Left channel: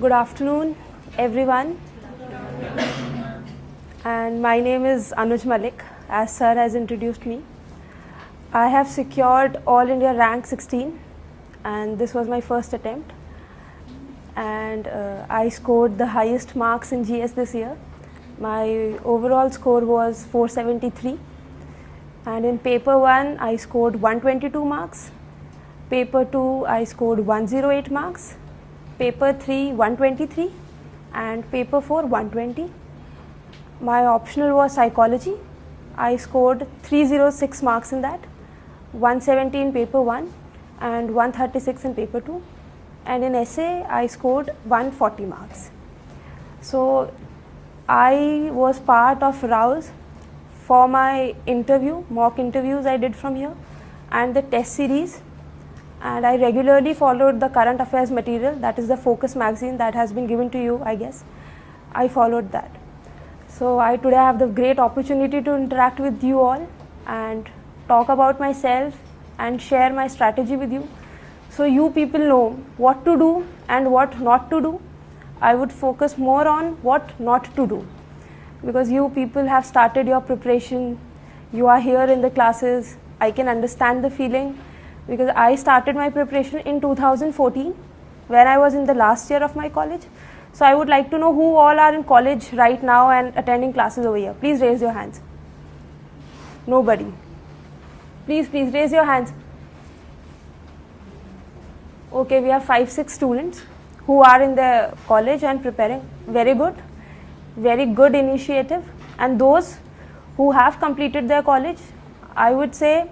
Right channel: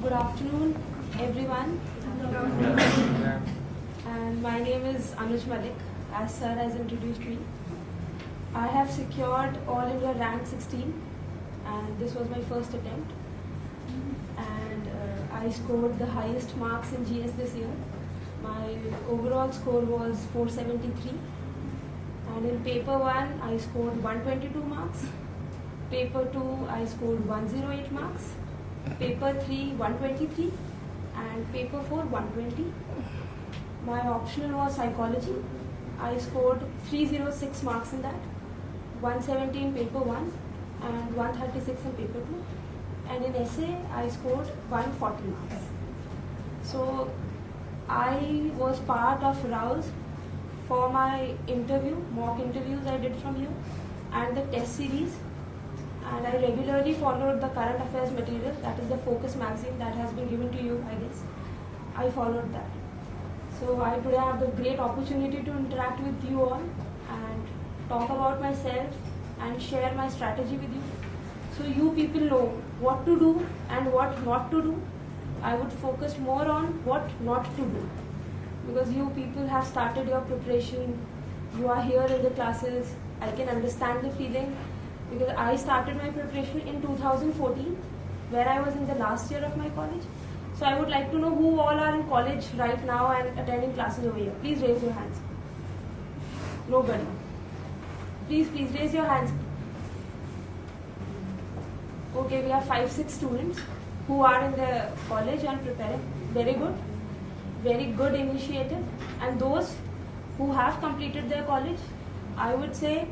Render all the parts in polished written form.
Good afternoon, everyone. And my name is Anuj Malik, as sir has introduced me. I have secured All India rank 16, and this was my first attempt. And I scored the highest marks in GS this year. My overall score was 473. And in paper 1, I scored 122 marks. Paper 2, I scored 108 marks. Paper 3, 123. And paper 4, 120. My optional was psychology. I scored 306 marks in that, 170 in paper 1 and 136 in paper 2. And in essay, I scored 140 marks. So I was part of Rouse for my interview, mock interviews I did from here, and the test series. And I regularly followed the current affairs material, that is the Focus magazine that has been given to you, I guess. I followed that. So I today have the great opportunity to interact with you all and talk about myself and share my strategy with you. So you people know what to do and what not to do. I would focus more on what not to do, because you people have started your preparation. You are here in the classes. I can understand the feeling, because I started my preparation in 2014 when I was in the last year of my college. So I would like to know who all are in college right now and attending classes over here. Please raise your hands. Nobody. Please raise your hands. Okay, we have 5-6 students who are in the college and preparing. Very good. Very good initiative. And those who have completed their college, I would say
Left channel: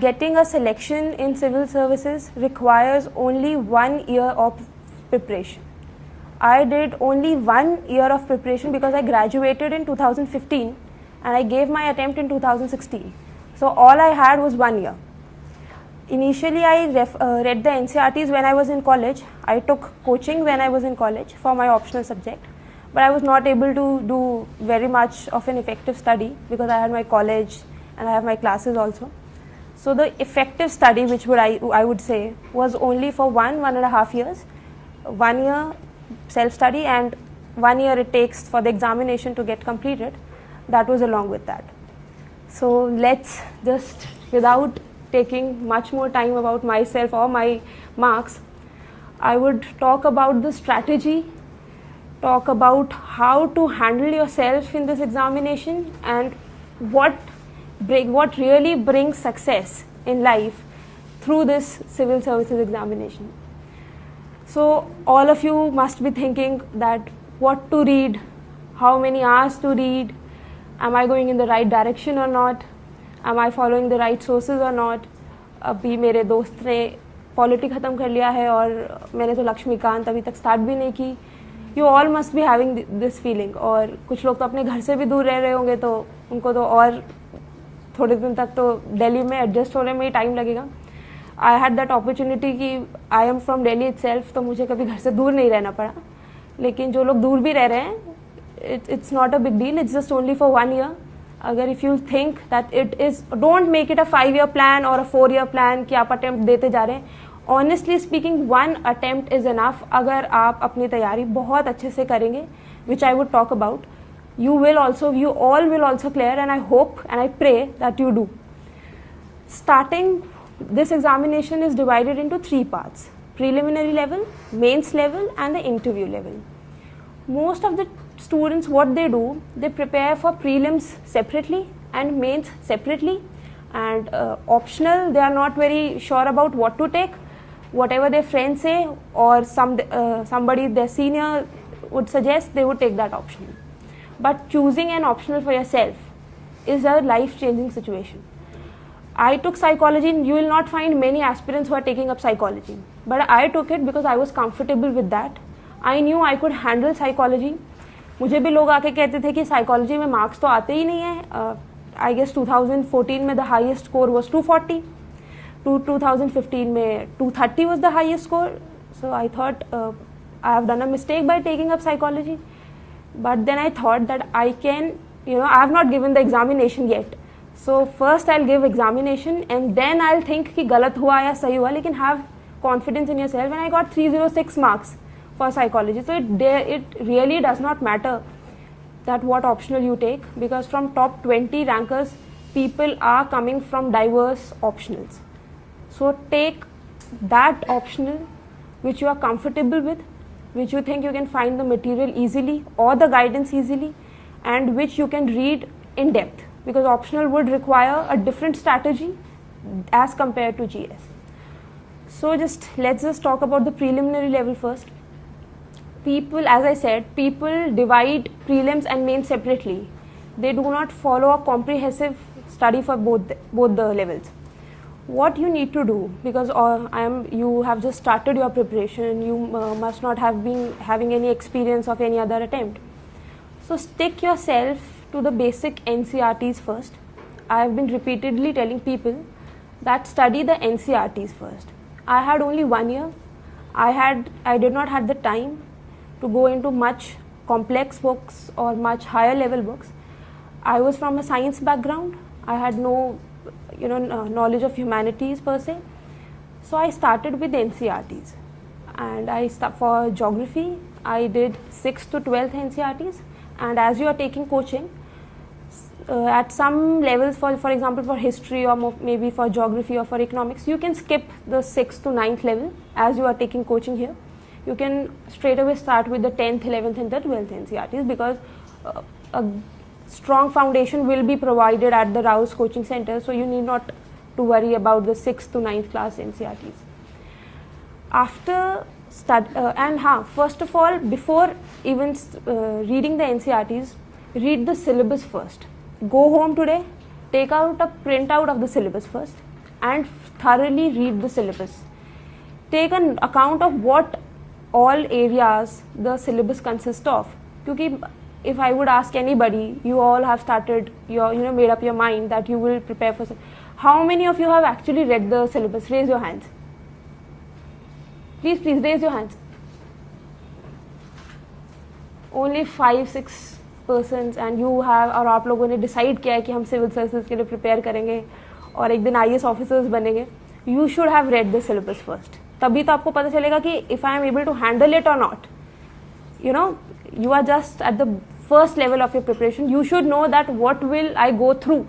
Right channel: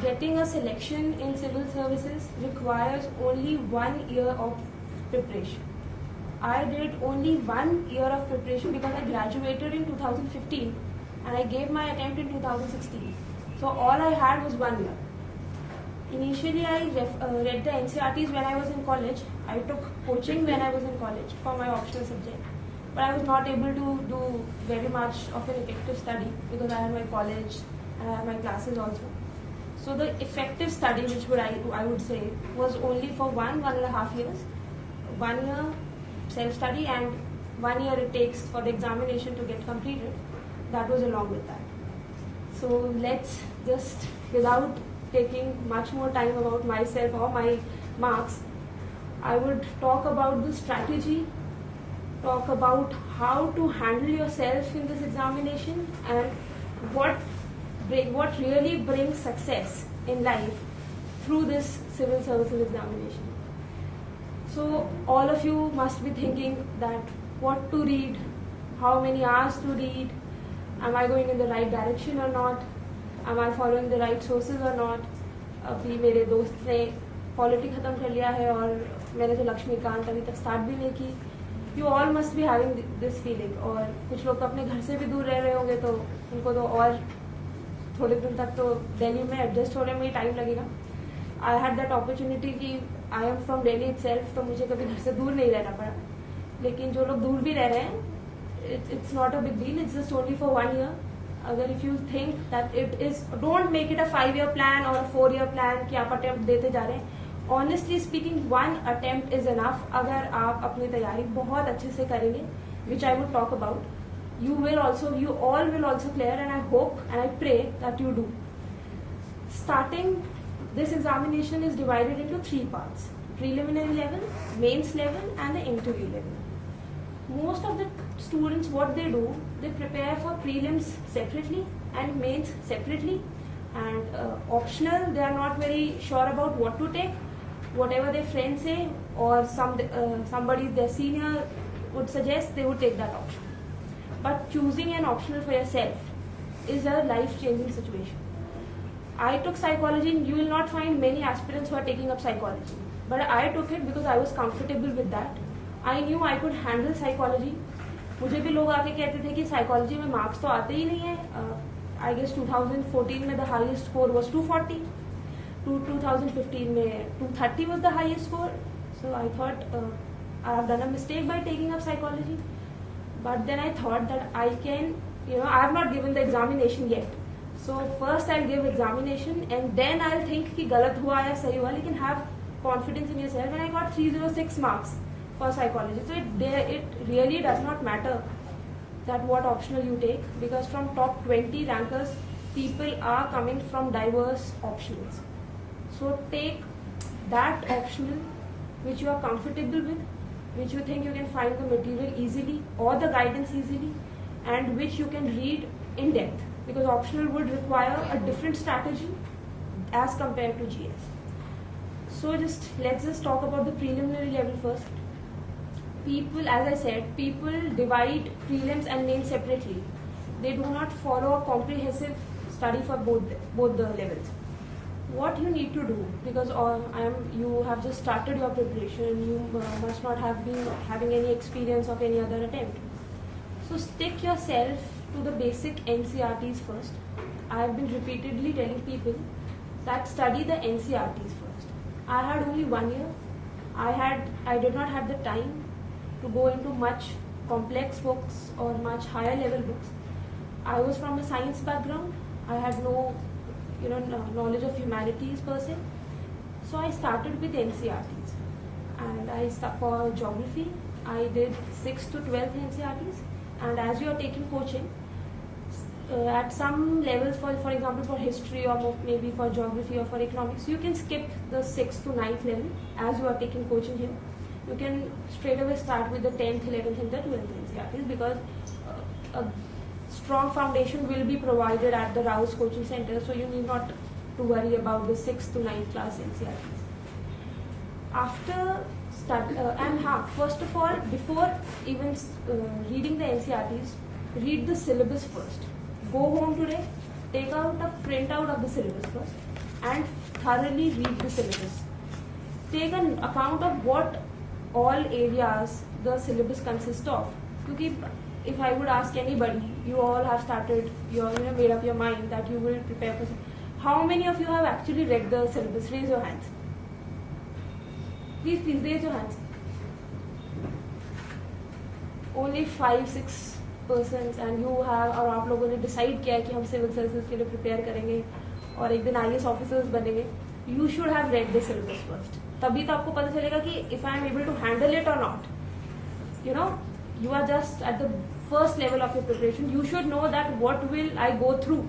getting a selection in civil services requires only 1 year of preparation. I did only 1 year of preparation because I graduated in 2015 and I gave my attempt in 2016. So all I had was 1 year. Initially, I read the NCERTs when I was in college. I took coaching when I was in college for my optional subject, but I was not able to do very much of an effective study because I had my college and I have my classes also. So the effective study, which I would say, was only for 1.5 years. 1 year self-study and 1 year it takes for the examination to get completed. That was along with that. So let's just, without taking much more time about myself or my marks, I would talk about the strategy, talk about how to handle yourself in this examination and what really brings success in life through this civil services examination. So all of you must be thinking that what to read, how many hours to read, am I going in the right direction or not, am I following the right sources or not. अभी मेरे दोस्त ने polity ख़त्म कर लिया है और मैंने तो लक्ष्मीकांत अभी तक स्टार्ट भी नहीं की. You all must be having this feeling. और कुछ लोग तो अपने घर से भी दूर रह रहे होंगे, तो उनको तो और थोड़े दिन तक तो दिल्ली में एडजस्ट होने में ही टाइम लगेगा. आई हैड दैट अपॉर्चुनिटी कि I am from Delhi itself, तो मुझे कभी घर से दूर नहीं रहना पड़ा. लेकिन जो लोग दूर भी रह रहे हैं, it's not a big deal, it's just only for 1 year. अगर if you think that it is, don't make it a 5 year plan और अ 4 year प्लान कि आप अटेम्प्ट देते जा रहे हैं. Honestly speaking 1 attempt is enough. अगर आप अपनी तैयारी बहुत अच्छे से करेंगे, which I would talk about, you all will also clear, and I hope and I pray that you do. Starting, this examination is divided into 3 parts: preliminary level, mains level and the interview level. Most of the students, what they do, they prepare for prelims separately and mains separately, and optional, they are not very sure about what to take. Whatever their friends say or somebody their senior would suggest, they would take that option. But choosing an optional for yourself is a life-changing situation. I took psychology, and you will not find many aspirants who are taking up psychology. But I took it because I was comfortable with that. I knew I could handle psychology. मुझे भी लोग आके कहते थे कि psychology में marks तो आते ही नहीं है. I guess 2014 में the highest score was 240. 2015 में 230 was the highest score. So I thought I have done a mistake by taking up psychology. But then I thought that I can, I have not given the examination yet. So first I'll give examination and then I'll think कि गलत हुआ या सही हुआ, लेकिन have confidence in yourself. And I got 306 marks for psychology. So it really does not matter that what optional you take, because from top 20 rankers, people are coming from diverse optionals. So take that optional which you are comfortable with, which you think you can find the material easily or the guidance easily, and which you can read in depth, because optional would require a different strategy as compared to GS. So let's just talk about the preliminary level first. People, as I said, people divide prelims and mains separately. They do not follow a comprehensive study for both the levels. What you need to do, because you have just started your preparation, you must not have been having any experience of any other attempt. So stick yourself to the basic NCRTs first. I have been repeatedly telling people that study the NCRTs first. I had only 1 year. I did not have the time to go into much complex books or much higher level books. I was from a science background. I had no knowledge of humanities per se. So I started with NCRTs. And for geography, I did 6th to 12th NCRTs. And as you are taking coaching, at some levels, for example, for history or maybe for geography or for economics, you can skip the 6th to 9th level as you are taking coaching here. You can straight away start with the 10th, 11th and the 12th NCRTs, because a strong foundation will be provided at the Rouse Coaching Center, so you need not to worry about the 6th to 9th class NCRTs. First of all, before even reading the NCRTs, read the syllabus first. Go home today, take out a printout of the syllabus first and thoroughly read the syllabus. Take an account of what all areas the syllabus consists of. Because if I would ask anybody, you all have started made up your mind that you will prepare for. How many of you have actually read the syllabus? Raise your hands. Please raise your hands. Only 5-6 persons, and you have, और आप लोगों ने decide किया है कि हम civil services के लिए prepare करेंगे और एक दिन IAS officers बनेंगे. You should have read the syllabus first. तभी तो आपको पता चलेगा कि if I am able to handle it or not. You are just at the first level of your preparation. You should know that what will I go through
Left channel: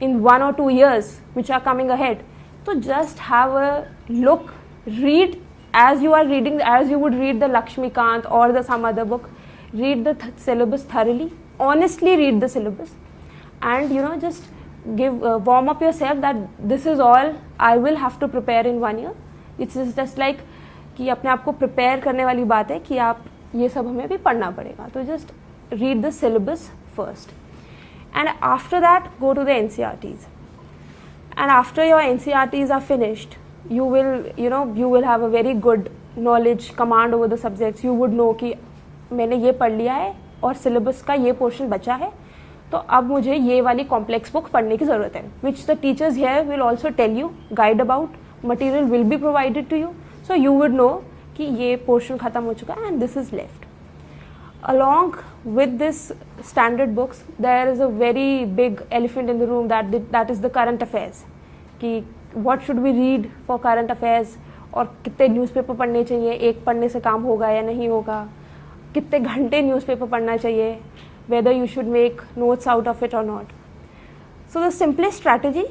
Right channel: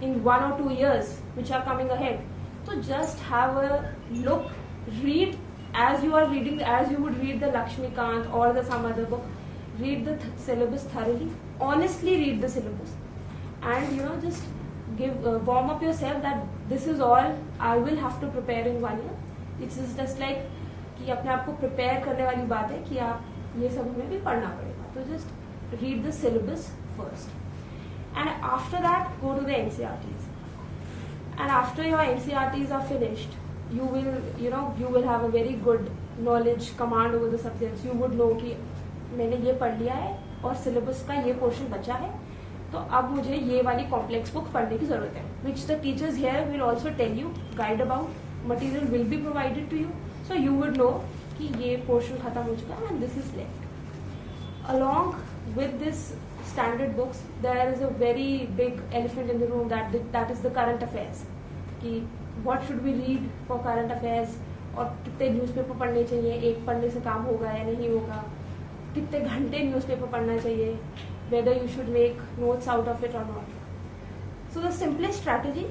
in 1 or 2 years which are coming ahead. So just have a look, read as you are reading, as you would read the Lakshmikant or some other book. Read the syllabus thoroughly, honestly read the syllabus, and just warm up yourself that this is all I will have to prepare in 1 year. It's just like कि अपने आप को prepare करने वाली बात है कि आप ये सब हमें भी पढ़ना पड़ेगा. तो just read the syllabus first, and after that go to the NCRTs. And after your NCRTs are finished, you will have a very good knowledge, command over the subjects. You would know कि मैंने ये पढ़ लिया है और syllabus का ये portion बचा है, तो अब मुझे ये वाली कॉम्प्लेक्स बुक पढ़ने की जरूरत है, which the teachers here will also tell you, guide about, material will be provided to you, so you would know कि ये पोर्शन खत्म हो चुका है and this is left. Along with this standard books, there is a very big elephant in the room that is the current affairs. कि what should we read for current affairs, और कितने newspaper पढ़ने चाहिए, एक पढ़ने से काम होगा या नहीं होगा, कितने घंटे न्यूज़पेपर पढ़ना चाहिए, whether you should make notes out of it or not. So the simplest strategy,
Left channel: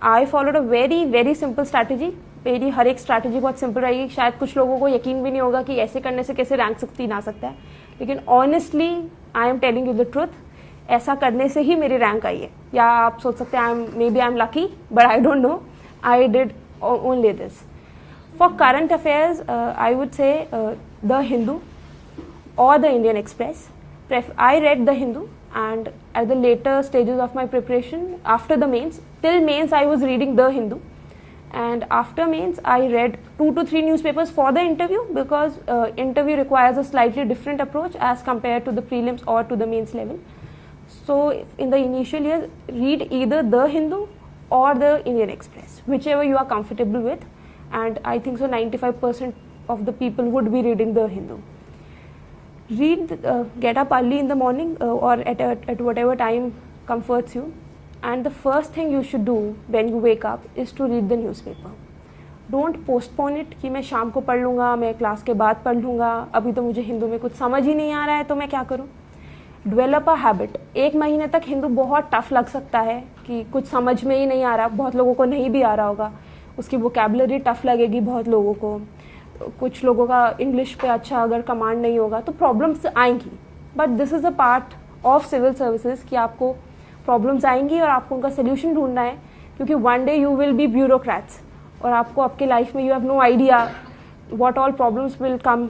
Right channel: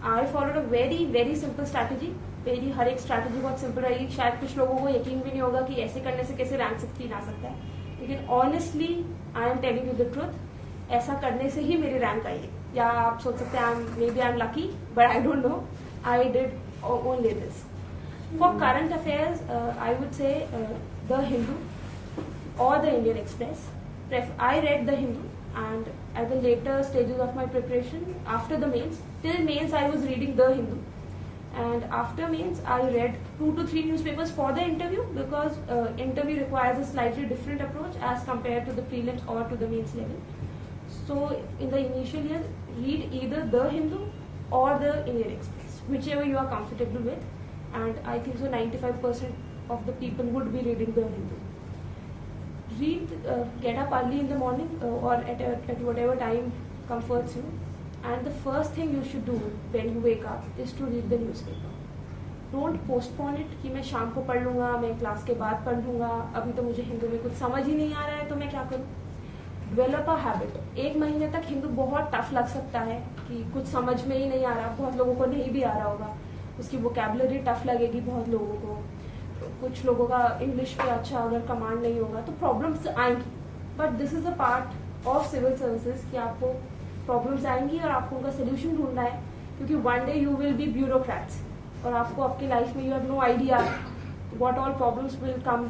I followed a very very simple strategy. मेरी हर एक स्ट्रैटेजी बहुत सिंपल रहेगी. शायद कुछ लोगों को यकीन भी नहीं होगा कि ऐसे करने से कैसे रैंक 16 आ सकता है, लेकिन honestly I am telling you the truth, ऐसा करने से ही मेरी रैंक आई है. या आप सोच सकते हैं may be I am lucky, but I don't know, I did only this. For current affairs I would say the Hindu or the Indian Express. I read the Hindu, and at the later stages of my preparation, after the mains, till mains I was reading the Hindu, and after mains I read 2 to 3 newspapers for the interview, because interview requires a slightly different approach as compared to the prelims or to the mains level. So in the initial years, read either the Hindu or the Indian Express, whichever you are comfortable with, and I think so 95% of the people would be reading the Hindu. Get up early in the morning or at whatever time comforts you, and the first thing you should do when you wake up is to read the newspaper. Don't postpone it कि मैं शाम को पढ़ लूँगा, मैं class के बाद पढ़ लूँगा, अभी तो मुझे हिंदू में कुछ समझ ही नहीं आ रहा है तो मैं क्या करूँ. Develop a habit. 1 महीने तक हिंदू बहुत टफ लग सकता है कि कुछ समझ में ही नहीं आ रहा, बहुत लोगों को नहीं भी आ रहा होगा, उसकी वोकैबुलरी टफ लगेगी बहुत लोगों को, कुछ लोगों का इंग्लिश पे अच्छा अगर कमांड नहीं होगा तो प्रॉब्लम्स आएंगी. But this is a part of civil services कि आपको प्रॉब्लम्स आएंगी और आपको उनका सोल्यूशन ढूंढना है, क्योंकि one day you will be bureaucrats और आपको आपके लाइफ में you have no idea what all problems will come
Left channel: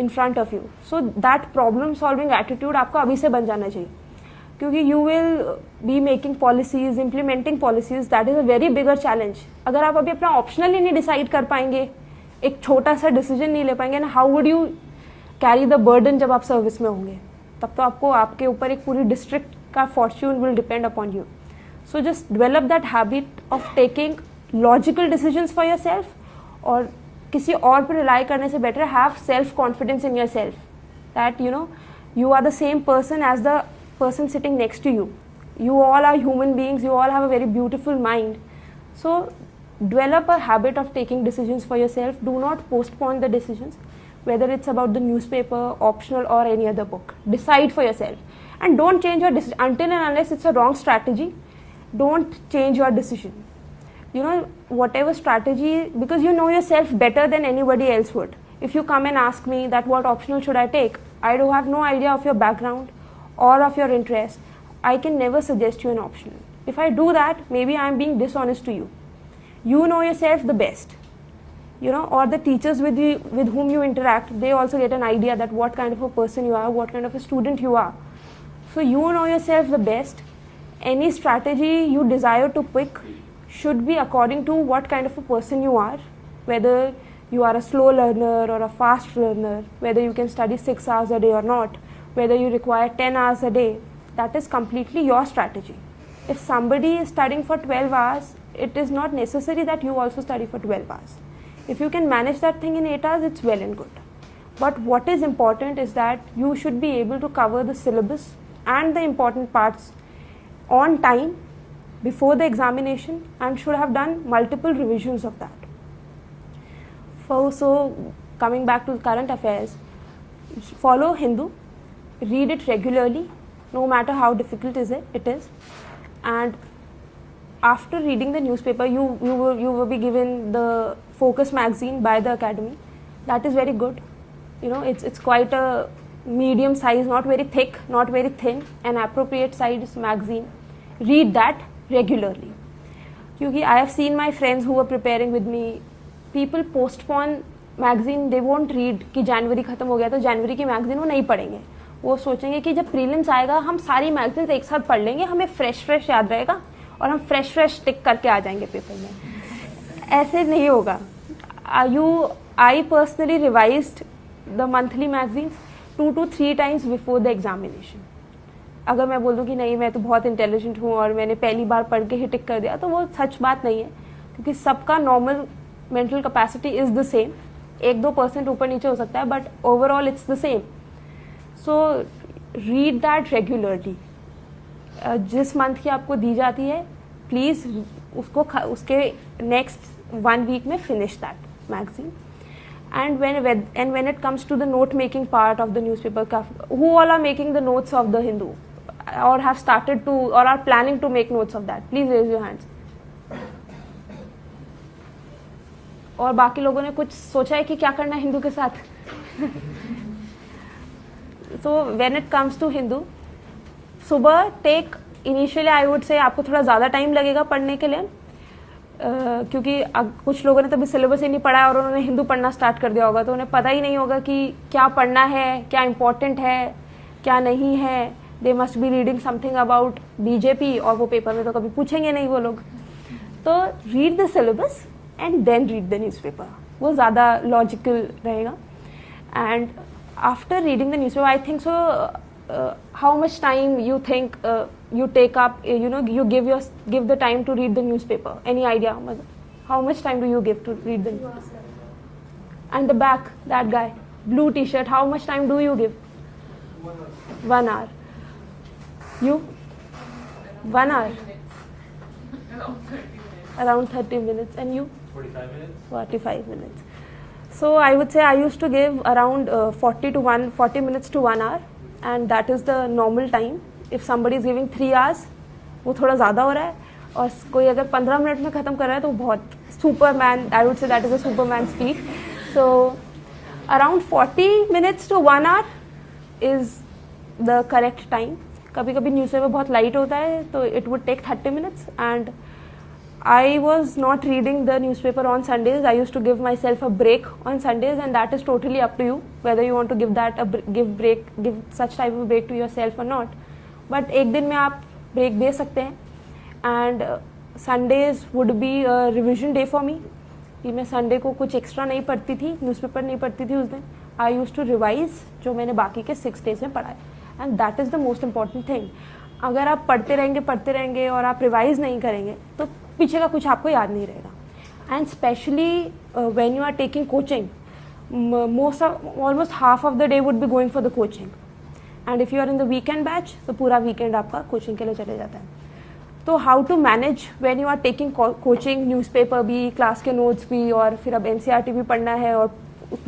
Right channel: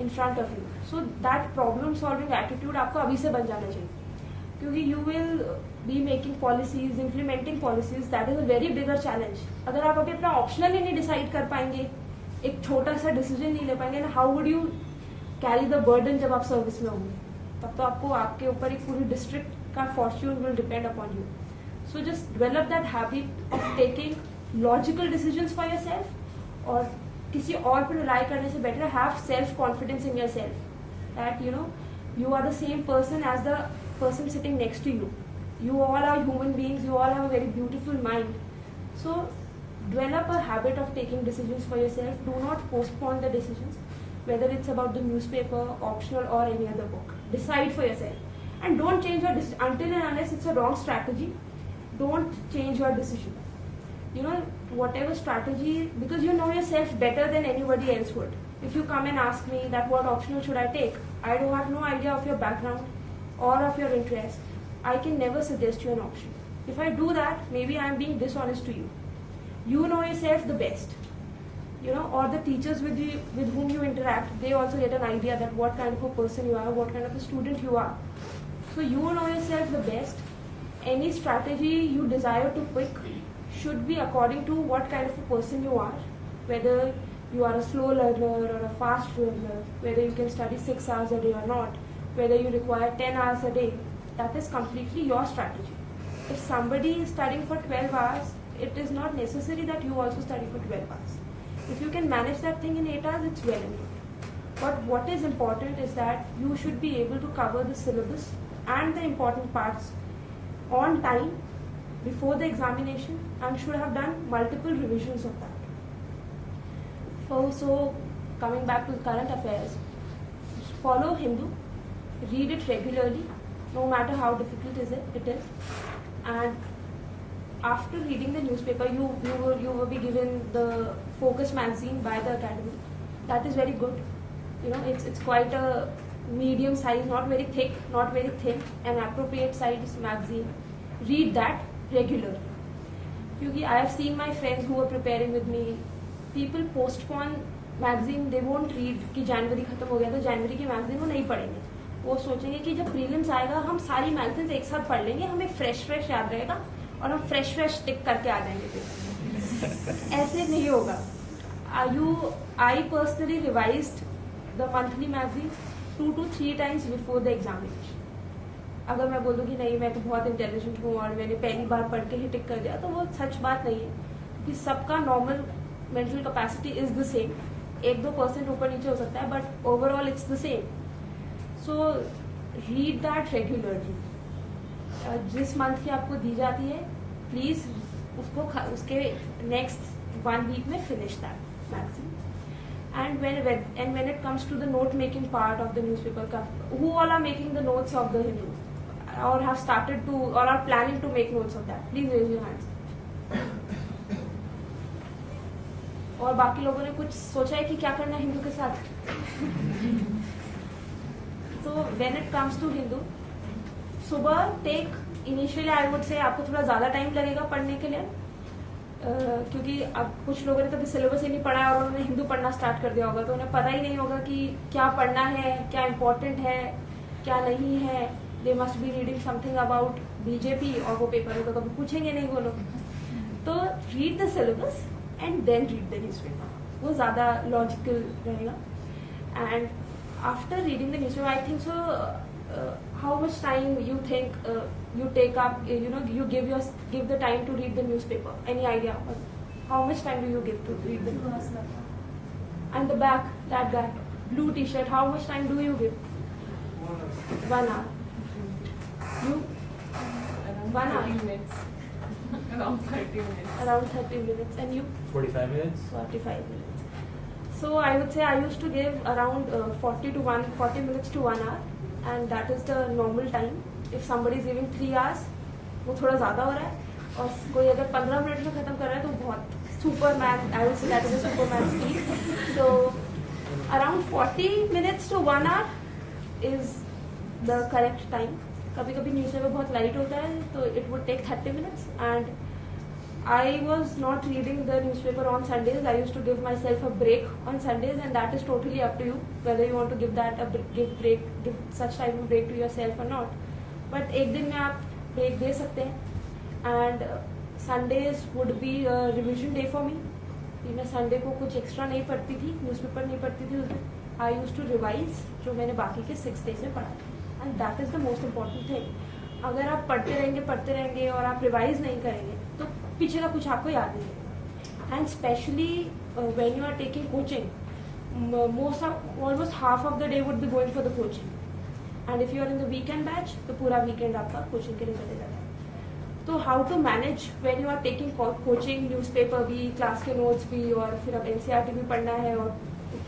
in front of you. So that problem solving attitude आपको अभी से बन जाना चाहिए, क्योंकि you will be making policies, implementing policies. That is a very bigger challenge. अगर आप अभी अपना ऑप्शनल ही नहीं डिसाइड कर पाएंगे, एक छोटा सा डिसीजन नहीं ले पाएंगे ना, how would you carry the burden जब आप सर्विस में होंगे. तब तो आपको आपके ऊपर एक पूरी डिस्ट्रिक्ट का Fortune will depend upon you. So just develop that habit of taking logical decisions for your self, और किसी और पर रिलाई करने से better have self confidence in your self that you are the same person as the person sitting next to you. You all are human beings, you all have a very beautiful mind. So develop a habit of taking decisions for yourself. Do not postpone the decisions, whether it's about the newspaper, optional, or any other book. Decide for yourself, and don't change your decision until and unless it's a wrong strategy. Don't change your decision. Whatever strategy, because you know yourself better than anybody else would. If you come and ask me that what optional should I take, I do have no idea of your background or of your interest. I can never suggest you an optional. If I do that, maybe I am being dishonest to you. You know yourself the best. Or the teachers with whom you interact, they also get an idea that what kind of a person you are, what kind of a student you are. So you know yourself the best. Any strategy you desire to pick should be according to what kind of a person you are, whether you are a slow learner or a fast learner, whether you can study 6 hours a day or not, whether you require 10 hours a day. That is completely your strategy. If somebody is studying for 12 hours, it is not necessary that you also study for 12 hours. If you can manage that thing in 8 hours, it's well and good. But what is important is that you should be able to cover the syllabus and the important parts on time before the examination, and should have done multiple revisions of that. So coming back to current affairs, follow Hindu, read it regularly, no matter how difficult it is. And after reading the newspaper, you will be given the Focus magazine by the academy. That is very good. It's quite a medium size, not very thick, not very thin, an appropriate size magazine. Read that regularly. Because I have seen my friends who were preparing with me, people postpone magazine, they won't read कि जनवरी खत्म हो गया तो जनवरी की magazine वो नहीं पढ़ेंगे. वो सोचेंगे कि जब प्रीलिम्स आएगा हम सारी मैगजीन्स एक साथ पढ़ लेंगे, हमें फ्रेश याद रहेगा और हम फ्रेश टिक करके आ जाएंगे पेपर में. ऐसे नहीं होगा. I personally revised the monthly magazines 2 to 3 times before the examination. अगर मैं बोल दूं कि नहीं मैं तो बहुत इंटेलिजेंट हूँ और मैंने पहली बार पढ़ के ही टिक कर दिया, तो वो सच बात नहीं है, क्योंकि सबका normal mental capacity is the same. 1-2% ऊपर नीचे हो सकता है, but overall it's the same. So read that regularly. जिस मंथ की आपको दी जाती है, प्लीज उसके नेक्स्ट 1 वीक में finish that magazine. And when it comes to the note making part of the newspaper, who all are making the notes of the Hindu, or have started to, or are planning to make notes of that? Please raise your hands. और बाकी लोगों ने कुछ सोचा है कि क्या करना है हिंदू के साथ? So when it comes to Hindu, सुबह take initially I would say आपको थोड़ा ज़्यादा टाइम लगेगा पढ़ने के लिए, क्योंकि कुछ लोगों ने तभी सिलेबस ही नहीं पढ़ा है और उन्होंने हिंदू पढ़ना स्टार्ट कर दिया होगा, तो उन्हें पता ही नहीं होगा कि क्या पढ़ना है, क्या इम्पोर्टेंट है, क्या नहीं है. They must be reading something about BJP, और वो पेपर में तो कभी पूछेंगे नहीं वो लोग. तो read the syllabus and then read the newspaper, वो ज़्यादा लॉजिकल रहेगा. And after reading the newspaper, I think so how much time you think you take up, you give the time to read the newspaper? Any idea? How much time do you give to read the newspaper? And the back, that guy, blue t-shirt, how much time do you give? 1 hour. You? 1 hour? Around 30 minutes. Around 30 minutes. And you? 45 minutes. 45 minutes. So I would say I used to give around 40 minutes to 1 hour, and that is the normal time. If somebody is giving 3 hours, वो थोड़ा ज़्यादा हो रहा है, और कोई अगर 15 minute में ख़त्म कर रहा है तो बहुत Superman, I would say that is a Superman speed. So around 40 minutes to 1 hour is the correct time. कभी कभी न्यूज़पेपर बहुत लाइट होता है तो it would take 30 minutes, and I was not reading the newspaper on Sundays. I used to give myself a break on Sundays, and that is totally up to you whether you want to give that give such type of break to yourself or not. But एक दिन में आप break दे सकते हैं, and Sundays would be a revision day for me. कि मैं Sunday को कुछ extra नहीं पढ़ती थी, newspaper नहीं पढ़ती थी उस दिन. I used to revise जो मैंने बाकी के 6 days में पढ़ा है, and that is the most important thing. अगर आप पढ़ते रहेंगे और आप रिवाइज नहीं करेंगे तो पीछे का कुछ आपको याद नहीं रहेगा. And specially when you are taking coaching, almost half of the day would be going for the coaching, and if you are in the weekend batch तो पूरा वीकेंड आपका कोचिंग के लिए चले जाता है. तो how to manage when you are taking coaching, newspaper भी, क्लास के नोट्स भी, और फिर अब NCERT भी पढ़ना है और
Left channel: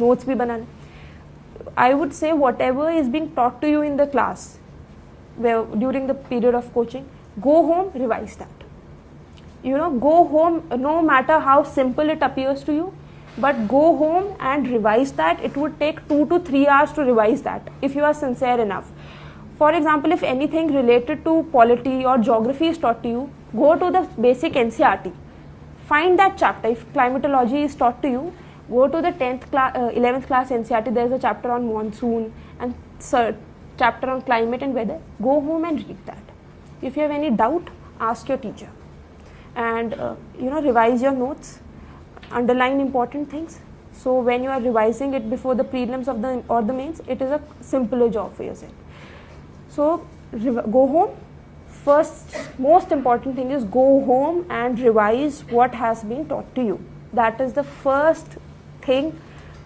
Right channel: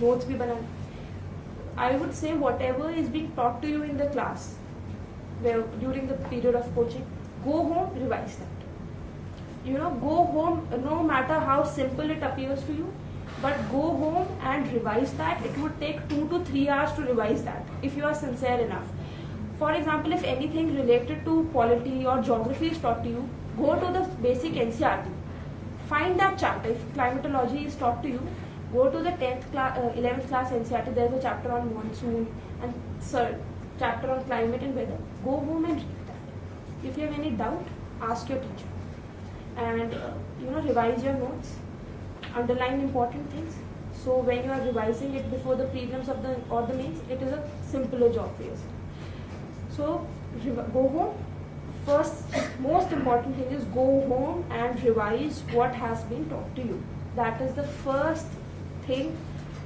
नोट्स भी बनाना. I would say whatever is being taught to you in the class during the period of coaching, go home, revise that. Go home, no matter how simple it appears to you, but go home and revise that. It would take 2 to 3 hours to revise that if you are sincere enough. For example, if anything related to polity or geography is taught to you, go to the basic NCERT, find that chapter. If climatology is taught to you, go to the 11th class NCERT. there is a chapter on monsoon and chapter on climate and weather. Go home and read that. If you have any doubt, ask your teacher, and revise your notes, underline important things. So when you are revising it before the prelims or the mains, it is a simpler job for yourself. So go home. First, most important thing is go home and revise what has been taught to you. That is the first thing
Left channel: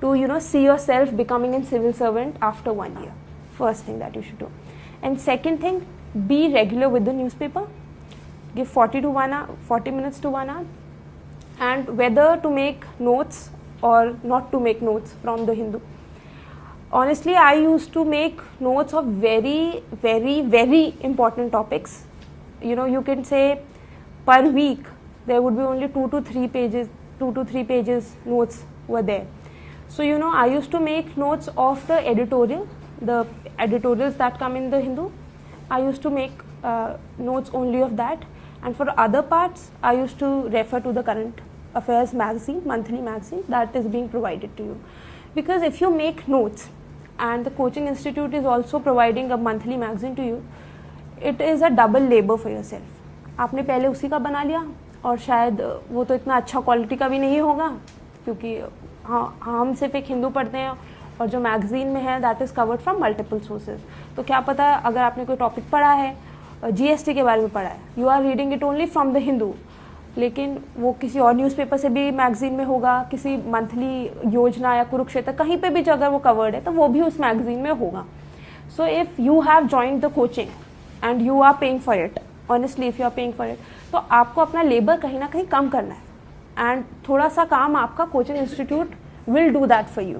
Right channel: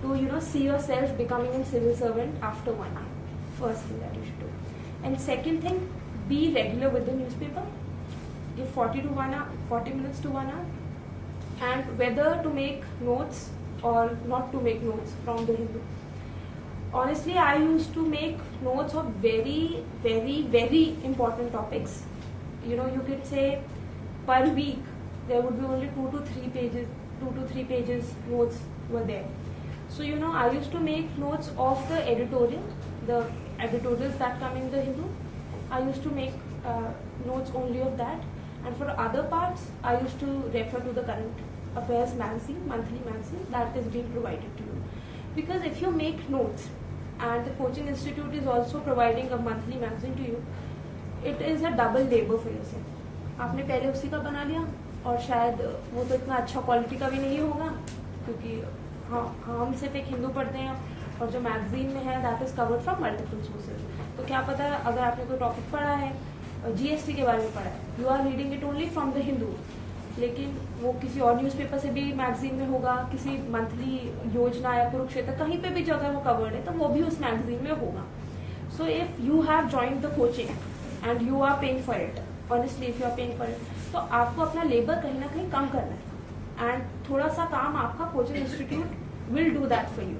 to see yourself becoming a civil servant after 1 year. First thing that you should do. And second thing, be regular with the newspaper. Give 40 minutes to 1 hour, and whether to make notes or not to make notes from the Hindu. Honestly, I used to make notes of very, very, very important topics. You can say per week there would be only 2 to 3 pages notes were there. So I used to make notes of the editorials that come in the Hindu. I used to make notes only of that, and for other parts I used to refer to the Current Affairs magazine, monthly magazine that is being provided to you. Because if you make notes and the coaching institute is also providing a monthly magazine to you, it is a double labor for yourself. आपने पहले उसी का बना लिया, और शायद वो तो इतना अच्छा क्वालिटी का भी नहीं होगा, क्योंकि हम सिर्फ एक हिंदू पढ़ते हैं, और जो मैगजीन में है that is covered from multiple sources. तो क्या पता अगर आपने कोई टॉपिक पढ़ा है, GST के बारे में पढ़ा है, you are reading it only from the Hindu, लेकिन वो किसी और न्यूज़पेपर से भी मैगजीन में होगा, किसी मंथली योजना या कुरुक्षेत्र कहीं पे भी अगर वो कवर्ड है तो वो भी उस मैगजीन में होगा. So if you have joined the coaching and you are paying for it, honestly if you are paying for it, तो आपको अपना लेबर कहीं ना कहीं कम करना है, एंड थोड़ा सा काम आपका coaching institute will do that for you.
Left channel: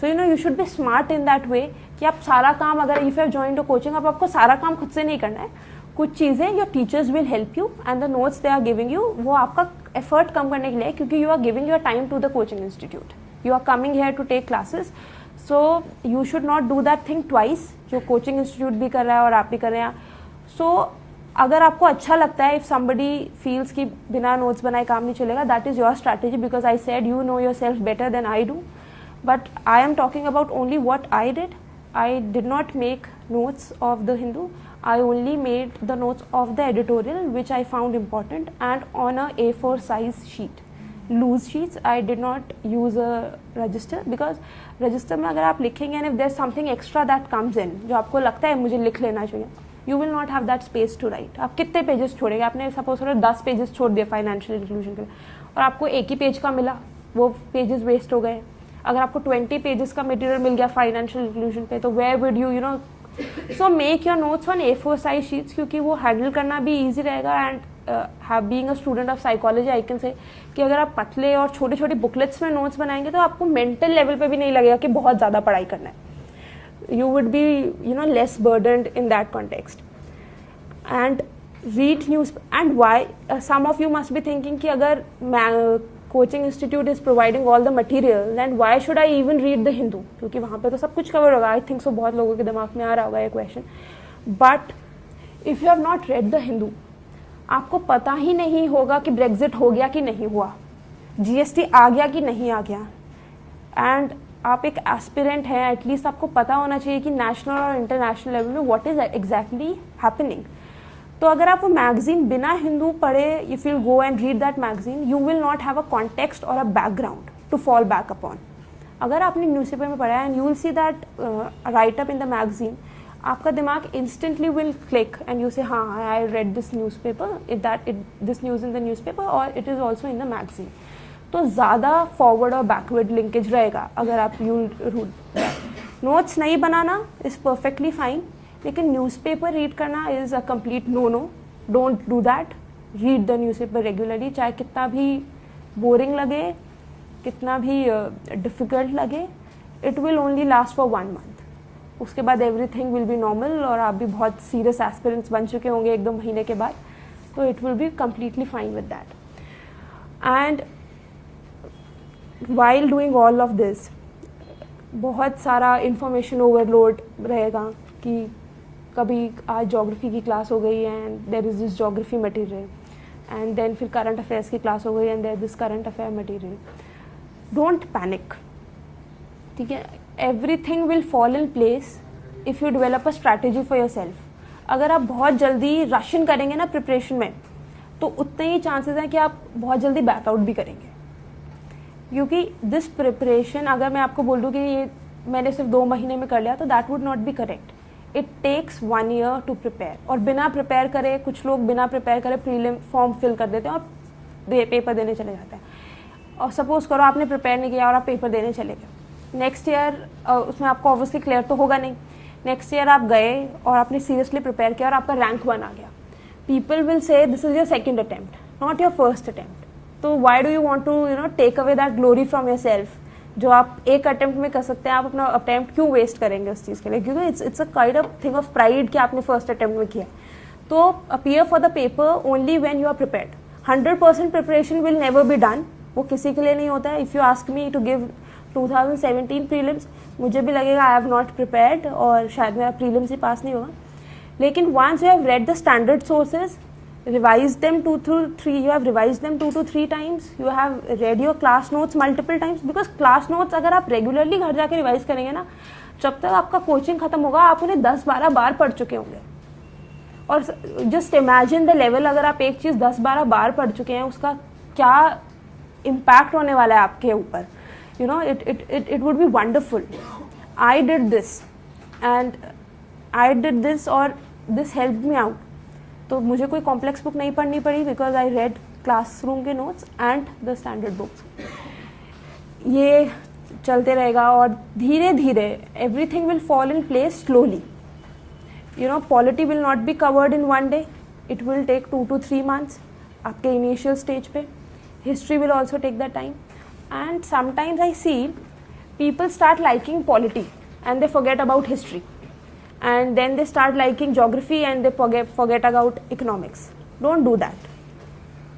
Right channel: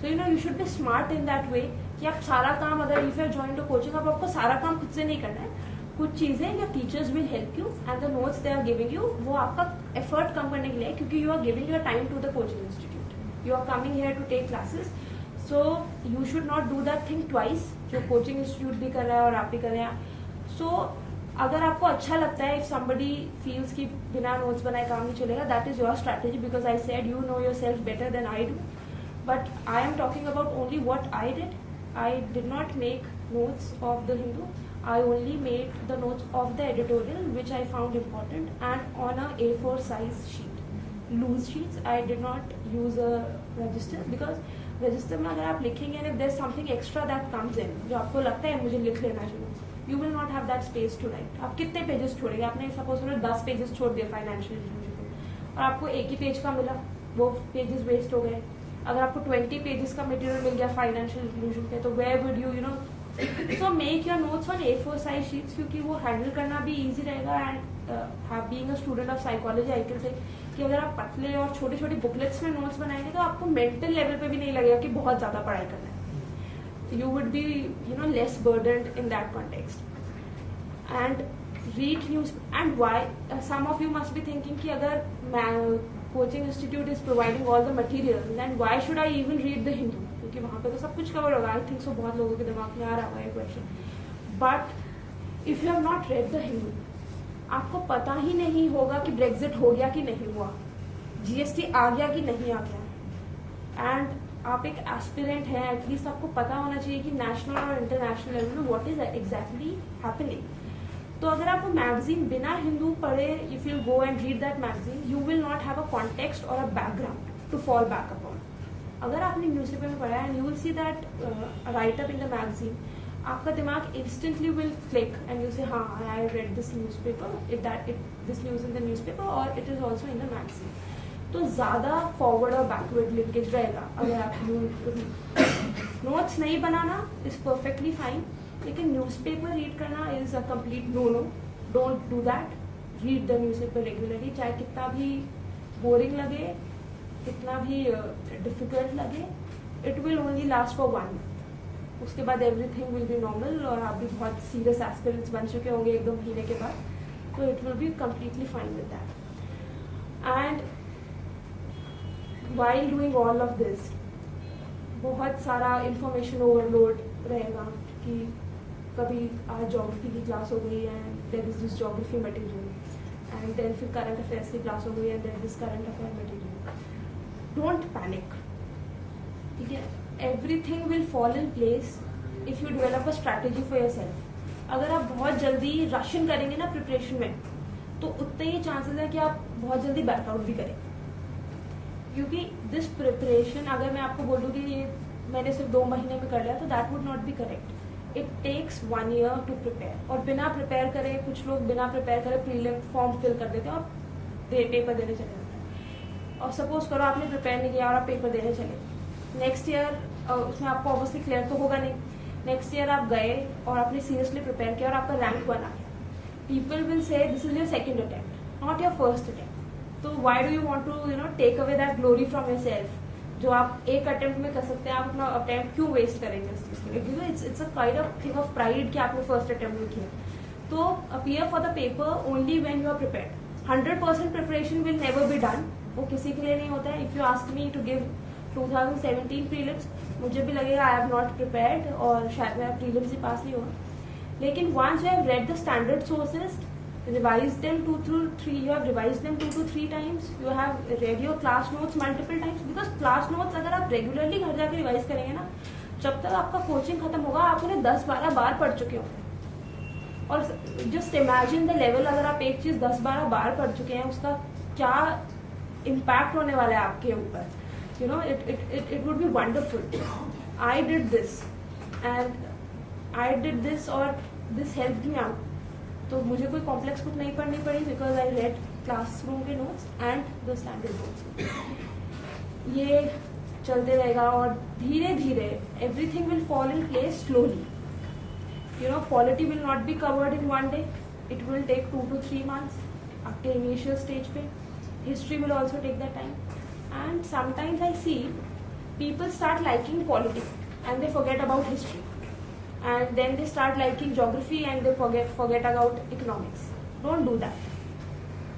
So you should be smart in that way कि आप सारा काम, अगर if you join to coaching, अब आपको सारा काम खुद से नहीं करना है. कुछ चीजें your teachers will help you, and the notes they are giving you, वो आपका एफर्ट कम करने के लिए, क्योंकि you are giving your time to the coaching institute, you are coming here to take classes. So you should not do that thing twice, जो coaching institute भी कर रहा है और आप भी कर रहे हैं. सो अगर आपको अच्छा लगता है, इफ समबडी फील्स कि बिना नोट्स बनाए काम नहीं चलेगा, that is your strategy, because I said you know yourself better than I do. But I am talking about only what I did. I did not make notes of the Hindu. I only made the notes of the editorial, which I found important, and on a A4 size sheet, loose sheets. I did not use a register, because register में अगर आप लिखेंगे and if there's something extra that comes in, जो आपको लगता है मुझे लिख लेना चाहिए, you will not have that space to write. आप कितने पेजेस छोड़ेंगे? आपने सपोज करो 10 पेजेस छोड़ दिए फाइनेंशियल इंक्लूजन के लिए, और आपको एक ही पेज का मिला, वो पेजेस वेस्ट हो गए. अगर आपको 20 पेजेस का मटेरियल मिल गया फाइनेंशियल इंक्लूजन पे, तो where would you so make your notes on A4 size sheets, क्योंकि वो हैंडल करना भी ईजी रहेगा. And being a student of psychology, I can say कि अगर आप पतले और छोटे छोटे बुकलेट्स में नोट्स बनाएंगे तो आपको मेंटल लेवल पे भी नहीं लगेगा कि बहुत ज़्यादा पढ़ाई करना है. You would be less burdened in that context. And read news. And why some of you must be thinking कि अगर coaching institute is providing all the material and why should I even read the Hindu, क्योंकि वहाँ पे तो सब कुछ cover होगा. आई think सो बहुत लोगों के दिमाग में आ रहा हुआ है question. But if you have not read the Hindu, आपको पता ही नहीं होगा कि ब्रेग्जिट हो गया कि नहीं हुआ, जीएसटी आ गया कि नहीं आ गया. एंड आप एक एस्पिरेंट हैं, एटलीस्ट आपको पता होना चाहिए कि नेशनल और इंटरनेशनल लेवल में व्हाट इज एग्जैक्टली हैपनिंग. तो अगर आप वो मैगजीन बिना हिंदू पढ़े, if you go and read that magazine, you will not have a context और a background to fall back upon. अगर आपने न्यूज़पेपर में पढ़ा and you will see that right up in the magazine, आपका दिमाग instantly will click and you say हाँ I read this newspaper, this news in the newspaper और it is also in the magazine. तो ज़्यादा forward और backward linkage रहेगा अगर आप नोट्स नहीं बनाना इज़ परफेक्टली फाइन, लेकिन न्यूज़पेपर रीड करना is a complete no. Don't do that. Read the newspaper regularly, चाहे कितना भी बोरिंग लगे, कितना भी डिफिकल्ट लगे. It will only last for 1 month. उसके बाद एवरीथिंग विल बी नॉर्मल और आप भी बहुत सीरियस एस्पिरेंट्स बन चुके होंगे 1-2 महीने के बाद. तो it will be completely fine with that. And while doing all of this, बहुत सारा इंफॉर्मेशन ओवरलोड रहेगा कि कभी आज ज्योग्राफी की क्लास हो गई and there is this geography material, and then फिर करंट अफेयर्स की क्लास हो गई and there this current affair material. Don't panic, ठीक है. Everything will fall in place if you develop a strategy for yourself. अगर आप बहुत जल्दी रशिंग करेंगे ना प्रिपरेशन में, तो उतने ही चांसेस हैं कि आप बहुत जल्दी बैकआउट भी करेंगे. क्योंकि दिस प्रिपरेशन, अगर मैं आपको बोल दूँ कि ये मैंने सिर्फ 2 महीने में कर लिया, तो that would not be correct. It takes 1 year to prepare. और बिना प्रिपेयर करे, कुछ लोग बिना प्रिपेयर करे प्रीलिम फॉर्म फिल कर देते हैं और पेपर देने चले जाते हैं. और सपोज करो आपने प्रिपेयर नहीं किया और आप पेपर देने चले गए. नेक्स्ट ईयर उसमें आपको ऑब्वियसली क्लियर तो होगा नहीं. नेक्स्ट ईयर आप गए और आपने सीरियसली प्रिपेयर किया और आपका रैंक 1 आ गया. People will say this is your second attempt, not your first attempt. तो why do you want to take away that glory from yourself. जो आप एक अटेम्प्ट में कर सकते हैं, आप अपना अटेम्प्ट क्यों वेस्ट करेंगे उस चीज़ के लिए? क्योंकि it's a kind of thing of pride कि आपने फर्स्ट अटेम्प्ट में किया. तो appear for the paper only when you are prepared. 100% preparation will never be done. वो किसी के लिए नहीं होता है. If you ask me to give 2017 prelims, मुझे भी लगेगा आई हैव नॉट प्रिपेयर्ड और शायद मेरा प्रीलिम्स ही पास नहीं होगा. लेकिन once you have read the standard sources, revise them 2 to 3, you have revised them 2 to 3 times, you have read your class notes multiple times, because class notes अगर आप regularly घर जाके रिवाइज करेंगे ना, जब तक आपका कोचिंग खत्म होगा आप उन्हें 10-12 बार पढ़ चुके होंगे. और जस्ट इमेजिन द लेवल, अगर आप एक चीज 10-12 बार पढ़ चुके हैं, उसका क्या इम्पैक्ट होने वाला है आपके ऊपर. it would be wonderful. I did this और this helped me out. तो मुझे कोई कॉम्प्लेक्स बुक नहीं पढ़नी पड़ी, बिकॉज आई रेड क्लासरूम के notes and the standard books. ये चलते रहेगा और धीरे धीरे everything will fall in place slowly. Polity will not be covered in 1 day. It will take 2 to 3 months आपके इनिशियल स्टेज पे. History will also take that time. And sometimes I see people start liking polity and they forget about history. And then they start liking geography and they forget about economics. Don't do that.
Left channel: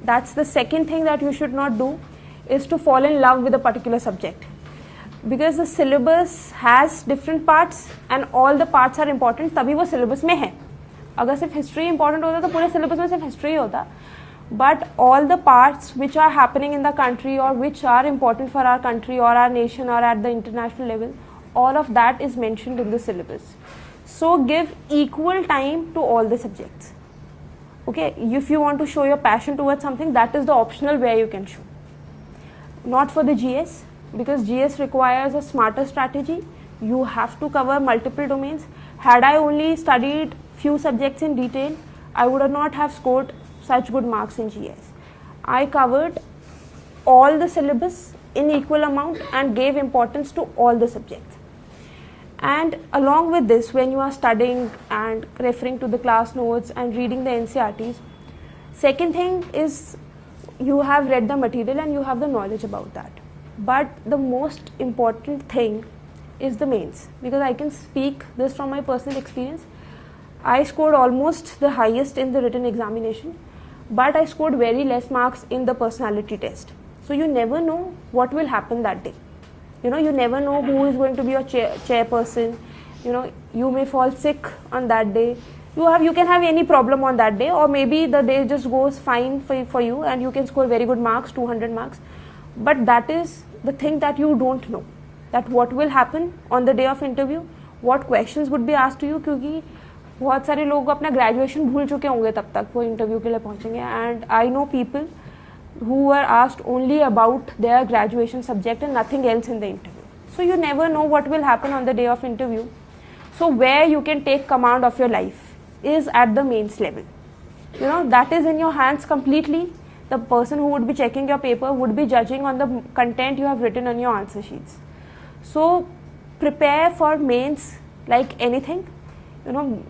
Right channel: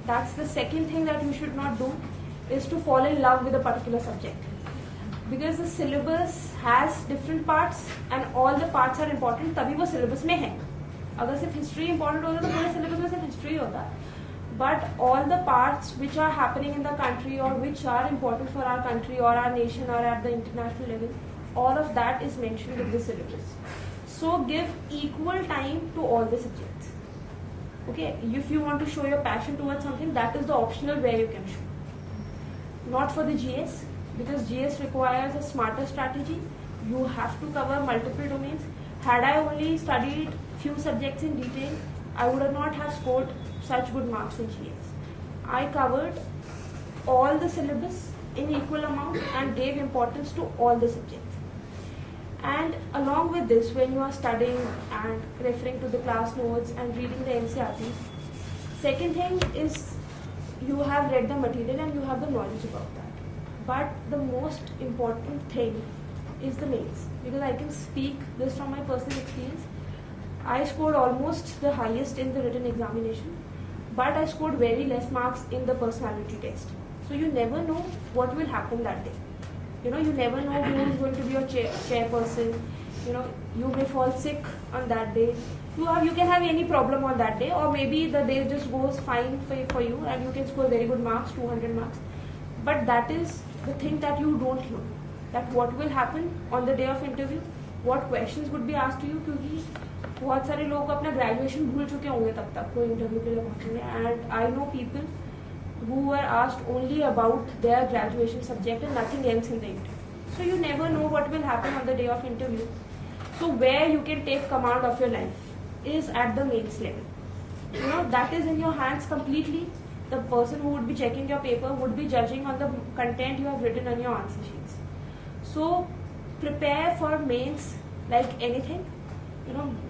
That's the second thing that you should not do, is to fall in love with a particular subject. Because the syllabus has different parts and all the parts are important, तभी वो syllabus में है. अगर सिर्फ history important होता तो पूरे syllabus में सिर्फ history होता. But all the parts which are happening in the country or which are important for our country or our nation or at the international level, all of that is mentioned in the syllabus. So give equal time to all the subjects. Okay, if you want to show your passion towards something, that is the optional where you can show. Not for the GS, because GS requires a smarter strategy. You have to cover multiple domains. Had I only studied few subjects in detail, I would not have scored such good marks in GS. I covered all the syllabus in equal amount and gave importance to all the subjects. And along with this, when you are studying and referring to the class notes and reading the NCERTs, second thing is you have read the material and you have the knowledge about that. But the most important thing is the mains, because I can speak this from my personal experience. I scored almost the highest in the written examination, but I scored very less marks in the personality test. So you never know what will happen that day. You know, you never know who is going to be your chairperson. You know, you may fall sick on that day. You can have any problem on that day, or maybe the day just goes fine for you and you can score very good marks, 200 marks. But that is the thing that you don't know, that what will happen on the day of interview, what questions would be asked to you, क्योंकि बहुत सारे लोग अपना graduation भूल चुके होंगे तब तक वो इंटरव्यू के लिए पहुंचेंगे. And I know people who were asked only about their graduation subject and nothing else in the interview. So you never know what will happen on the day of interview. So where you can take command of your life is at the mains level. You know, that is in your hands completely. The person who would be checking your paper would be judging on the content you have written on your answer sheets. So prepare for mains like anything. You know,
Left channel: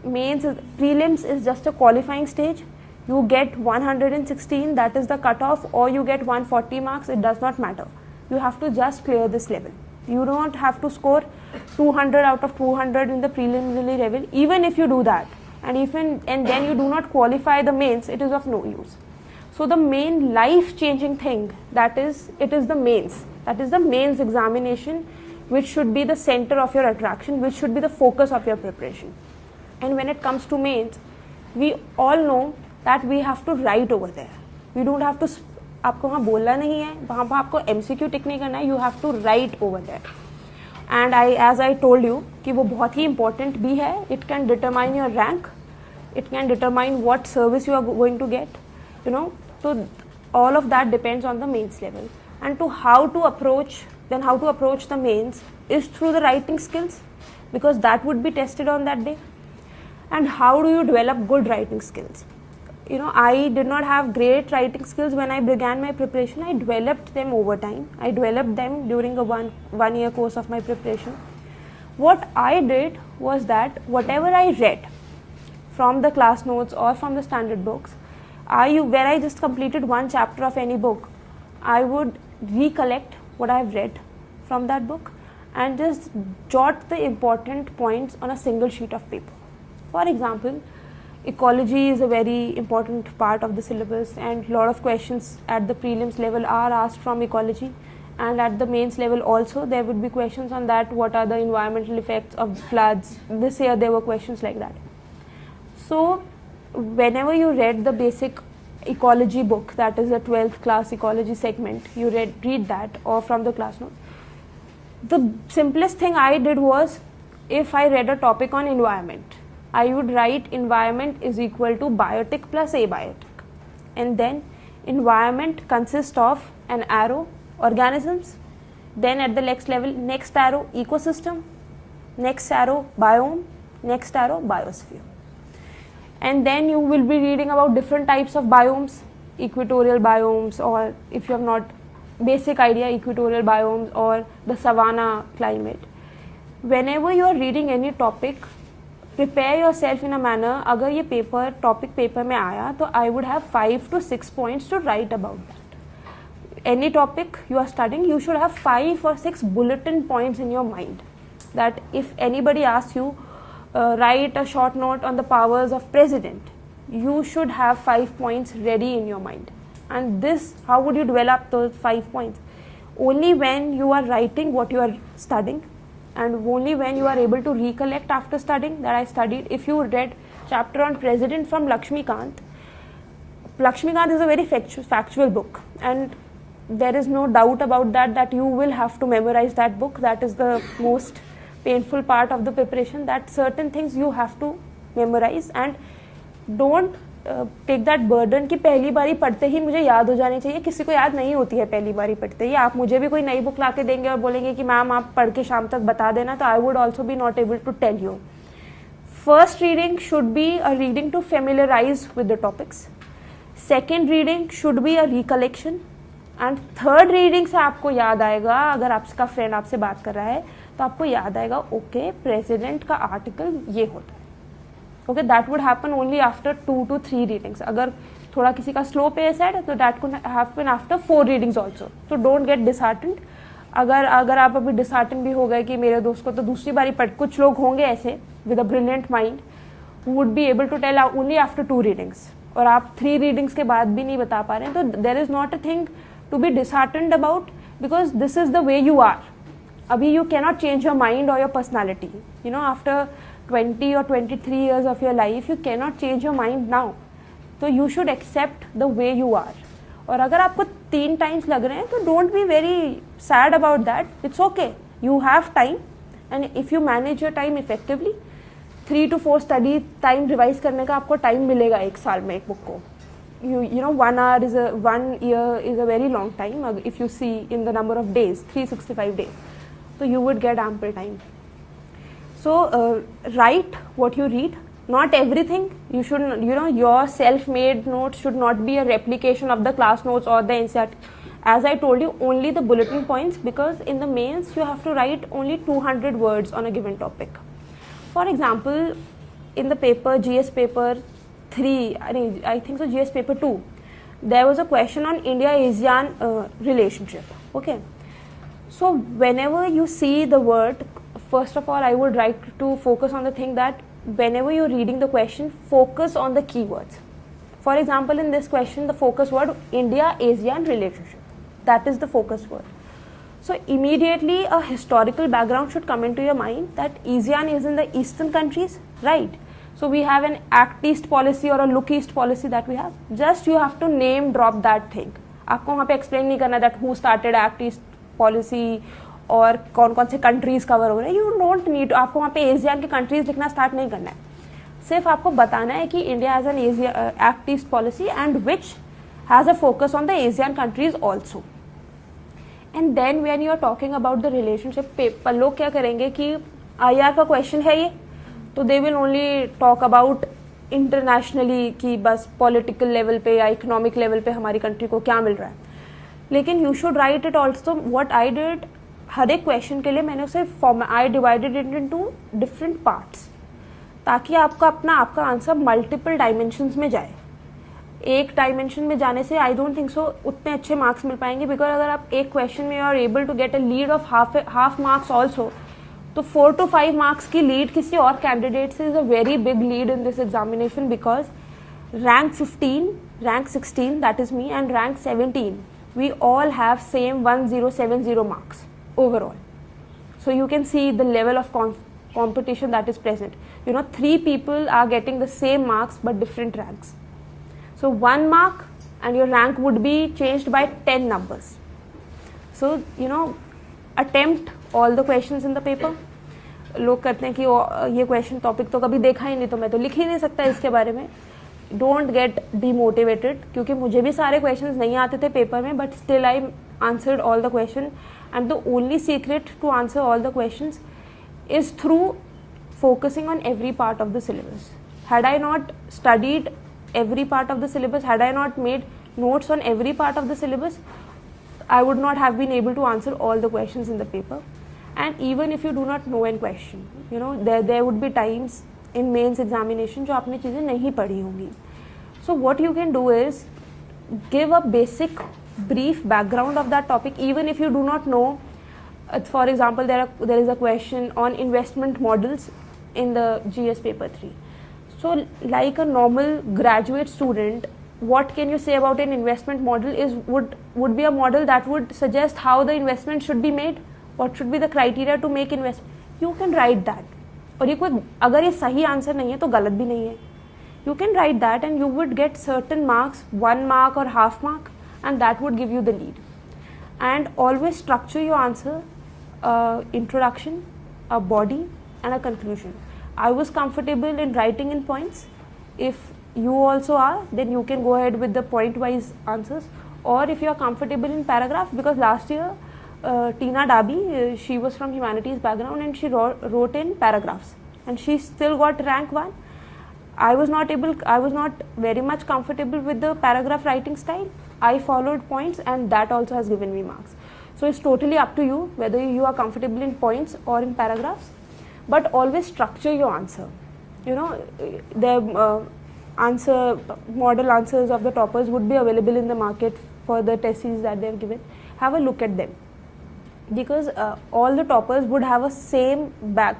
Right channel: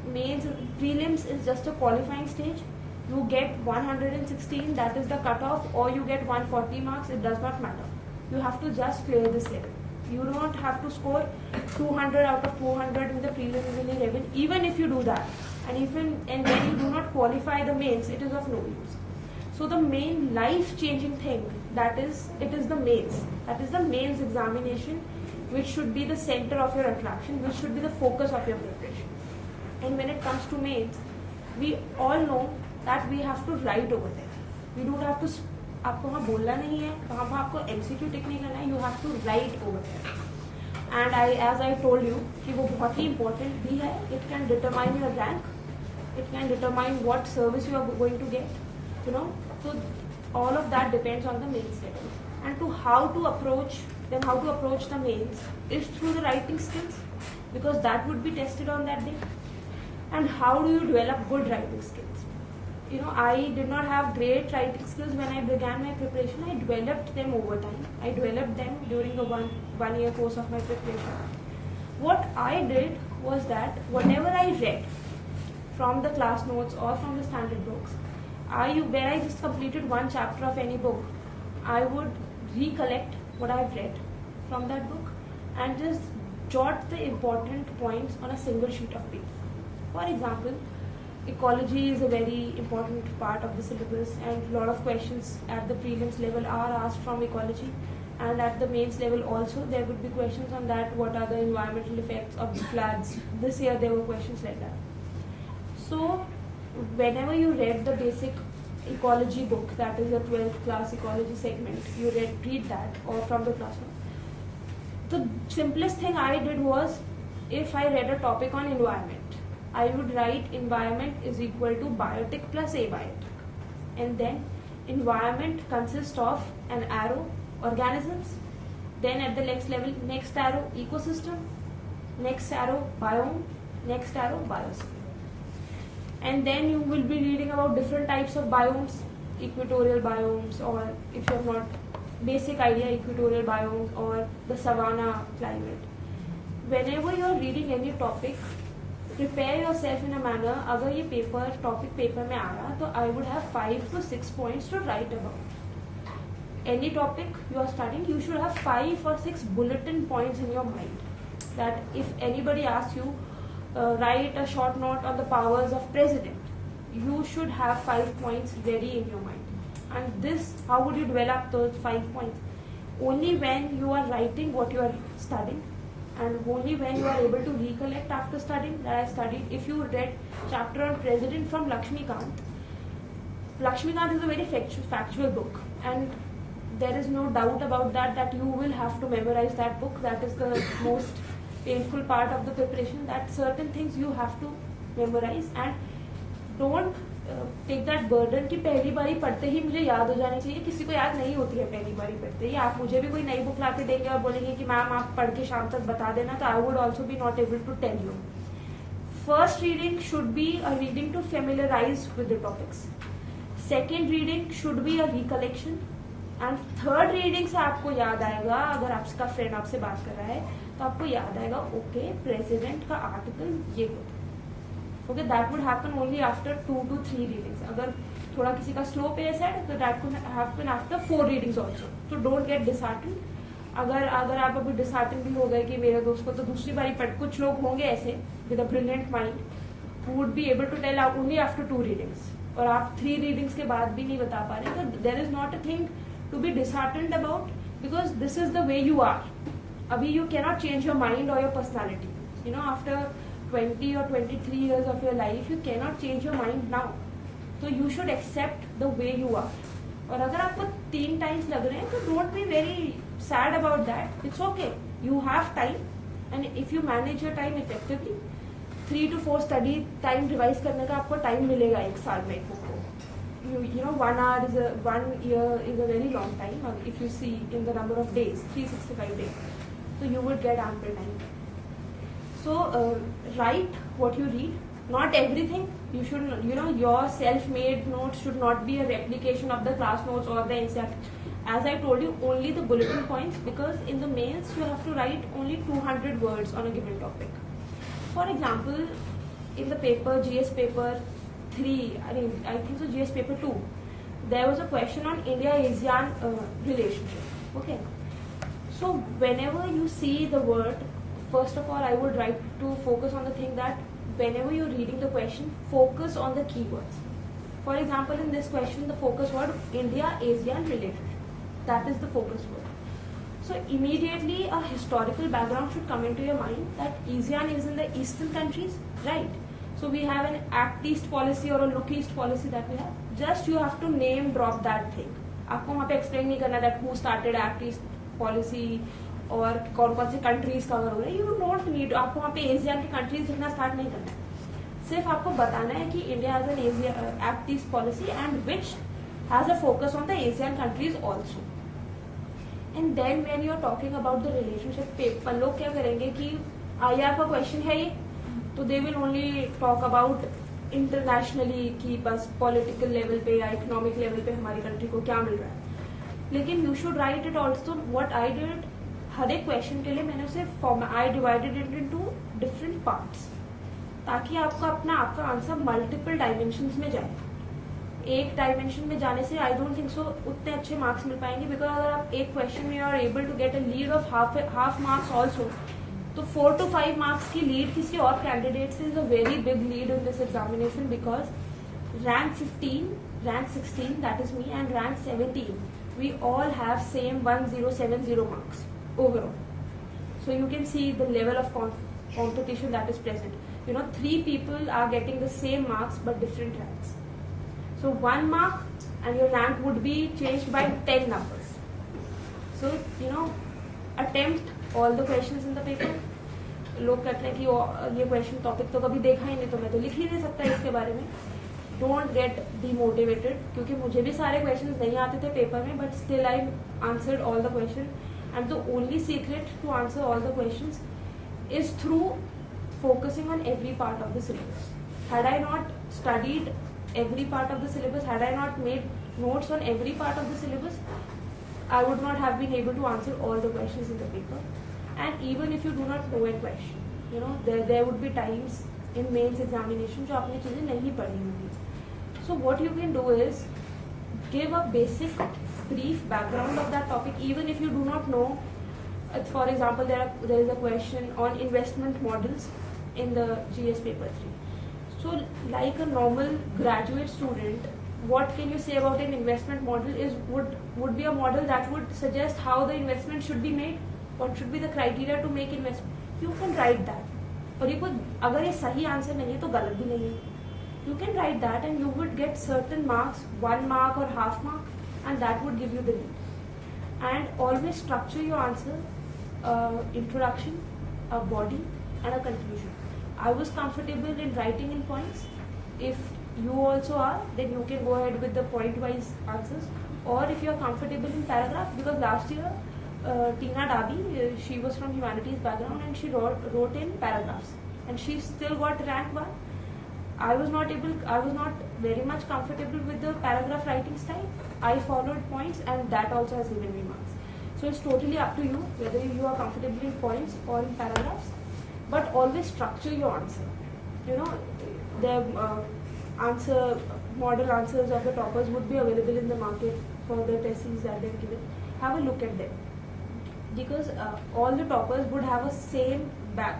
prelims is just a qualifying stage. You get 116, that is the cutoff, or you get 140 marks, it does not matter. You have to just clear this level. You don't have to score 200 out of 200 in the preliminary level. Even if you do that, and then you do not qualify the mains, it is of no use. So the main life-changing thing, it is the mains. That is the mains examination, which should be the center of your attraction, which should be the focus of your preparation. And when it comes to mains, we all know that we have to write over there. We don't have to, आपको वहाँ बोलना नहीं है, वहाँ पर आपको MCQ टिक नहीं करना है, you have to write over there. And as I told you कि वो बहुत ही important भी है. It can determine your rank, it can determine what service you are going to get. You know, so all of that depends on the mains level. And how to approach the mains is through the writing skills, because that would be tested on that day. And how do you develop good writing skills? You know, I did not have great writing skills when I began my preparation. I developed them over time. I developed them during a one year course of my preparation. What I did was that whatever I read from the class notes or from the standard books, where I just completed one chapter of any book, I would recollect what I have read from that book and just jot the important points on a single sheet of paper. For example, ecology is a very important part of the syllabus, and a lot of questions at the prelims level are asked from ecology, and at the mains level also there would be questions on that. What are the environmental effects of floods? This year there were questions like that. So whenever you read the basic ecology book, that is a 12th class ecology segment, you read that or from the class note. The simplest thing I did was, if I read a topic on environment, I would write environment is equal to biotic plus abiotic, and then environment consists of an arrow organisms, then at the next level, next arrow ecosystem, next arrow biome, next arrow biosphere. And then you will be reading about different types of biomes, equatorial biomes, or if you have not basic idea, equatorial biomes or the savanna climate. Whenever you are reading any topic, prepare yourself in a manner, अगर ये topic paper में आया तो I would have 5 to 6 points to write about that. Any topic you are studying, you should have 5 or 6 bulletin points in your mind, that if anybody asks you, write a short note on the powers of president, you should have 5 points ready in your mind. And this, how would you develop those 5 points? Only when you are writing what you are studying, and only when you are able to recollect after studying. That I studied. If you read chapter on president from Lakshmikant is a very factual book, and there is no doubt about that you will have to memorize that book. That is the most painful part of the preparation, that certain things you have to memorize, and don't take that burden कि पहली बारी पढ़ते ही मुझे याद हो जानी चाहिए. किसी को याद नहीं होती है पहली बारी पढ़ते ही. आप मुझे भी कोई नई बुक ला के देंगे और बोलेंगे कि मैम आप पढ़ के शाम तक बता देना, तो I would also be not able to tell you. First reading should be a reading to familiarize with the topics. Second reading should be a recollection, and third reading से आपको याद आएगा, अगर आपका फ्रेंड आपसे बात कर रहा है तो आपको याद आएगा ओके प्रेसिडेंट का आर्टिकल ये होता है. Okay, that would happen only after 2 to 3 readings. अगर थोड़ा किसी का स्लो पेस है, तो that could happen after 4 readings also. तो डोंट गेट डिसहार्टेंड. अगर आप अभी डिसहार्टन भी हो गए कि मेरे दोस्त को तो दूसरी बारी पढ़, कुछ लोग होंगे ऐसे with a brilliant mind would be able to tell only after 2 readings, और आप 3 रीडिंग्स के बाद भी नहीं बता पा रहे हैं, तो there is not a thing to be disheartened about, because this is the way you are. अभी you cannot change your mind और your personality. You know, after 20 or 23 years of your life, you cannot change your mind now. So you should accept the way you are. और अगर आपको 3 times लग रहे हैं तो don't be very sad about that. It's okay. You have time, and if you manage your time effectively, 3 to 4 study time revise करने का आपको time मिलेगा 1 साल में एक book को. You know, 1 year is a very long time. If you see in the number of days, 365 days, so you would get ample time. So write what you read. Not everything. You should, you know, your self-made notes should not be a replication of the class notes or the NCERT. As I told you, only the bulletin points, because in the mains you have to write only 200 words on a given topic. For example, in the paper, GS paper 3, I think so, GS paper 2, there was a question on India-ASEAN relationship. Okay. So whenever you see the word, first of all, I would like to focus on the thing that whenever you're reading the question, focus on the keywords. For example, in this question, the focus word India-ASEAN relationship. That is the focus word. So immediately a historical background should come into your mind that ASEAN is in the eastern countries, right? So we have an Act East policy or a Look East policy that we have. Just you have to name drop that thing. आपको वहाँ पे explain नहीं करना that who started Act East policy और कौन कौन से countries cover हो रहे हैं. यू डोंट नीड, आपको वहाँ पे एशिया के कंट्रीज लिखना स्टार्ट नहीं करना है. सिर्फ आपको बताना है कि India has an act east policy and which has a focus on the Asian countries also. And then when you are talking about the relationship paper, लोग क्या करेंगे कि IR का क्वेश्चन है ये, तो they will only talk about internationally कि बस पॉलिटिकल लेवल पे या इकोनॉमिक लेवल पे हमारी कंट्री को क्या मिल रहा है. लेकिन you should write it also. What I did, हर एक क्वेश्चन के लिए मैंने उसे I divided it into different parts, ताकि आपका आपका आंसर मल्टीपल डायमेंशंस में जाए. एक डायमेंशन में जाने से आई डोंट थिंक सो उतने अच्छे मार्क्स मिल पाएंगे, बिकॉज अगर आप एक क्वेश्चन में are able to get a lead of half marks also, तो 4 to 5 मार्क्स की लीड किसी और कैंडिडेट से is a very big lead in this examination, because rank 15, rank 16, that is me, and rank 17, we all have same 1070 marks overall. So you can see the level of competition that is present. You know, 3 people are getting the same marks but different ranks. So 1 mark and your rank would be changed by 10 numbers. So, you know, attempt all the questions in the paper. लोग कहते हैं कि ये question topic तो कभी देखा ही नहीं, तो मैं तो लिख ही नहीं सकता इसके बारे में. डोंट गेट डीमोटिवेटेड, क्योंकि मुझे भी सारे क्वेश्चंस नहीं आते थे पेपर में, but still I answered all the question. And the only secret to answer all the questions is through focusing on every part of the syllabus. Had I not studied every part of the syllabus, had I not made notes on every part of the syllabus, I would not have been able to answer all the questions in the paper. And even if you do not know a question, you know, there would be times in mains examination जो आपने चीजें नहीं पढ़ी होंगी. So what you can do is give a basic brief background of that topic, even if you do not know. For example, there is a question on investment models in the GS paper 3. So like a normal graduate student, what can you say about an investment model is would be a model that would suggest how the investment should be made, what should be the criteria to make investment. You can write that. और ये कोई, अगर ये सही answer नहीं है तो गलत भी नहीं है. You can write that and you would get certain marks, 1 mark or half mark, and that would give you the lead. And always structure your answer, introduction, a body and a conclusion. I was comfortable in writing in points. If you also are, then you can go ahead with the point wise answers. Or if you are comfortable in paragraph, because last year Tina Dabi, she was from humanities background and she wrote in paragraphs and she still got rank 1. I was not very much comfortable with the paragraph writing style. I followed points and that also has given me marks. So it's totally up to you whether you are comfortable in points or in paragraphs, but always structure your answer. You know, model answers of the toppers would be available in the market for the tests that they have given. Have a look at them, because all the toppers would have a same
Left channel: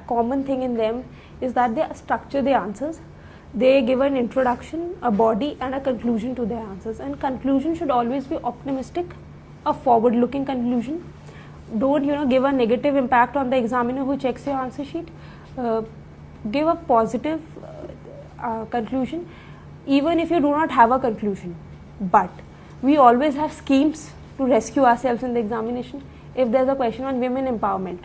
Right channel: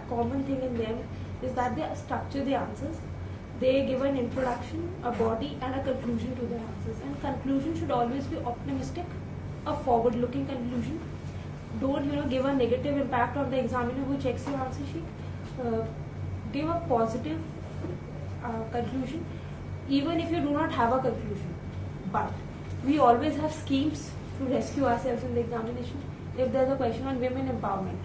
common thing in them, is that they structure the answers. They give an introduction, a body, and a conclusion to their answers. And conclusion should always be optimistic, a forward-looking conclusion. Don't give a negative impact on the examiner who checks your answer sheet. Give a positive conclusion, even if you do not have a conclusion. But we always have schemes to rescue ourselves in the examination. If there's a question on women empowerment,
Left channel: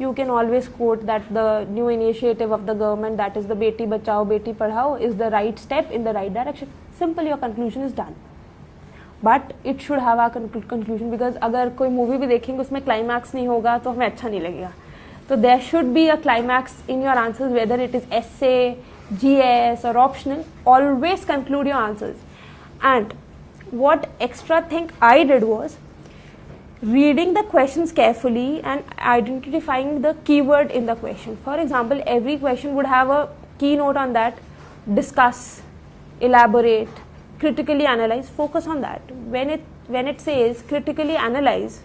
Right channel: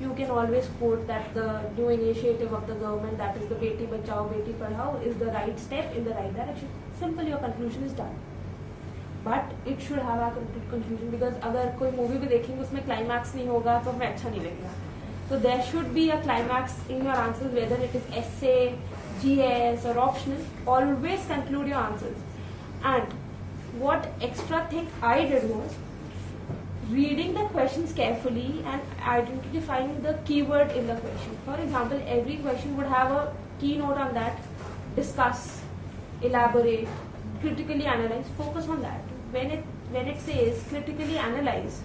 you can always quote that the new initiative of the government, that is the Beti Bachao Beti Padhao, is the right step in the right direction. Simple, your conclusion is done. But it should have a conclusion, because अगर कोई movie भी देखेंगे उसमें climax नहीं होगा तो हमें अच्छा नहीं लगेगा. So there should be a climax in your answers, whether it is essay, GS or optional. Always conclude your answers. And what extra thing I did was reading the questions carefully and identifying the keyword in the question. For example, every question would have a keynote on that: discuss, elaborate, critically analyze. Focus on that. When it says critically analyze,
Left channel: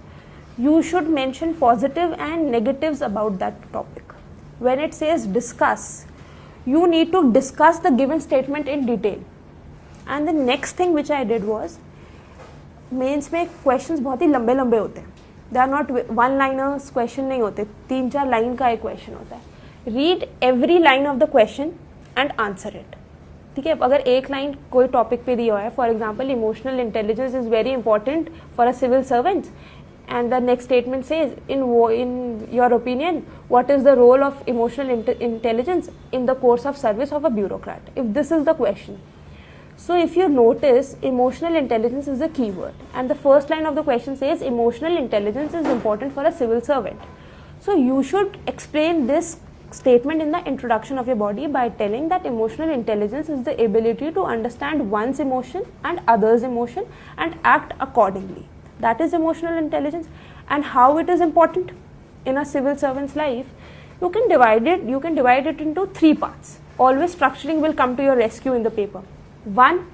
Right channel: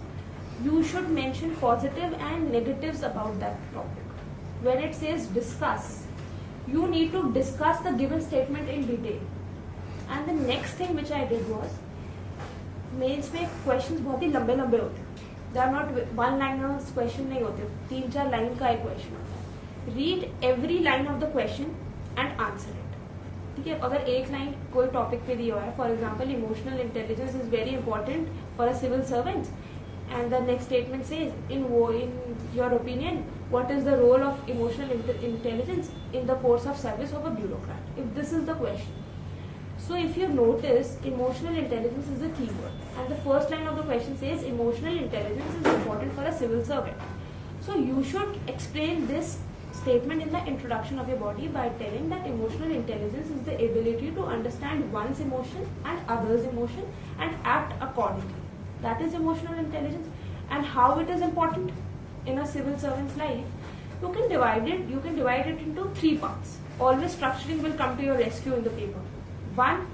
you should mention positive and negatives about that topic. When it says discuss, you need to discuss the given statement in detail. And the next thing which I did was, mains में questions बहुत ही लंबे लंबे होते हैं. They are not one liners question नहीं होते, 3-4 line का एक क्वेश्चन होता है. Read every line of the question and answer it. ठीक है, अगर एक लाइन कोई टॉपिक पे दिया हुआ है, for example emotional intelligence is very important for a civil servant, and the next statement says, in your opinion, what is the role of emotional intelligence in the course of service of a bureaucrat? If this is the question. So if you notice, emotional intelligence is the keyword, and the first line of the question says emotional intelligence is important for a civil servant. So you should explain this statement in the introduction of your body by telling that emotional intelligence is the ability to understand one's emotion and others' emotion and act accordingly. That is emotional intelligence. And how it is important in a civil servant's life, you can divide it into 3 parts. Always structuring will come to your rescue in the paper. 1,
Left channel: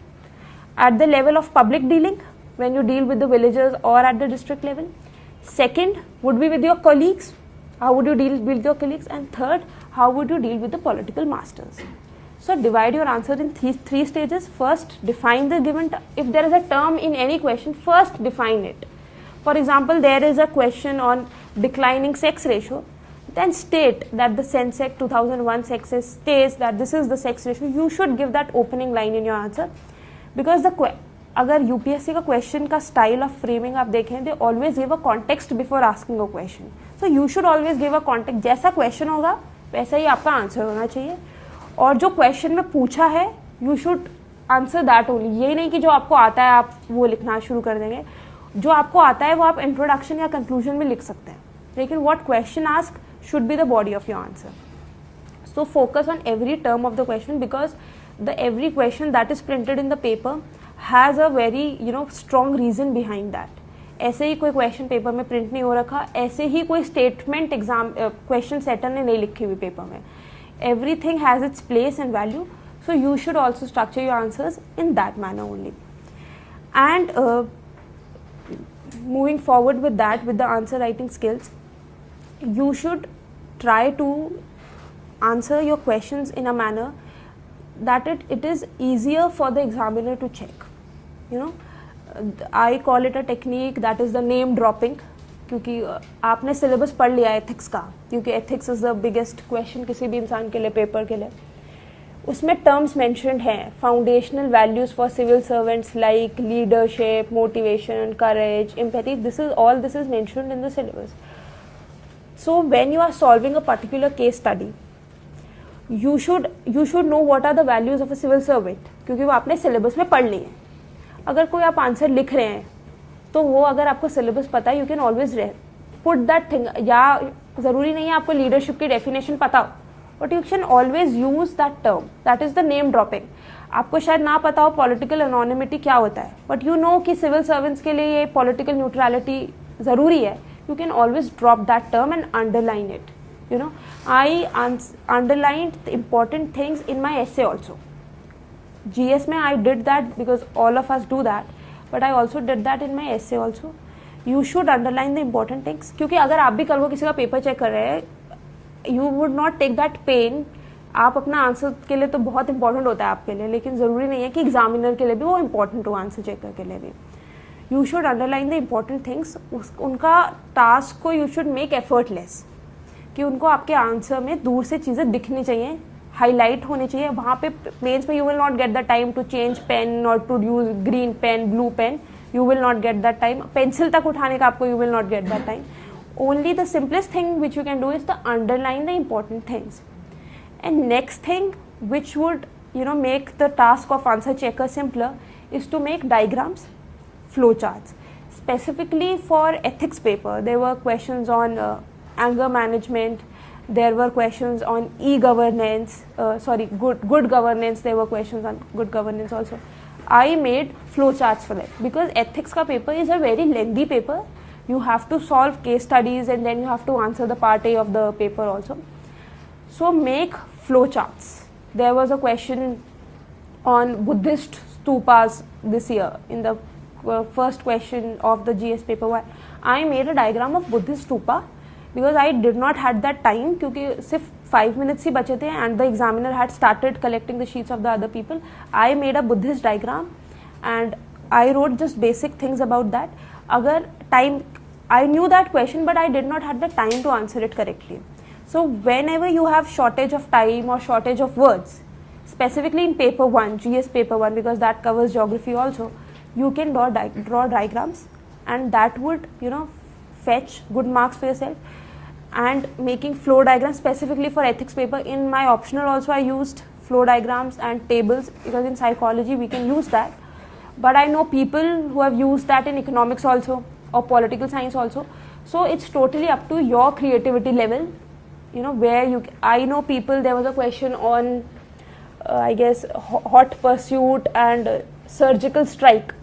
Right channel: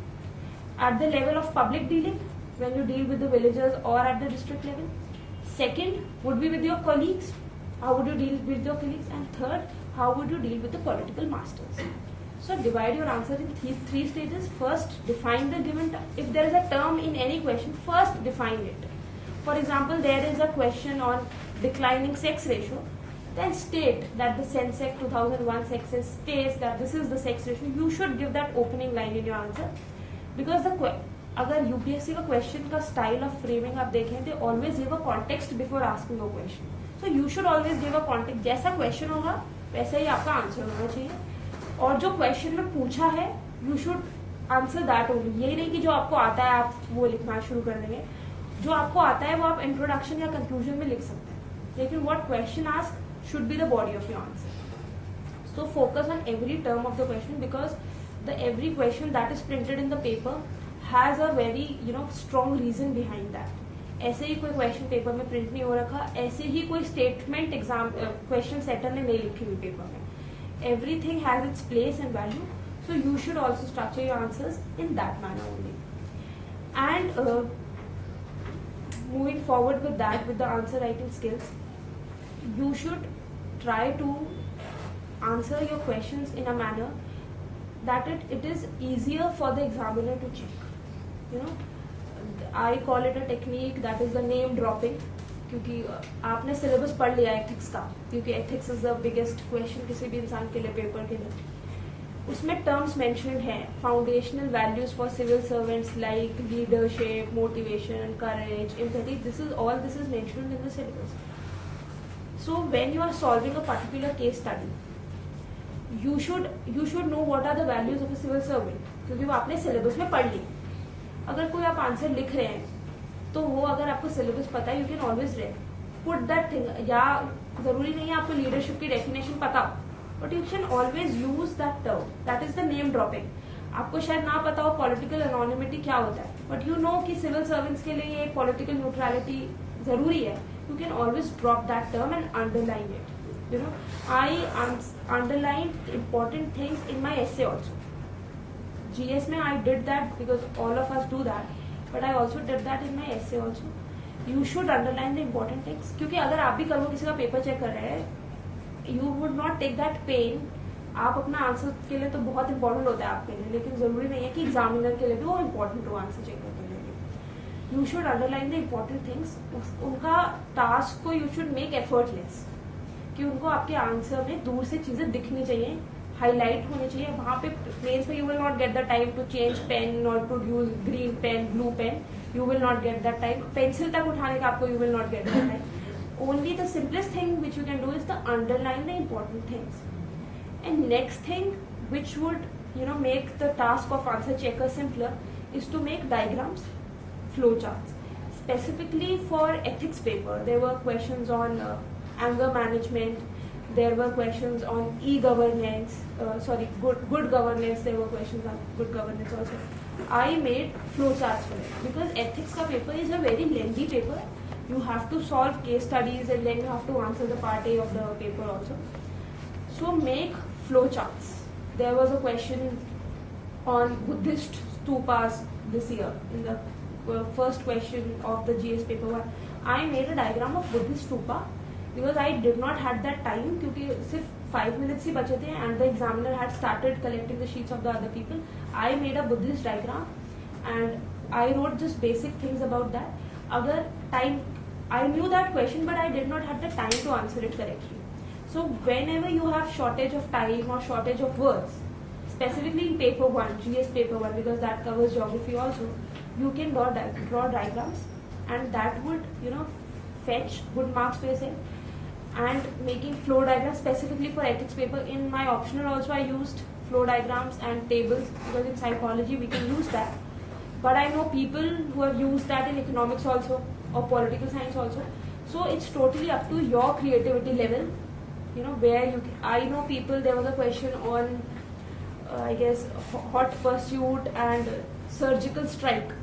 at the level of public dealing, when you deal with the villagers or at the district level. 2nd would be with your colleagues. How would you deal with your colleagues? And 3rd, how would you deal with the political masters? So divide your answer in three stages. First, define the given if there is a term in any question, first define it. For example, there is a question on declining sex ratio, then state that the Sensec 2001 sexes states that this is the sex ratio. You should give that opening line in your answer, because अगर UPSC का question का style of framing आप देखें, they always give a context before asking a question. So you should always give a context. जैसा question होगा वैसा ही आपका answer होना चाहिए. और जो क्वेश्चन में पूछा है, you should answer that only. ये नहीं कि जो आपको आता है आप वो लिखना शुरू कर देंगे. जो आपको आता है वो आप इंट्रोडक्शन या कंक्लूजन में लिख सकते हैं, लेकिन what question ask should be the body of your answer. So focus on every term of the question, because the every question that is printed in the paper has a very strong reason behind that. ऐसे ही कोई question paper में print नहीं हो रखा, ऐसे ही कोई स्टेटमेंट एग्जाम क्वेश्चन सेटर ने नहीं लिखी हुई पेपर में. Everything has its place and value, so you should also structure your answers in that manner only. And moving forward with that, with the answer writing skills, you should try to answer your questions in a manner that it is easier for the examiner to check. I call it a technique that is the name dropping. क्योंकि आपने syllabus पढ़ लिया ethics का, क्योंकि ethics is the biggest question किसी भी इंसान के लिए, पेपर के लिए. उसमें टर्म्स मेंशन्ड हैं, foundational values for civil servants like leadership, motivation, courage, empathy. This is mentioned in the syllabus. So when you are solving a particular case study, you should know what are the values of a civil servant, क्योंकि वो आपने syllabus में पढ़ ली है. अगर कोई आप answer लिख रहे हैं तो वो अगर आपको सिलेबस पता है, you can always put that thing. या जरूरी नहीं है आपको लीडरशिप की डेफिनेशन पता हो, but you can always use that term. That is the name dropping. आपको शायद ना पता हो पॉलिटिकल एनोनिमिटी क्या होता है, बट यू नो कि सिविल सर्वेंट्स के लिए ये पॉलिटिकल न्यूट्रलिटी जरूरी है. You can always drop that term and underline it. I underlined the important things in my essay also. GS में I did that because all of us do that, but I also did that in my essay also. You should underline the important things, क्योंकि अगर आप भी कल को किसी का paper check कर रहे हैं, you would not take that pain. आप अपना आंसर के लिए तो बहुत इंपॉर्टेंट होता है आपके लिए, लेकिन ज़रूरी नहीं है कि एग्जामिनर के लिए भी वो इंपॉर्टेंट हो, आंसर चेकर के लिए भी. You should underline the important things. उनका टास्क को यू शुड मेक एफर्टलेस, कि उनको आपके आंसर में दूर से चीज़ें दिखनी चाहिए, हाईलाइट होनी चाहिए. वहाँ पे मेंस में you will not get the time to change pen और to use green pen, blue pen. You will not get that time. Pencil तक उठाने का आपको you will not get that time. Only the simplest thing which you can do is the underline the important things. And next thing which would make the task of answer checker simpler is to make diagrams, flowcharts. Specifically for ethics paper, there were questions on anger management, there were questions on e-governance, good governance, there were questions on good governance also. I made flowcharts for that because ethics ka paper is a very lengthy paper. You have to solve case studies and then you have to answer the part A of the paper also. So make flowcharts. There was a question on Buddhist stupas this year in the first question of the GS paper 1. I made a diagram of Buddhist stupa because I did not had that time, क्योंकि सिर्फ 5 minutes ही बचे थे and the examiner had started collecting the sheets of the other people. I made a Buddhist diagram and I wrote just basic things about that. अगर time, I knew that question but I did not had the time to answer it correctly. So whenever you have shortage of time or shortage of words, specifically in paper 1, GS paper 1, because that covers geography also, you can draw diagrams and that would fetch good marks for yourself. And making flow diagrams specifically for ethics paper, in my optional also I used flow diagrams and tables because in psychology we can use that. But I know people who have used that in economics also or political science also. So it's totally up to your creativity level. Where I know people, there was a question on I guess hot pursuit and surgical strike.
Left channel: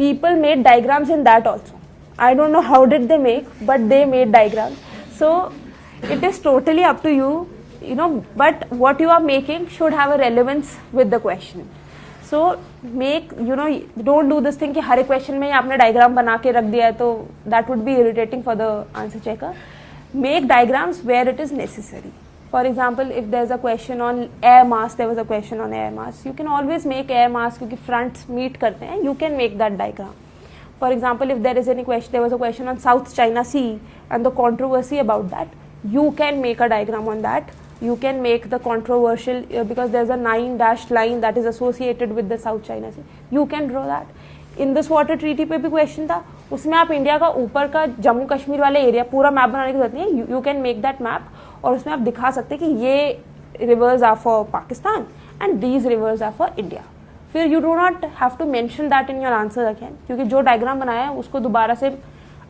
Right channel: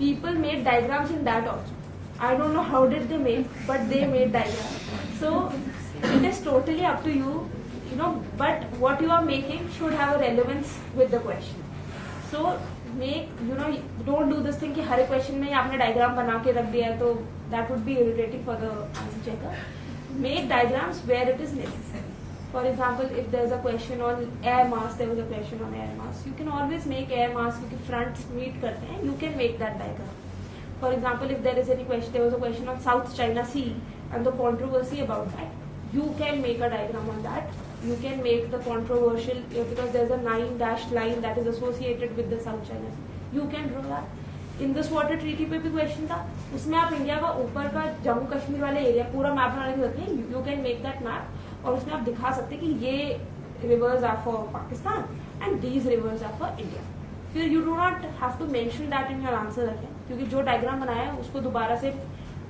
People made diagrams in that also. I don't know how did they make, but they made diagrams. So it is totally up to you, but what you are making should have a relevance with the question. So make, don't do this thing कि हर question में आपने diagram बना के रख दिया है, तो that would be irritating for the answer checker. Make diagrams where it is necessary. For example, if there's a question on air mass, there was a question on air mass. You can always make air mass क्योंकि fronts meet करते हैं. You can make that diagram. For example, if there is any question, there was a question on South China Sea and the controversy about that. You can make a diagram on that. You can make the controversial because there's a 9-dashed line that is associated with the South China Sea. You can draw that. In this water treaty पे भी question था, उसमें आप India का ऊपर का जम्मू कश्मीर वाले area पूरा मैप बनाने की जरूरत नहीं है. You can make that map और उसमें आप दिखा सकते हैं कि ये rivers are for Pakistan and these rivers are for India. फिर you do not have to mention that in your answer again, क्योंकि जो डायग्राम बनाया है उसको दोबारा से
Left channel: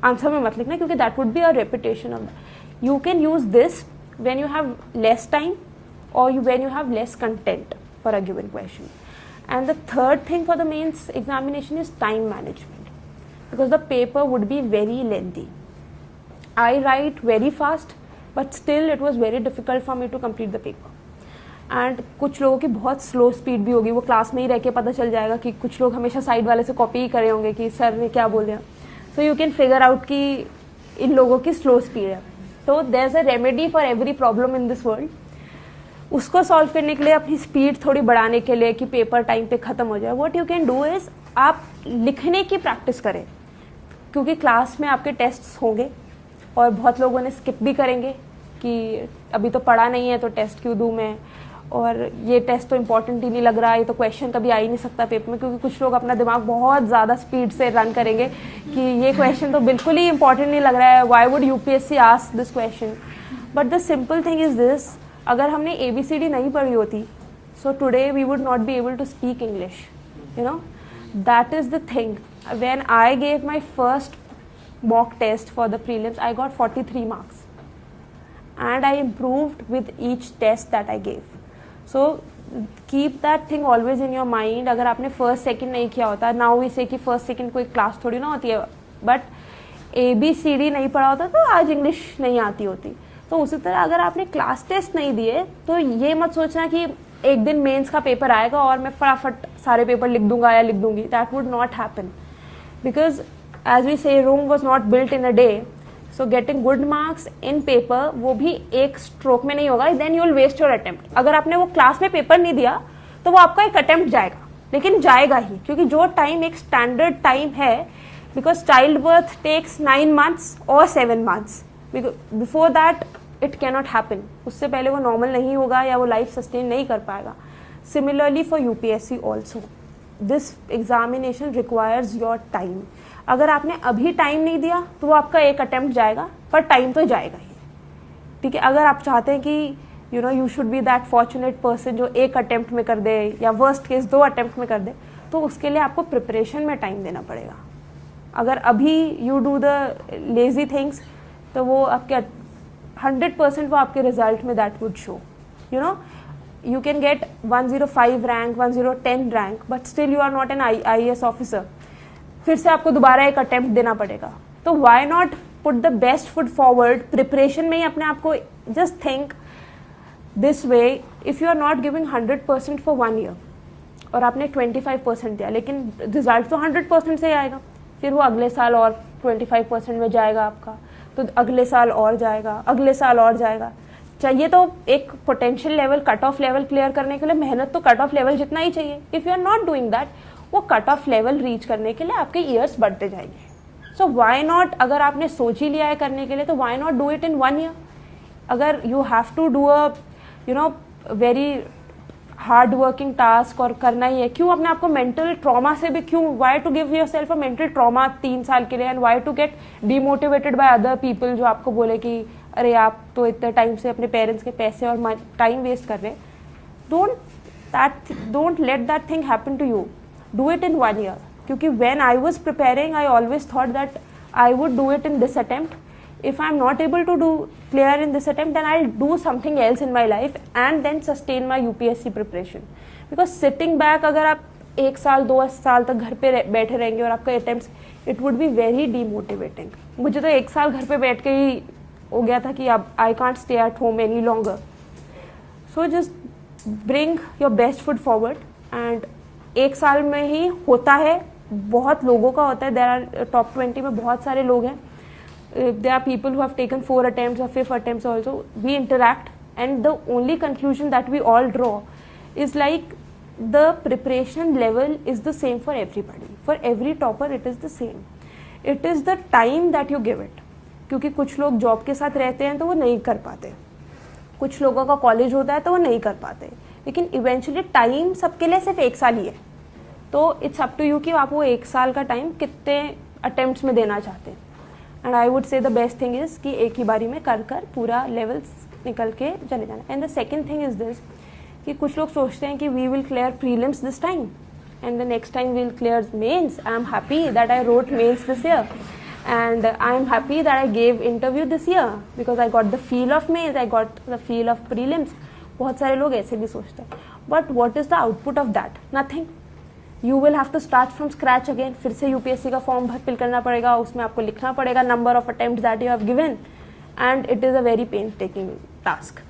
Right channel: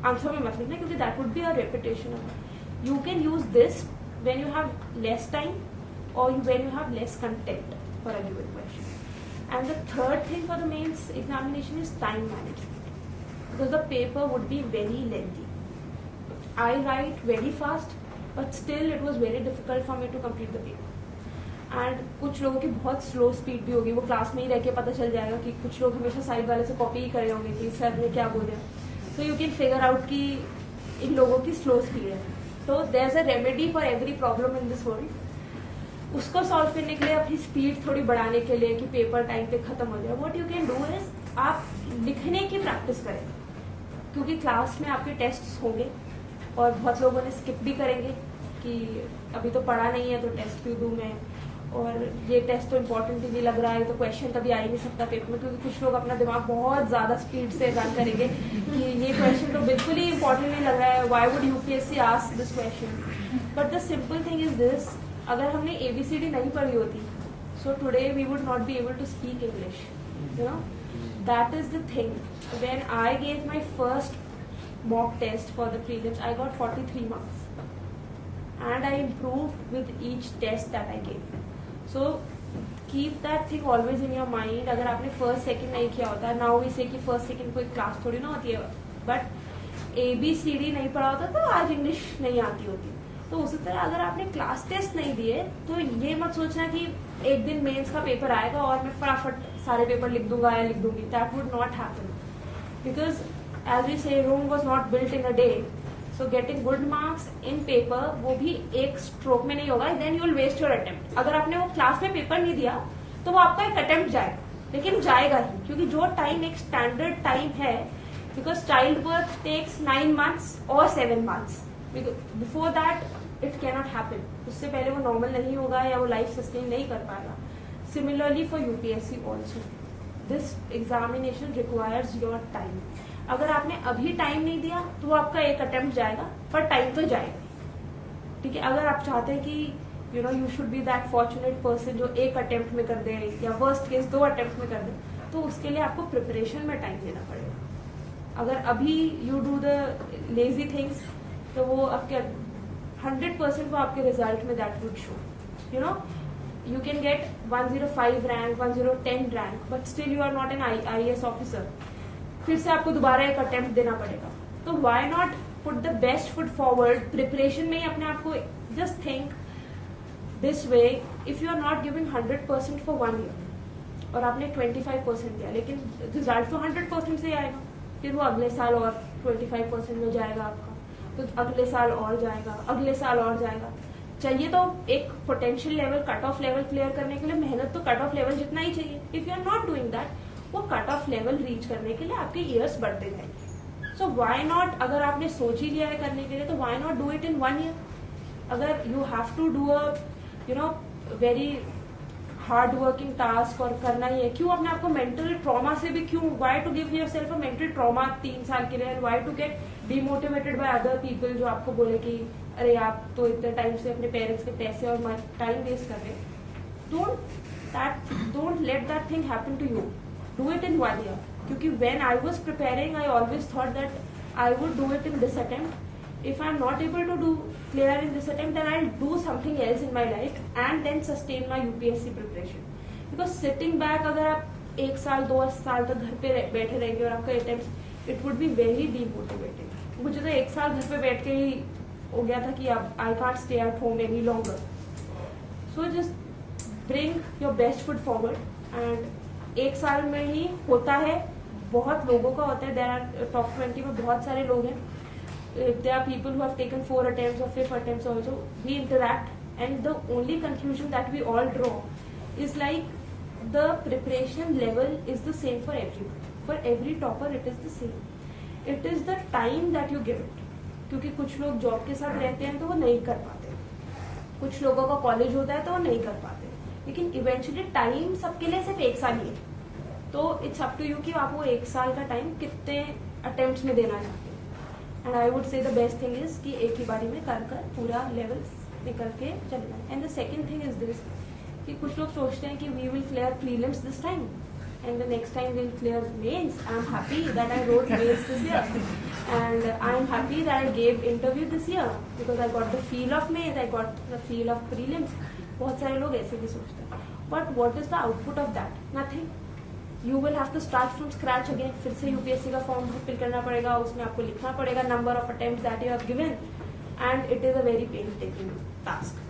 आंसर में मत लिखना, क्योंकि that would be a repetition of that. You can use this when you have less time और when you have less content for a given question. And the third thing for the mains examination is time management, because the paper would be very lengthy. I write very fast, but still it was very difficult for me to complete the paper. And कुछ लोगों की बहुत slow speed भी होगी, वो class में ही रह के पता चल जाएगा कि कुछ लोग हमेशा साइड वाले से कॉपी ही करे होंगे कि सर ने क्या बोले. So you can figure out कि इन लोगों की स्लो स्पीड है. So there's a remedy for every problem in this world. उसको सॉल्व करने के लिए अपनी स्पीड थोड़ी बढ़ाने के लिए कि पेपर टाइम पे खत्म हो जाए, what you can do is आप लिखने की प्रैक्टिस करें, क्योंकि क्लास में आपके टेस्ट्स होंगे और बहुत लोगों ने स्किप भी करेंगे कि अभी तो पढ़ा नहीं है तो टेस्ट क्यों दूं मैं, और ये टेस्ट तो इम्पोर्टेंट ही नहीं लग रहा है, तो क्वेश्चन कभी आ ही नहीं सकता पेपर में, क्योंकि कुछ लोग अपना दिमाग बहुत ज़्यादा स्पीड से रन करेंगे कि ये क्वेश्चन तो बिल्कुल ही इंपॉर्टेंट नहीं लग रहा है, why would UPSC ask this question. But the simple thing is this, अगर हमने ABCD नहीं पढ़ी होती, so today we would not be able to speak English. That is the thing. When I gave my first mock test for the prelims, I got 43 marks, and I improved with each test that I gave. So keep that thing always in your mind. अगर आपने first second नहीं किया होता, now we say कि first second कोई class थोड़ी ना होती है, but ABCD नहीं पढ़ा होता तो आज इंग्लिश नहीं आती होती. तो उसी तरह अगर आपने क्लास टेस्ट नहीं दिए तो ये मत सोचना कि एक दिन मेंस का पेपर आएगा और मैं फटाफट सारे पेपर लिख दूंगा या लिख दूंगी. That would not happen because as we say Rome was not built in a day. So getting good marks in paper वो भी एक स्ट्रोक में नहीं होगा. Then you will waste your attempt. अगर आपने वो क्लास में पेपर नहीं दिया तो वो आपका एक अटेम्प्ट जाएगा, लेकिन जाएगा ही, क्योंकि जो टाइम एक स्टैंडर्ड टाइम है, because child birth takes 9 months और 7 months. Before that it cannot happen. उससे पहले वो नॉर्मल नहीं होगा या वो लाइफ सस्टेन नहीं कर पाएगा. Similarly for UPSC also this examination requires your time. अगर आपने अभी टाइम नहीं दिया तो वो आपका एक अटेम्प्ट जाएगा, पर टाइम तो जाएगा ही. ठीक है, अगर आप चाहते हैं कि you should B that fortunate person जो एक अटेम्प्ट में कर दे या वर्स्ट केस 2 अटेम्प्ट में कर दे, तो उसके लिए आपको प्रिपरेशन में टाइम देना पड़ेगा. अगर अभी you do the lazy things तो वो आपके 100% वो आपके रिजल्ट में that would show. you can get 105 rank, 110 rank, but still you are not an IAS officer. फिर से आपको दोबारा एक अटेम्प्ट देना पड़ेगा. तो why not put the best foot forward? Preparation में ही अपने आप को just think this way. If you are not giving 100% for 1 year और आपने 25% दिया, लेकिन रिजल्ट तो 100% से ही आएगा, फिर वो अगले साल और 25% में जाएगा आपका, तो अगले साल और जाएगा, अगले साल और जाएगा. चाहिए तो एक potential level, cut off level clear करने के लिए मेहनत तो कट ऑफ लेवल जितना ही चाहिए. If you are not doing that, वो कट ऑफ लेवल रीच करने के लिए आपके ईयर्स बढ़ते जाएंगे. सो व्हाई नॉट, अगर आपने सोच ही लिया है करने के लिए, तो why not do it in 1 year. अगर you have to do a very hard working task और करना ही है, क्यों अपने आपको मेंटल ट्रॉमा से भी, क्यों, why to give yourself a mental trauma 3 साल के लिए, and why to get demotivated by other people जो आपको बोले कि अरे आप तो इतने टाइम से अपने पेरेंट्स के पैसे और टाइम वेस्ट कर रहे हैं. Don't let that thing happen to you. Do it in 1 year. क्योंकि when I was preparing I always thought that I would do it in this attempt. If I'm not able to do clear in this attempt, then I'll do something else in my life and then sustain my UPSC preparation. Because sitting back, अगर आप 1 साल 2 साल तक घर पे बैठे रहेंगे और आपका attempts, it would be very demotivating. मुझे तो 1 साल घर पे बैठ के ही हो गया था कि अब I can't stay at home any longer. So just bring your best foot forward. And 1 साल में ही होता है, बहुत लोगों का होता है. There are top 20 में बहुत सारे लोग हैं. There are people who have taken 4 attempts or 5 attempts also. We interact, and the only conclusion that we all draw is like the preparation level is the same for everybody. For every topper it is the same. It is the time that you give it. क्योंकि कुछ लोग job के साथ रहते हैं तो वो नहीं कर पाते, कुछ लोगों का कॉलेज होता है तो वो नहीं कर पाते, लेकिन इवेंचुअली टाइम सबके लिए सिर्फ 1 साल ही है. तो इट्स अप टू यू कि आप वो 1 साल का टाइम कितने अटेम्प्ट्स में देना चाहते हैं. And I would say the best thing is कि एक ही बारी में कर पूरा लेवल्स निकल के चले जाना. And the second thing is this कि कुछ लोग सोचते हैं कि we will clear prelims this time and the next time we will clear mains. I am happy that I wrote mains this year and I am happy that I gave interview this year because I got the feel of mains, I got the feel of prelims. बहुत सारे लोग ऐसे भी सोचते हैं. But what is the output of that? Nothing. You will have to start from scratch again. फिर से UPSC का फॉर्म फिल करना पड़ेगा, उसमें आपको लिखना पड़ेगा number of attempt that you have given, and it is a very pain taking task.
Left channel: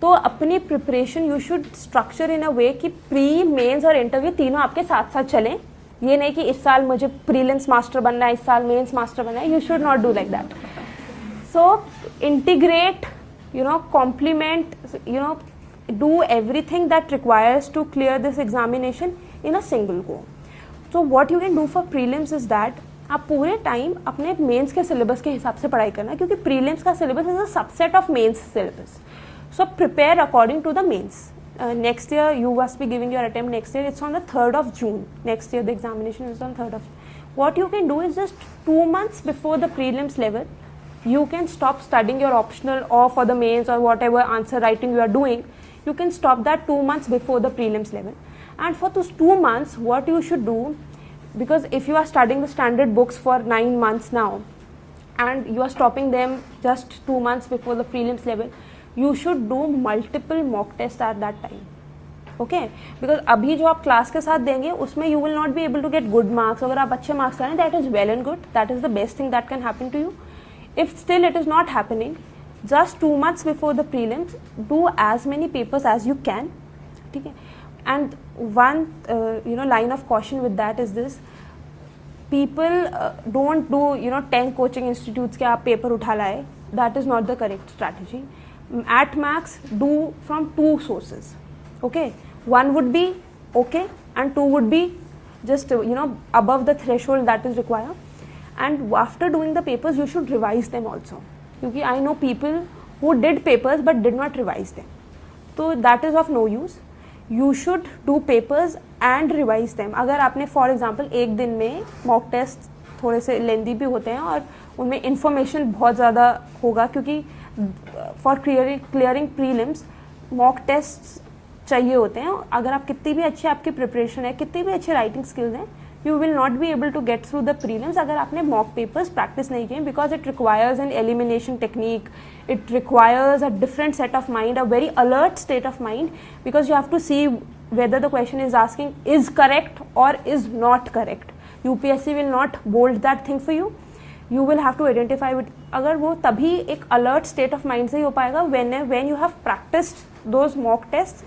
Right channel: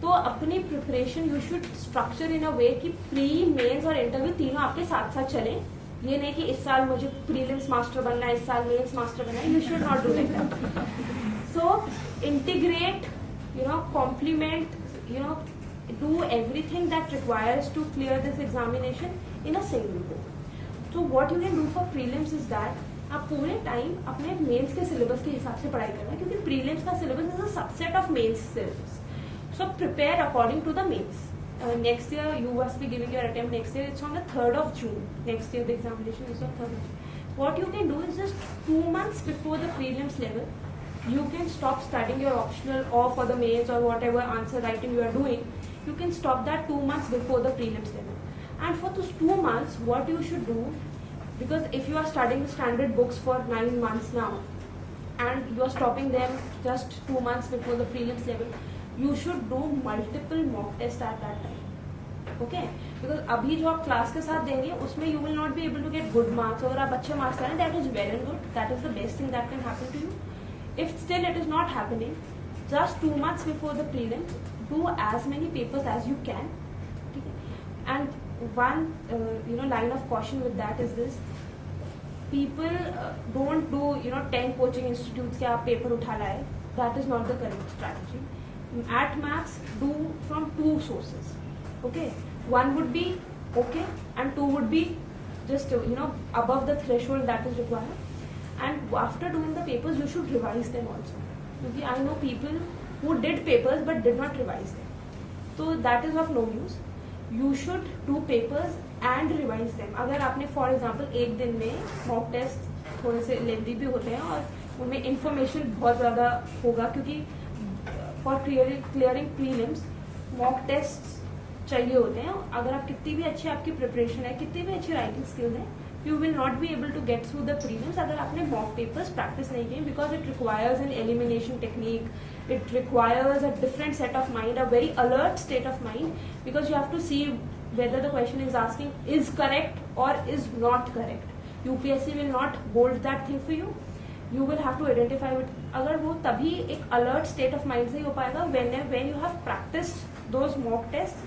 तो अपनी preparation you should structure in a way कि प्री, मेंस और इंटरव्यू तीनों आपके साथ साथ चलें. ये नहीं कि इस साल मुझे प्रीलिम्स मास्टर बनना है, इस साल मेंस मास्टर बनना है. You should not do like that. So integrate, complement, do everything that requires to clear this examination in a single go. So what you can do for prelims is that आप पूरे time अपने mains के syllabus के हिसाब से पढ़ाई करना, क्योंकि प्रीलिम्स का syllabus is a subset of mains syllabus. So prepare according to the mains. Next year you must be giving your attempt next year. It's on the 3rd of June. Next year the examination is on 3rd of June. What you can do is just 2 months before the prelims level, you can stop studying your optional or for the mains or whatever answer writing you are doing. You can stop that 2 months before the prelims level. And for those 2 months, what you should do, because if you are studying the standard books for 9 months now, and you are stopping them just 2 months before the prelims level, you should do multiple mock tests at that time. Okay? Because अभी जो आप class के साथ देंगे उसमें you will not be able to get good marks. अगर आप अच्छे मार्क्स करें, that is well and good. That is the best thing that can happen to you. If still it is not happening, just 2 months before the prelims, do as many papers as you can. ठीक है? And one line of caution with that is this: people don't do 10 coaching institutes के आप paper उठा लाए. That is not the correct strategy. At max, do from 2 sources. Okay, one would be okay, and 2 would be just above the threshold that is required. And after doing the papers, you should revise them also. Because I know people who did papers but did not revise them. So that is of no use. You should do papers and revise them. अगर आपने for example एक दिन में mock test थोड़े से lengthy भी होते हैं और उनमें information बहुत ज़्यादा होगा, क्योंकि for clearing prelims mock tests चाहिए होते हैं. अगर आप कितनी भी अच्छी आपकी प्रिपरेशन है, कितनी भी अच्छी राइटिंग स्किल्स हैं, you will not be able to get through the prelims अगर आपने mock papers practice नहीं किए, because it requires an elimination technique, it requires a different set of mind, a very alert state of mind, because you have to see whether the question is asking is correct or is not correct. UPSC will not bold that thing for you. You will have to identify it. अगर वो तभी एक alert state of mind से ही हो पाएगा when you have practiced those mock tests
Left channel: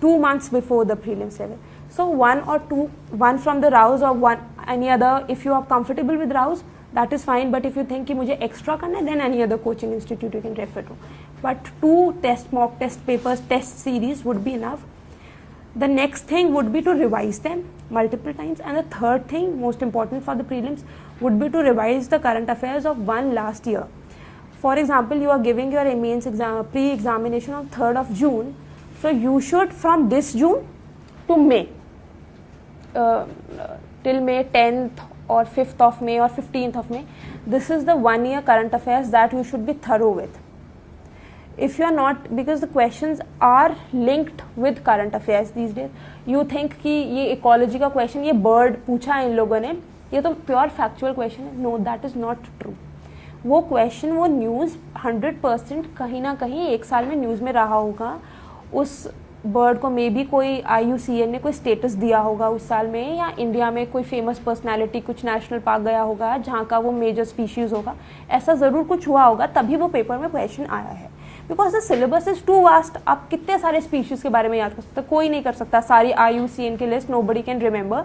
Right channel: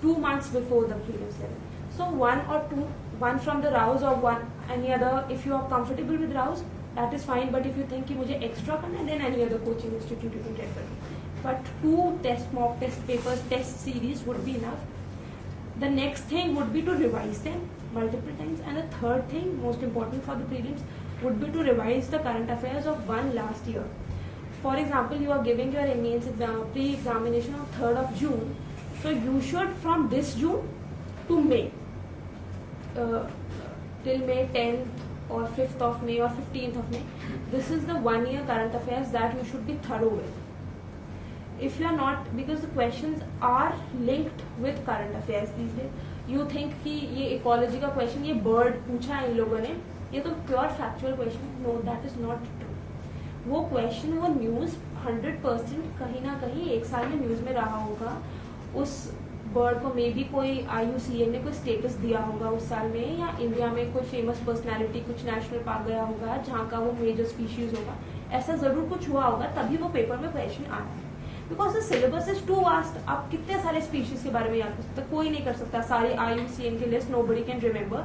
2 months before the prelims level. So one from the Rouse or one any other. If you are comfortable with Rouse, that is fine. But if you think कि मुझे extra करना है, then any other coaching institute you can refer to. But 2 mock test papers, test series would be enough. The next thing would be to revise them multiple times, and the third thing, most important for the prelims, would be to revise the current affairs of one last year. For example, you are giving your mains exam pre-examination on 3rd of June, so you should from this June to May. Till May 10th or 5th of May or 15th of May, this is the 1 year current affairs that you should be thorough with. If you are not, because the questions are linked with current affairs these days. You think कि ये ecology का question, ये bird पूछा इन लोगों ने, ये तो pure factual question है. No, that is not true. वो question, वो news 100% कहीं ना कहीं एक साल में news में रहा होगा. उस बर्ड को मे बी कोई IUCN ने कोई स्टेटस दिया होगा उस साल में, या इंडिया में कोई फेमस पर्सनालिटी कुछ नेशनल पार्क गया होगा जहाँ का वो मेजर स्पीशीज होगा. ऐसा जरूर कुछ हुआ होगा, तभी वो पेपर में क्वेश्चन आया है. Because the syllabus is too vast. आप कितने सारे स्पीशीज के बारे में याद कर सकते, कोई नहीं कर सकता सारी IUCN की लिस्ट. Nobody can remember.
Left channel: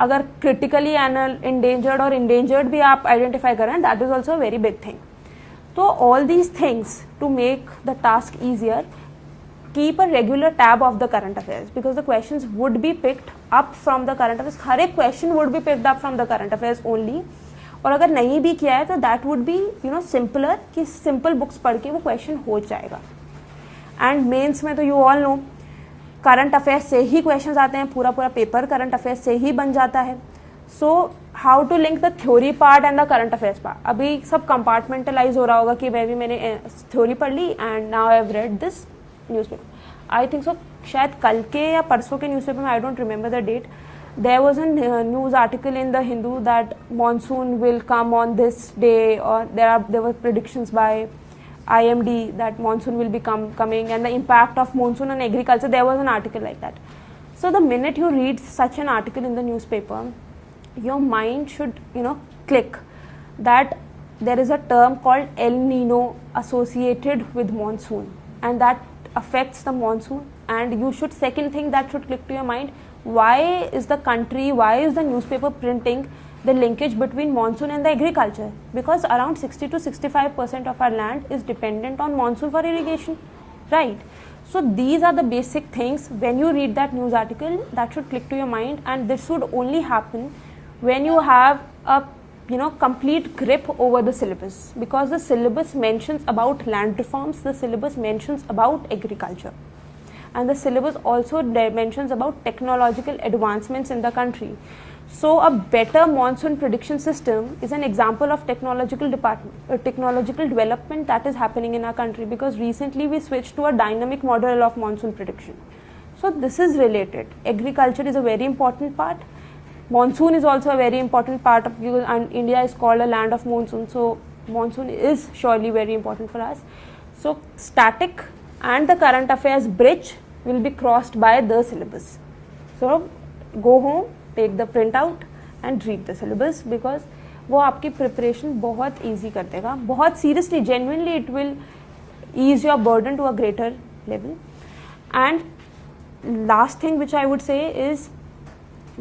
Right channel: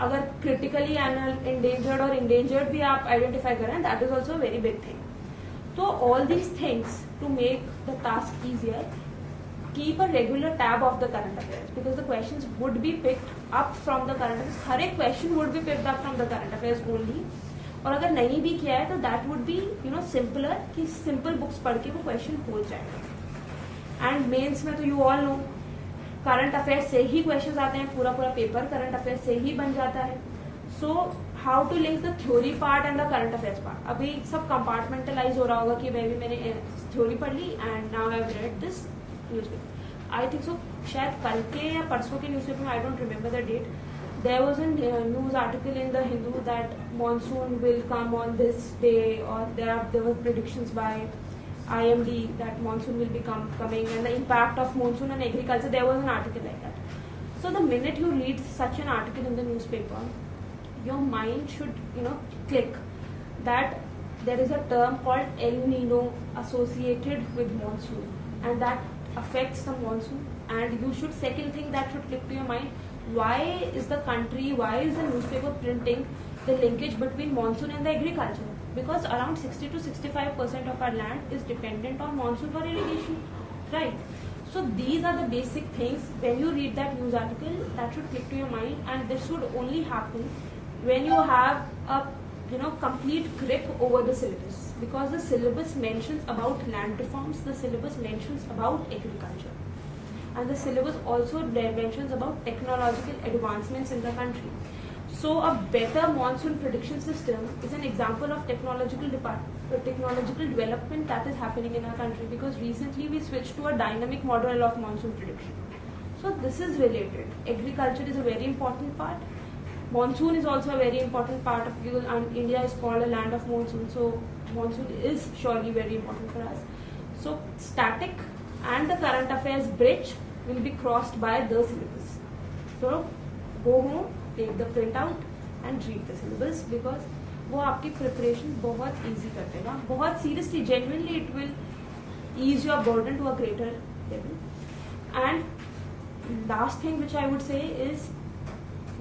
अगर क्रिटिकली इंडेंजर्ड और इंडेंजर्ड भी आप आइडेंटिफाई करें, that is also very big thing. तो all these things to make the task easier, keep a regular tab of the current affairs, because the questions would be picked up from the current affairs. हर एक question would be picked up from the current affairs only. और अगर नहीं भी किया है तो that would be simpler, कि simple books पढ़ के वो question हो जाएगा. And mains में तो you all know current affairs से ही questions आते हैं, पूरा paper current affairs से ही बन जाता है. So how to link the theory part and the current affairs part? अभी सब compartmentalize हो रहा होगा कि मैंने theory पढ़ ली and now I have read this newspaper. I think so. शायद कल के या परसों के न्यूज़पेपर में, I don't remember the date, there was a news article in the Hindu that monsoon will come on this day, or there were predictions by IMD that monsoon will be coming, and the impact of monsoon on agriculture. There was an article like that. So the minute you read such an article in the newspaper, your mind should click that there is a term called El Nino associated with monsoon, and that affects the monsoon. And you should, second thing that should click to your mind, why is the newspaper printing the linkage between monsoon and the agriculture? Because around 60 to 65% of our land is dependent on monsoon for irrigation, right? So these are the basic things. When you read that news article, that should click to your mind, and this should only happen when you have a complete grip over the syllabus, because the syllabus mentions about land reforms, the syllabus mentions about agriculture, and the syllabus also mentions about technological advancements in the country. So a better monsoon prediction system is an example of technological development that is happening in our country, because recently we switched to a dynamic model of monsoon prediction. So this is related. Agriculture is a very important part. Monsoon is also a very important part of you, and India is called a land of monsoon, so monsoon is surely very important for us. So static and the current affairs bridge will be crossed by the syllabus. So go home, take the printout and read the syllabus, because वो आपकी preparation बहुत easy कर देगा, बहुत seriously, genuinely it will ease your burden to a greater level. And last thing which I would say is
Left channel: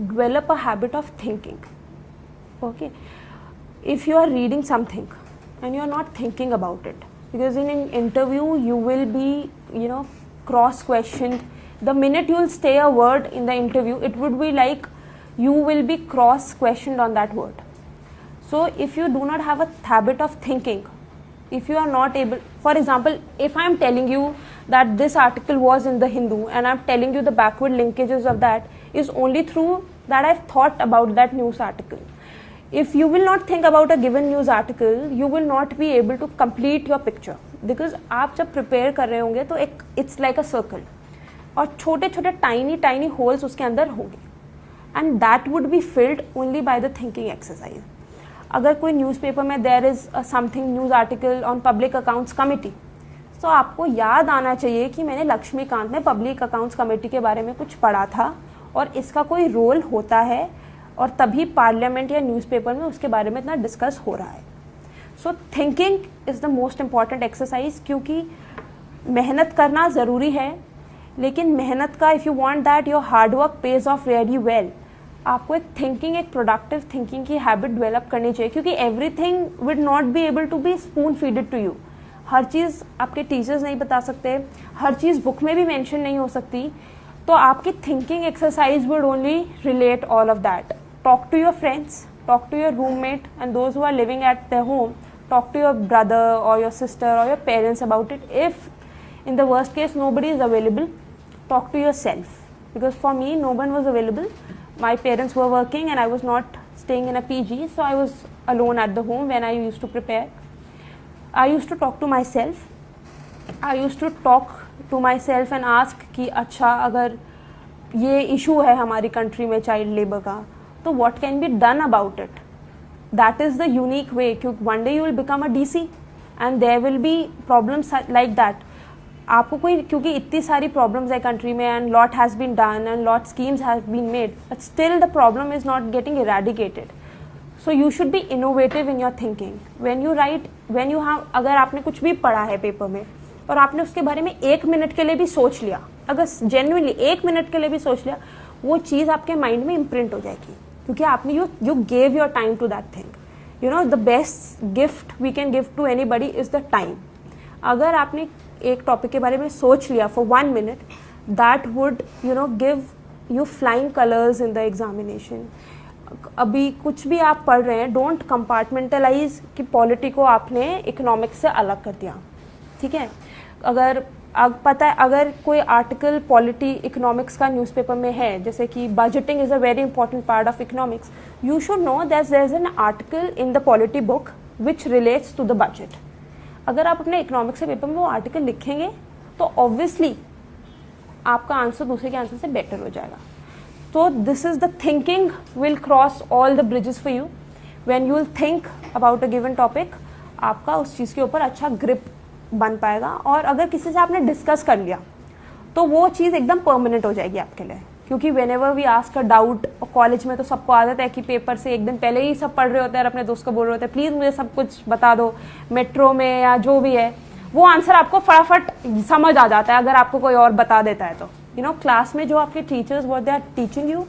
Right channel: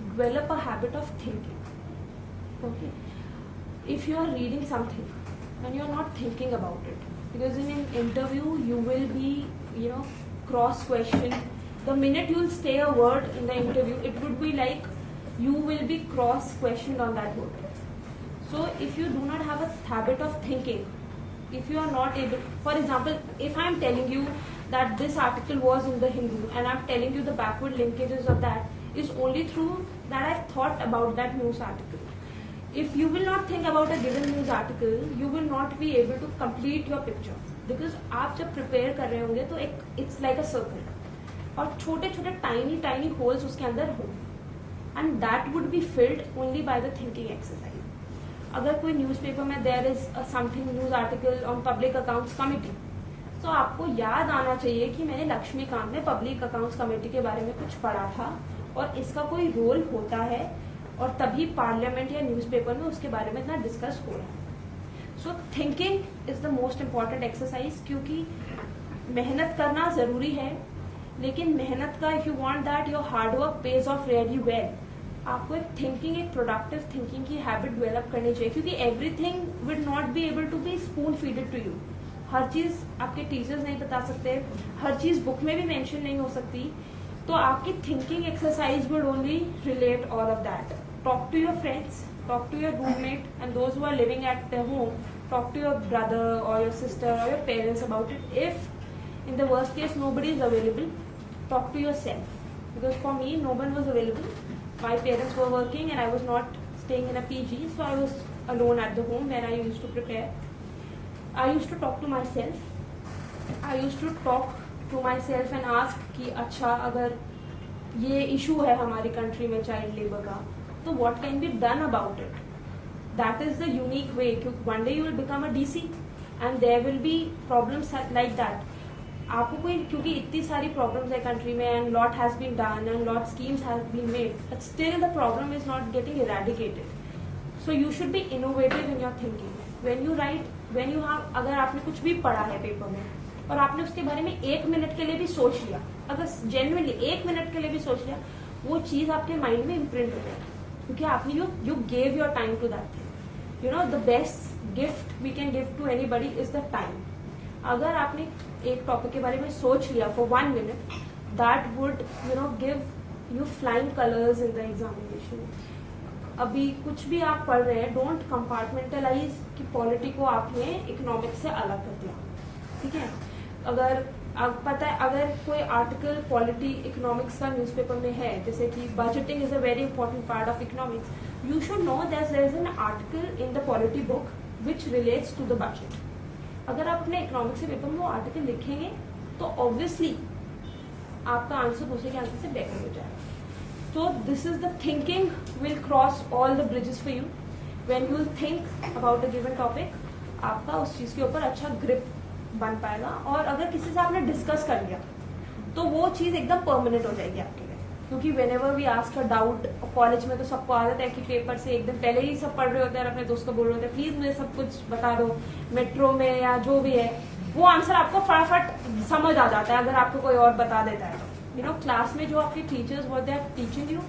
develop a habit of thinking. Okay, if you are reading something and you are not thinking about it, because in an interview you will be, cross questioned. The minute you will say a word in the interview, it would be like you will be cross questioned on that word. So if you do not have a habit of thinking, if you are not able, for example, if I am telling you that this article was in the Hindu and I am telling you the backward linkages of that, is only through that I've thought about that news article. If you will not think about a given news article, you will not be able to complete your picture, because आप जब prepare कर रहे होंगे तो एक it's like a circle और छोटे छोटे tiny holes उसके अंदर होंगे, and that would be filled only by the thinking exercise. अगर कोई न्यूज़पेपर में there is a something news article on public accounts committee, तो आपको याद आना चाहिए कि मैंने लक्ष्मीकांत में पब्लिक अकाउंट्स कमेटी के बारे में कुछ पढ़ा था और इसका कोई रोल होता है, और तभी पार्लियामेंट या न्यूज़पेपर में उसके बारे में इतना डिस्कस हो रहा है. So thinking is the most important exercise, क्योंकि मेहनत करना ज़रूरी है, लेकिन मेहनत का if you want that your hard work pays off very well, आपको एक थिंकिंग, एक प्रोडक्टिव थिंकिंग की हैबिट डेवलप करनी चाहिए, क्योंकि everything will not be able to be spoon feeded to you. हर चीज़ आपके टीचर्स नहीं बता सकते, हर चीज़ बुक में भी मेंशन नहीं हो सकती. तो आपकी thinking exercise would only relate all of that. Talk to your friends, talk to your roommate and those who are living at their home, talk to your brother और योर सिस्टर और your parents about it. If in the worst case nobody is available, talk to yourself, because for me no one was available. My parents were working and I was not staying in a PG, so I was alone at the home when I used to prepare. I used to talk to myself. I used to talk to myself and ask कि अच्छा अगर ये issue है हमारी country में child labour का, तो what can be done about it? That is the unique way, क्योंकि one day you will become a DC and there will be problems like that. आपको कोई, क्योंकि इतनी सारी प्रॉब्लम्स है कंट्री में and lot has been done and lot schemes have been made, but still the problem is not getting eradicated. So you should be innovative in your thinking when you write, when you have, अगर आपने कुछ भी पढ़ा है paper में और आपने उसके बारे में 1 मिनट के लिए भी सोच लिया, अगर जेन्युइनली 1 मिनट के लिए भी सोच लिया, वो चीज आपके माइंड में इम्प्रिंट हो जाएगी, क्योंकि आपने you gave your time to that thing. You know the best gift we can give to anybody is the time. अगर आपने एक टॉपिक के बारे में सोच लिया for 1 minute, that would give you flying colours in the examination. अभी कुछ भी आप पढ़ रहे हैं, डोंट कंपार्टमेंटलाइज कि पॉलिटी को आपने इकोनॉमिक्स से अलग कर दिया. ठीक है, अगर पता है अगर कोई आर्टिकल पॉलिटी इकोनॉमिक्स का न्यूज़पेपर में है, जैसे कि budgeting is a very important part of economics, you should know that there is an article in the polity book which relates to the budget. अगर आप अपने इकोनॉमिक्स के पेपर में वो आर्टिकल लिखेंगे तो ऑब्वियसली आपका आंसर दूसरे के आंसर से बेटर हो जाएगा. तो this is the thinking will cross all the bridges for you. When you will think about a given topic, आपका उस चीज के ऊपर अच्छा ग्रिप बन पाएगा, और अगर किसी से आपने डिस्कस कर लिया तो वो चीज एकदम परमानेंट हो जाएगी आपके लिए. क्योंकि whenever we ask a doubt, college में तो सबको आदत है कि पेपर से एक दिन पहले ही सब पढ़ रहे होते हैं और अपने दोस्त को बोल रहे होते हैं प्लीज मुझे सब कुछ बता दो, मेट्रो में या जो भी है, वो आंसर आपको फटाफट समझ आ जाता है अगर आपको कोई और बता देता है तो. यू नो क्लास में जो आपके teachers what they are teaching you,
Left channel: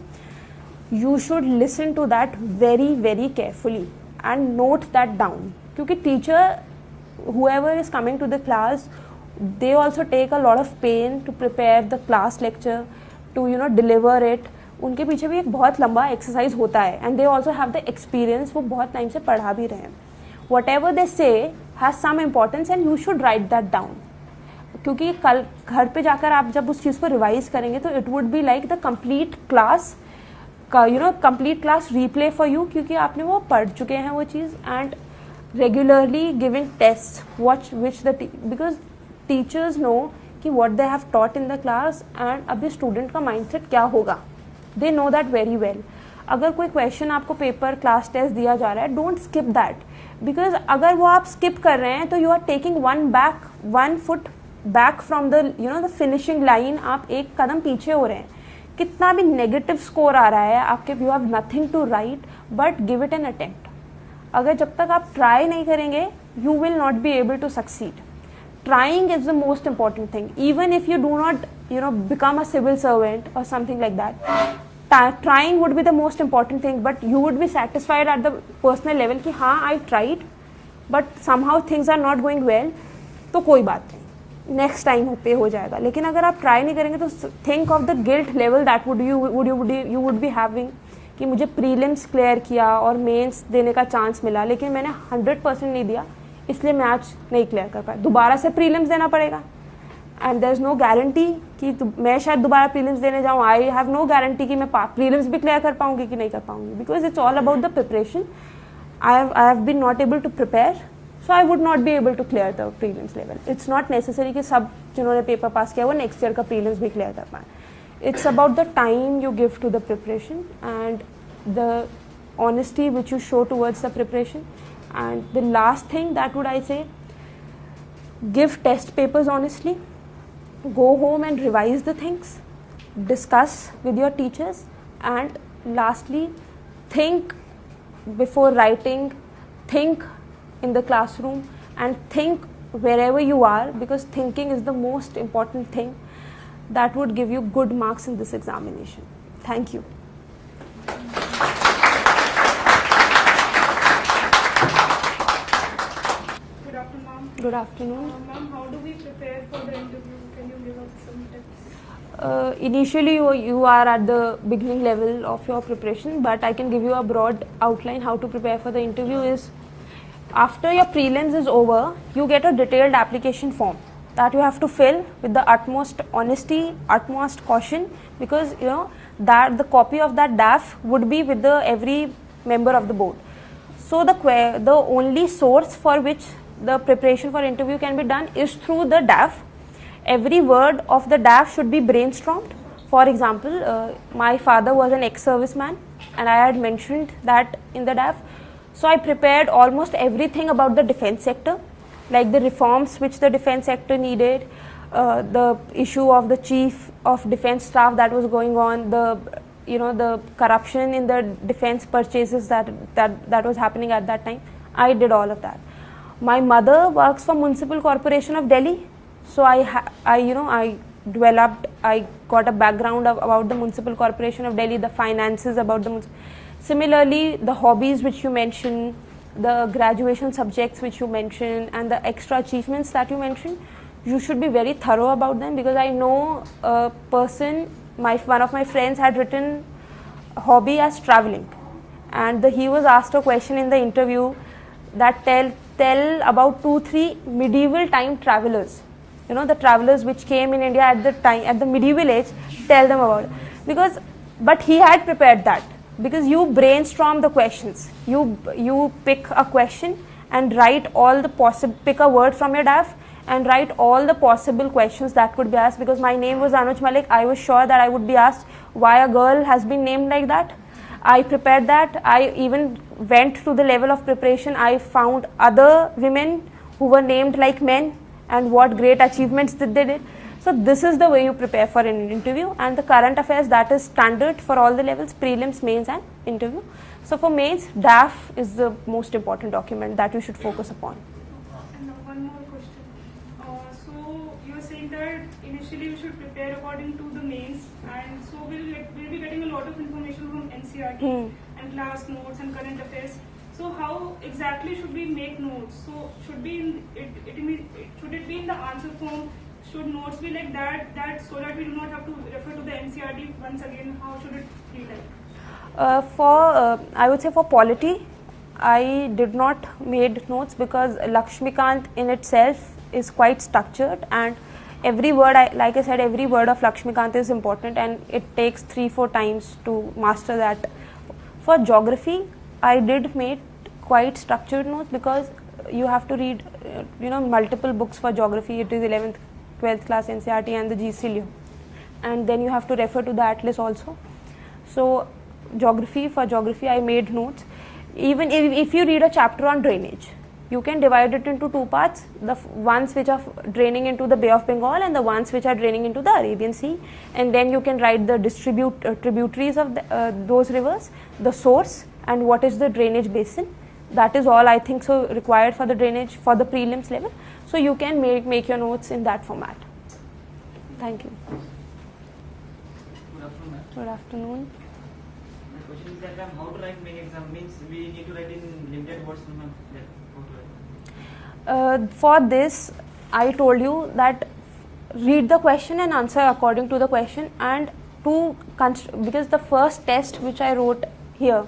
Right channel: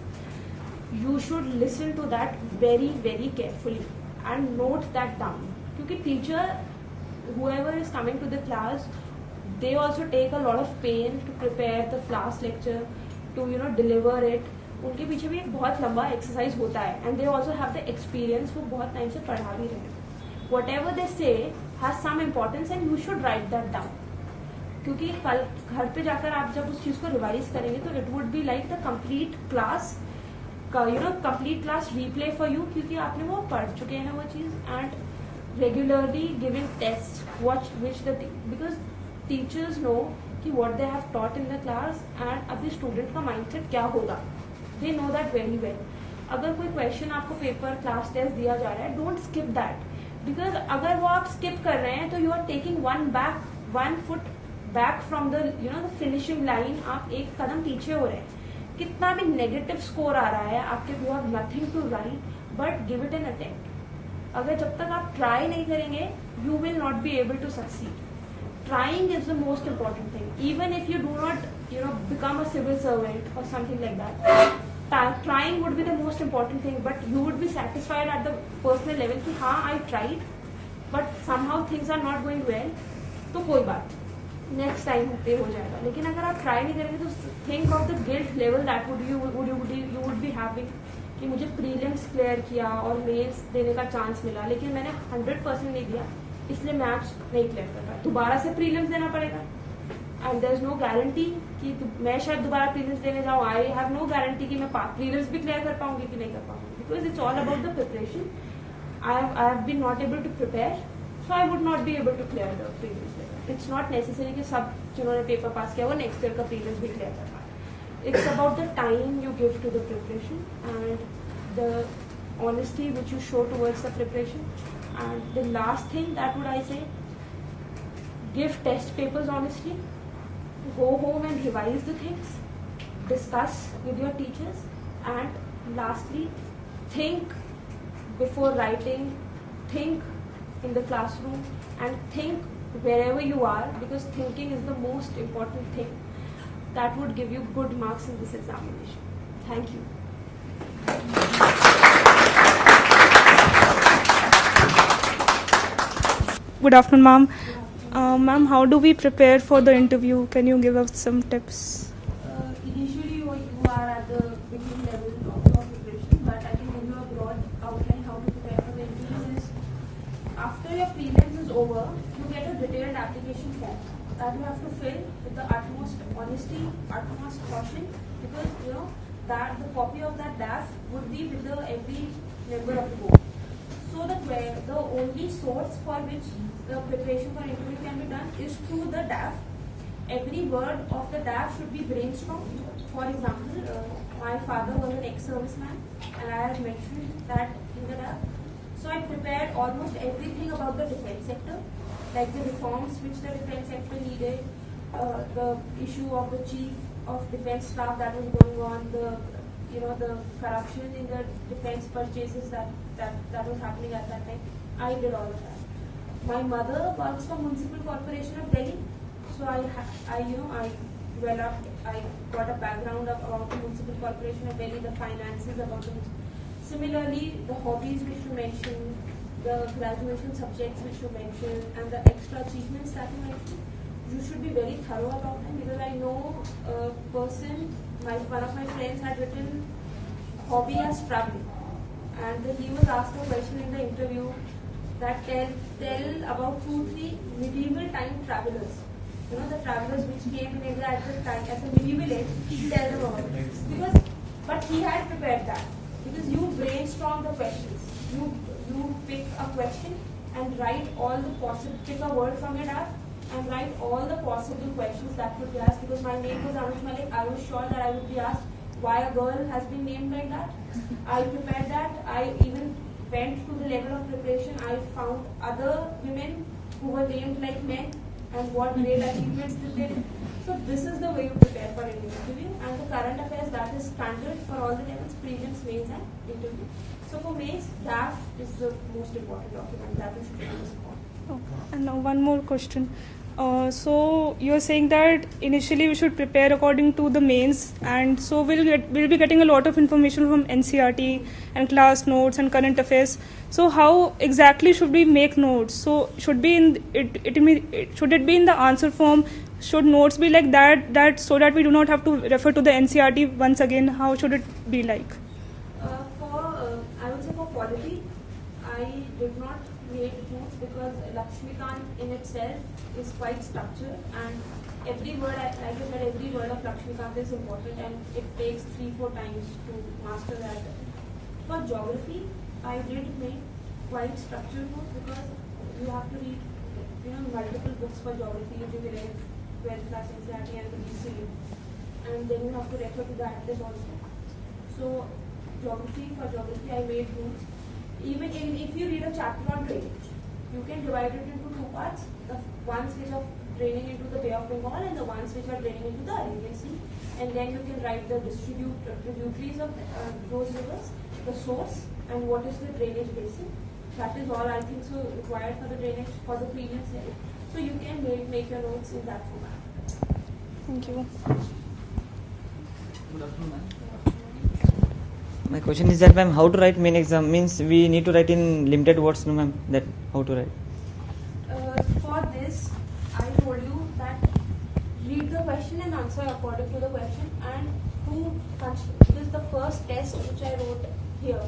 you should listen to that very very carefully and note that down. क्योंकि teacher whoever is coming to the class, they also take a lot of pain to prepare the class lecture, to deliver it. उनके पीछे भी एक बहुत लंबा exercise होता है, and they also have the experience, वो बहुत टाइम से पढ़ा भी रहे हैं. Whatever they say has some importance and you should write that down. क्योंकि कल घर पे जाकर आप जब उस चीज को रिवाइज करेंगे तो it would be like the complete class complete class replay for you, क्योंकि आपने वो पढ़ चुके हैं वो चीज. And regularly giving tests because teachers know कि what they have taught in the class and अभी student का mindset क्या होगा, they know that very well. अगर कोई question आपको पेपर क्लास टेस्ट दिया जा रहा है, don't skip that, because अगर वो आप skip कर रहे हैं तो you are taking one foot back from the finishing line. आप एक कदम पीछे हो रहे हैं. कितना भी नेगेटिव स्कोर आ रहा है आपके, you have nothing to write, but give it an attempt. अगर जब तक आप ट्राई नहीं करेंगे you will not be able to succeed. Trying is the most important thing. Even if you do not, become a civil servant or something like that, trying would be the most important thing. But you would be satisfied at the personal level कि हाँ I tried, but somehow things are not going well. तो कोई बात, next time पे हो जाएगा. लेकिन अगर आप try नहीं करेंगे तो think of the guilt level that you would be having कि मुझे prelims clear किया और mains देने का chance मिला, लेकिन मैंने 100% नहीं दिया, इसलिए मैं आज नहीं क्लियर कर पाया. दोबारा से प्रीलिम्स देना पड़ेगा and there is no guarantee कि मैं शायद दोबारा प्रीलिम्स देने जाऊँ. आई हैव नो गारंटी कि मैं प्रीलिम्स भी क्लियर कर पाऊंगी कि नहीं कर पाऊंगी, because it's all about the preparation. I have been not able to prepare, so I would not be able to clear the prelims level. It's not necessary कि सब जिन्होंने पेपर पास किया वो नेक्स्ट ईयर का prelims भी clear कर पाए. It's about the time you give to the preparation and the honesty which you show towards the preparation. And the last thing that would I say, give test papers honestly, go home and revise the things, discuss with your teachers, and lastly think before writing, think in the classroom and think wherever you are, because thinking is the most important thing that would give you good marks in this examination. Thank you. Good afternoon, ma'am. Good afternoon. Ma'am, how do we prepare for the interview? Can you give us some tips? Initially, you are at the beginning level of your preparation, but I can give you a broad outline how to prepare for the interview. Is after your prelims is over, you get a detailed application form that you have to fill with the utmost honesty, utmost caution, because that the copy of that DAF would be with every member of the board. So the only source for which the preparation for interview can be done is through the DAF. Every word of the DAF should be brainstormed. For example, my father was an ex-serviceman and I had mentioned that in the DAF. So I prepared almost everything about the defense sector, like the reforms which the defense sector needed, the issue of the chief of defense staff that was going on, the corruption in the defense purchases that was happening at that time. I did all of that. My mother works for Municipal Corporation of Delhi, so I developed, I got a background about the Municipal Corporation of Delhi, the finances about the. Similarly, the hobbies which you mentioned, the graduation subjects which you mentioned, and the extra achievements that you mentioned, you should be very thorough about them, because I know a person, one of my friends had written hobby as traveling, and he was asked a question in the interview that tell about 2-3 medieval time travelers, the travelers which came in India at the time, at the medieval age, tell them about it. But he had prepared that, because you brainstorm the questions, you pick a question and write all the possible, pick a word from your DAF and write all the possible questions that could be asked. Because my name was Anuj Malik, I was sure that I would be asked why a girl has been named like that. I prepared that. I even went to the level of preparation. I found other women who were named like men and what great achievements that they did. So this is the way you prepare for an interview, and the current affairs, that is standard for all the levels, prelims, mains and interview. So for mains, DAF is the most important document that you should focus upon. And now one more question. So you're saying that initially we should prepare according to the mains, and so we'll be getting a lot of information from NCERT and class notes and current affairs. So how exactly should we make notes? So should it be in the answer form? Should notes be like that so that we do not have to refer to the NCERT once again? How should it be like? I would say for polity, I did not made notes because Lakshmikant in itself is quite structured, and every word, like I said, every word of Lakshmikant is important, and it takes 3-4 times to master that. For geography, I did made quite structured notes because you have to read, multiple books for geography. It is 11th, 12th class NCERT and the GCLU, and then you have to refer to the atlas also. So for geography, I made notes. Even if you read a chapter on drainage, you can divide it into 2 parts, the ones which are draining into the Bay of Bengal and the ones which are draining into the Arabian Sea, and then you can write the tributaries of those rivers, the source and what is the drainage basin. that is all I think so required for the drainage for the prelims level. So you can make your notes in that format. Thank you. Good afternoon. My question is that, ma'am, how to write main exam? Means we need to write in limited words, no, ma'am? That how to write? For this, I told you that read the question and answer according to the question, and because the first test which I wrote here,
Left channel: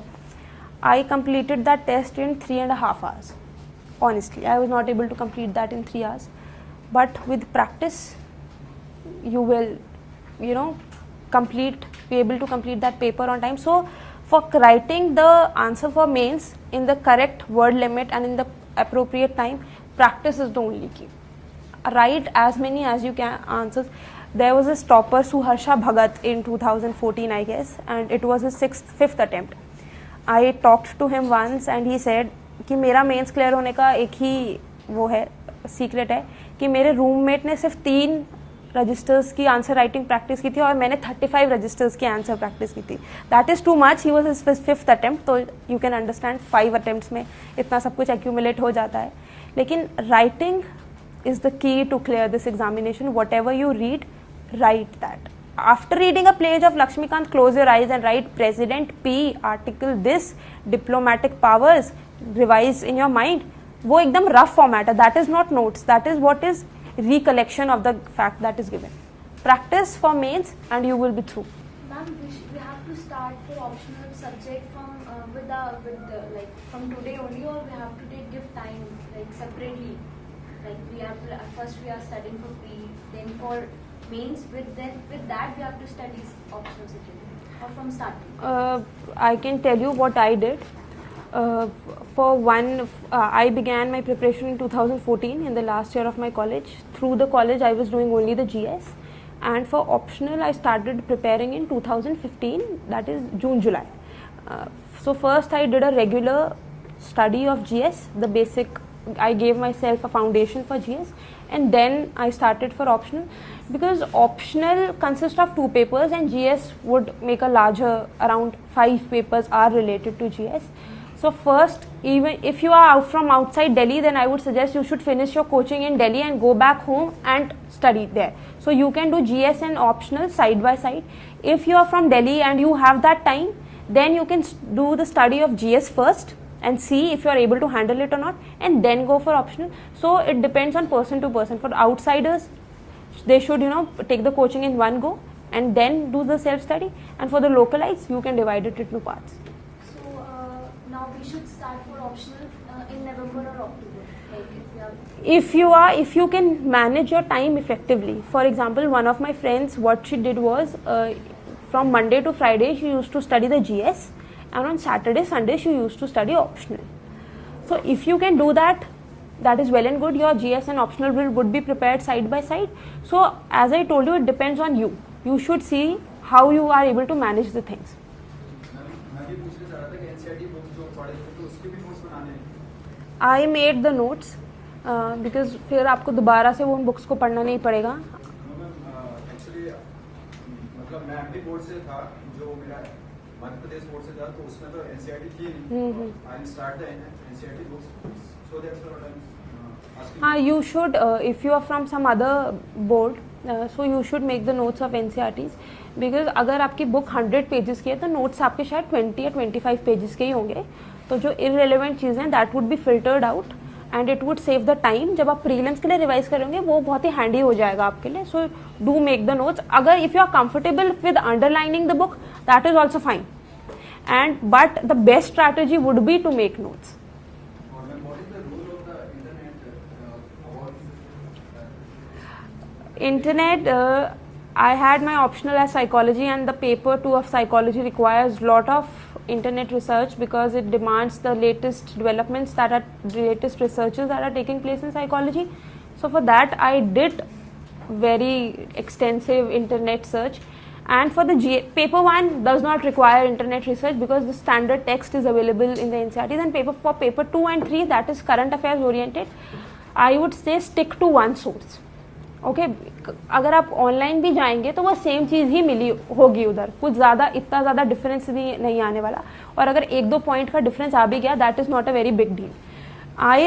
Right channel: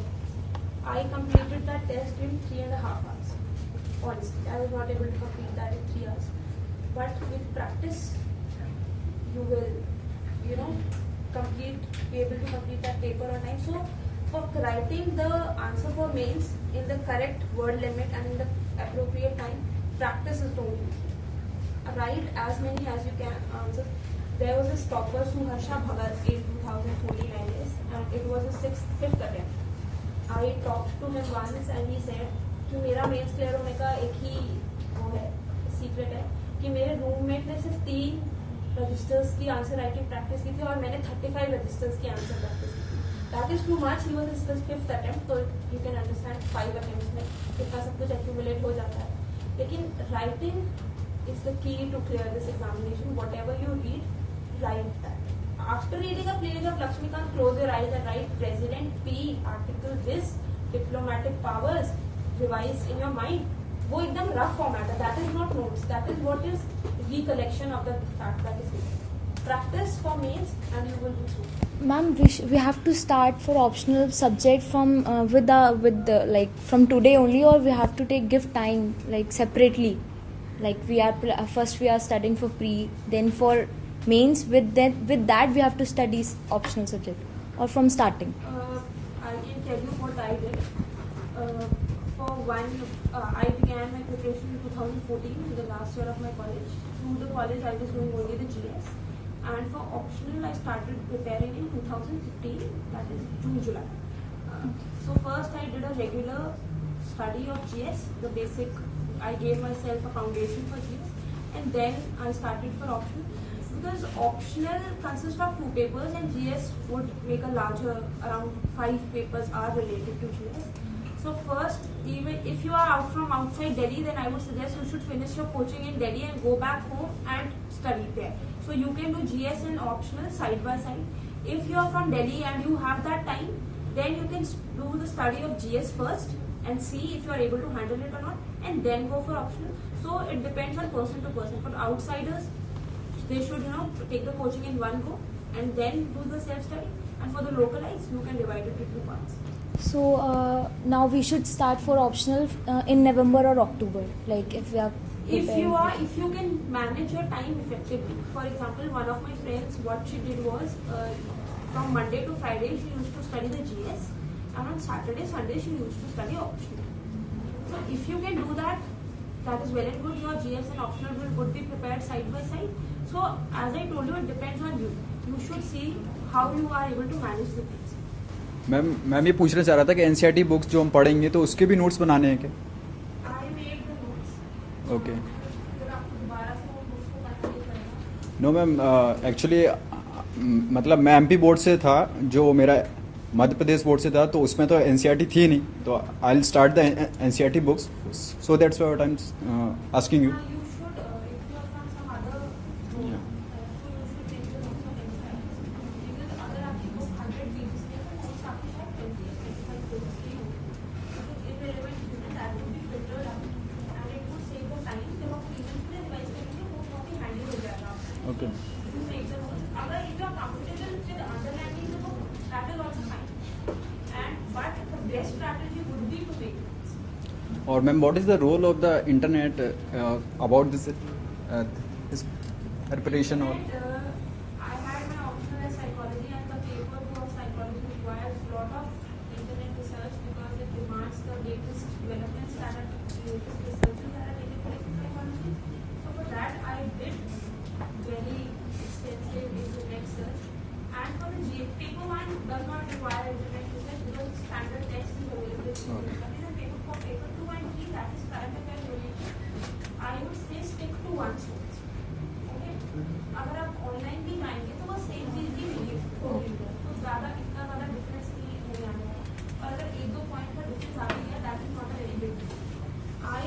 I completed that test in 3.5 hours. Honestly, I was not able to complete that in 3 hours. But with practice, you will, be able to complete that paper on time. So, for writing the answer for mains in the correct word limit and in the appropriate time, practice is the only key. Write as many as you can answers. There was a topper, Suharsha Bhagat, in 2014, I guess, and it was his 5th attempt. I talked to him once and he said कि मेरा mains clear होने का एक ही वो है secret है कि मेरे रूममेट ने सिर्फ 3 रजिस्टर्स की आंसर राइटिंग प्रैक्टिस की थी और मैंने 35 रजिस्टर्स की आंसर प्रैक्टिस की थी. That is too much. He was his 5th attempt. तो यू कैन अंडरस्टैंड 5 अटेम्प्ट्स में इतना सब कुछ एक्यूमुलेट हो जाता है. लेकिन writing is the key to clear this examination. Whatever you read, write that. After reading a page of Lakshmikant, close your eyes and write President P, article this, diplomatic powers, revise in your mind. वो एकदम rough format है. That is not notes. That is what is recollection of the fact that is given. Practice for mains and you will be through. Ma'am, we have to start for optional subject from with the like from today only, or we have to give time like separately. Like we are studying for pre, then for mains. With that we have to study optional subject, or from starting. I can tell you what I did. For one, I began my preparation in 2014 in the last year of my college. Through the college, I was doing only the GS, and for optional, I started preparing in 2015. That is June, July. So first, I did a regular study of GS, the basic. I gave myself a foundation for GS, and then I started for optional, because optional consists of 2 papers and GS would make a larger, around 5 papers are related to GS. So first, even if you are out from outside Delhi, then I would suggest you should finish your coaching in Delhi and go back home and study there. So you can do GS and optional side by side. If you are from Delhi and you have that time, then you can do the study of GS first and see if you are able to handle it or not, and then go for optional. So it depends on person to person. For outsiders, they should take the coaching in one go and then do the self study, and for the localites, you can divide it into parts. So now we should start for optional in November or October, like if you can manage your time effectively. For example, one of my friends, what she did was from Monday to Friday she used to study the GS, and on Saturday, Sunday, she used to study optional. So if you can do that, that is well and good. Your GS and optional would be prepared side by side. So as I told you, it depends on you. You should see how you are able to manage the things. Ma'am ये पूछना चाह रहा था कि NCERT books जो हम पढ़ेंगे तो उसके भी नोट्स बनाने हैं क्या? I made the notes because फिर आपको दोबारा से वो उन बुक्स को पढ़ना नहीं पड़ेगा. नो मैम, एक्चुअली मतलब मैं एमपी बोर्ड से था, जो मेरा मध्य प्रदेश बोर्ड से था, तो उसमें तो एनसीईआरटी थी नहीं. तो I will start the NCERT books, so that's why I am asking. You should, if you are from some other board, so you should make the notes of NCERTs, because अगर आपकी book 100 pages की है तो notes आपके शायद 20 या 25 pages के ही होंगे. तो जो इररिलेवेंट चीज़ें that would B filtered out and it would save the time. जब आप प्रीलिम्स के लिए रिवाइज करेंगे वो बहुत ही हैंडी हो जाएगा आपके लिए. So do make the notes. अगर if you are comfortable with underlining the book, that is also fine, but the best strategy would be to make notes. Or ma'am, what is the role of the internet about this Internet, I had my optional as psychology, and the paper 2 of psychology requires lot of internet research because it demands the latest developments latest researches that are taking place in psychology. So for that I did very extensive internet search. And for the paper 1 does not require internet research because the standard text is available in the NCERTs, and for paper 2 and 3, that is current affairs oriented, I would say stick to one source. Okay, अगर आप online भी जाएंगे तो वो same चीज़ ही मिली होगी उधर, कुछ ज़्यादा इतना ज़्यादा डिफरेंस भी नहीं आने वाला. और अगर 1-2 पॉइंट का डिफरेंस आ भी गया, that is not a very big deal. I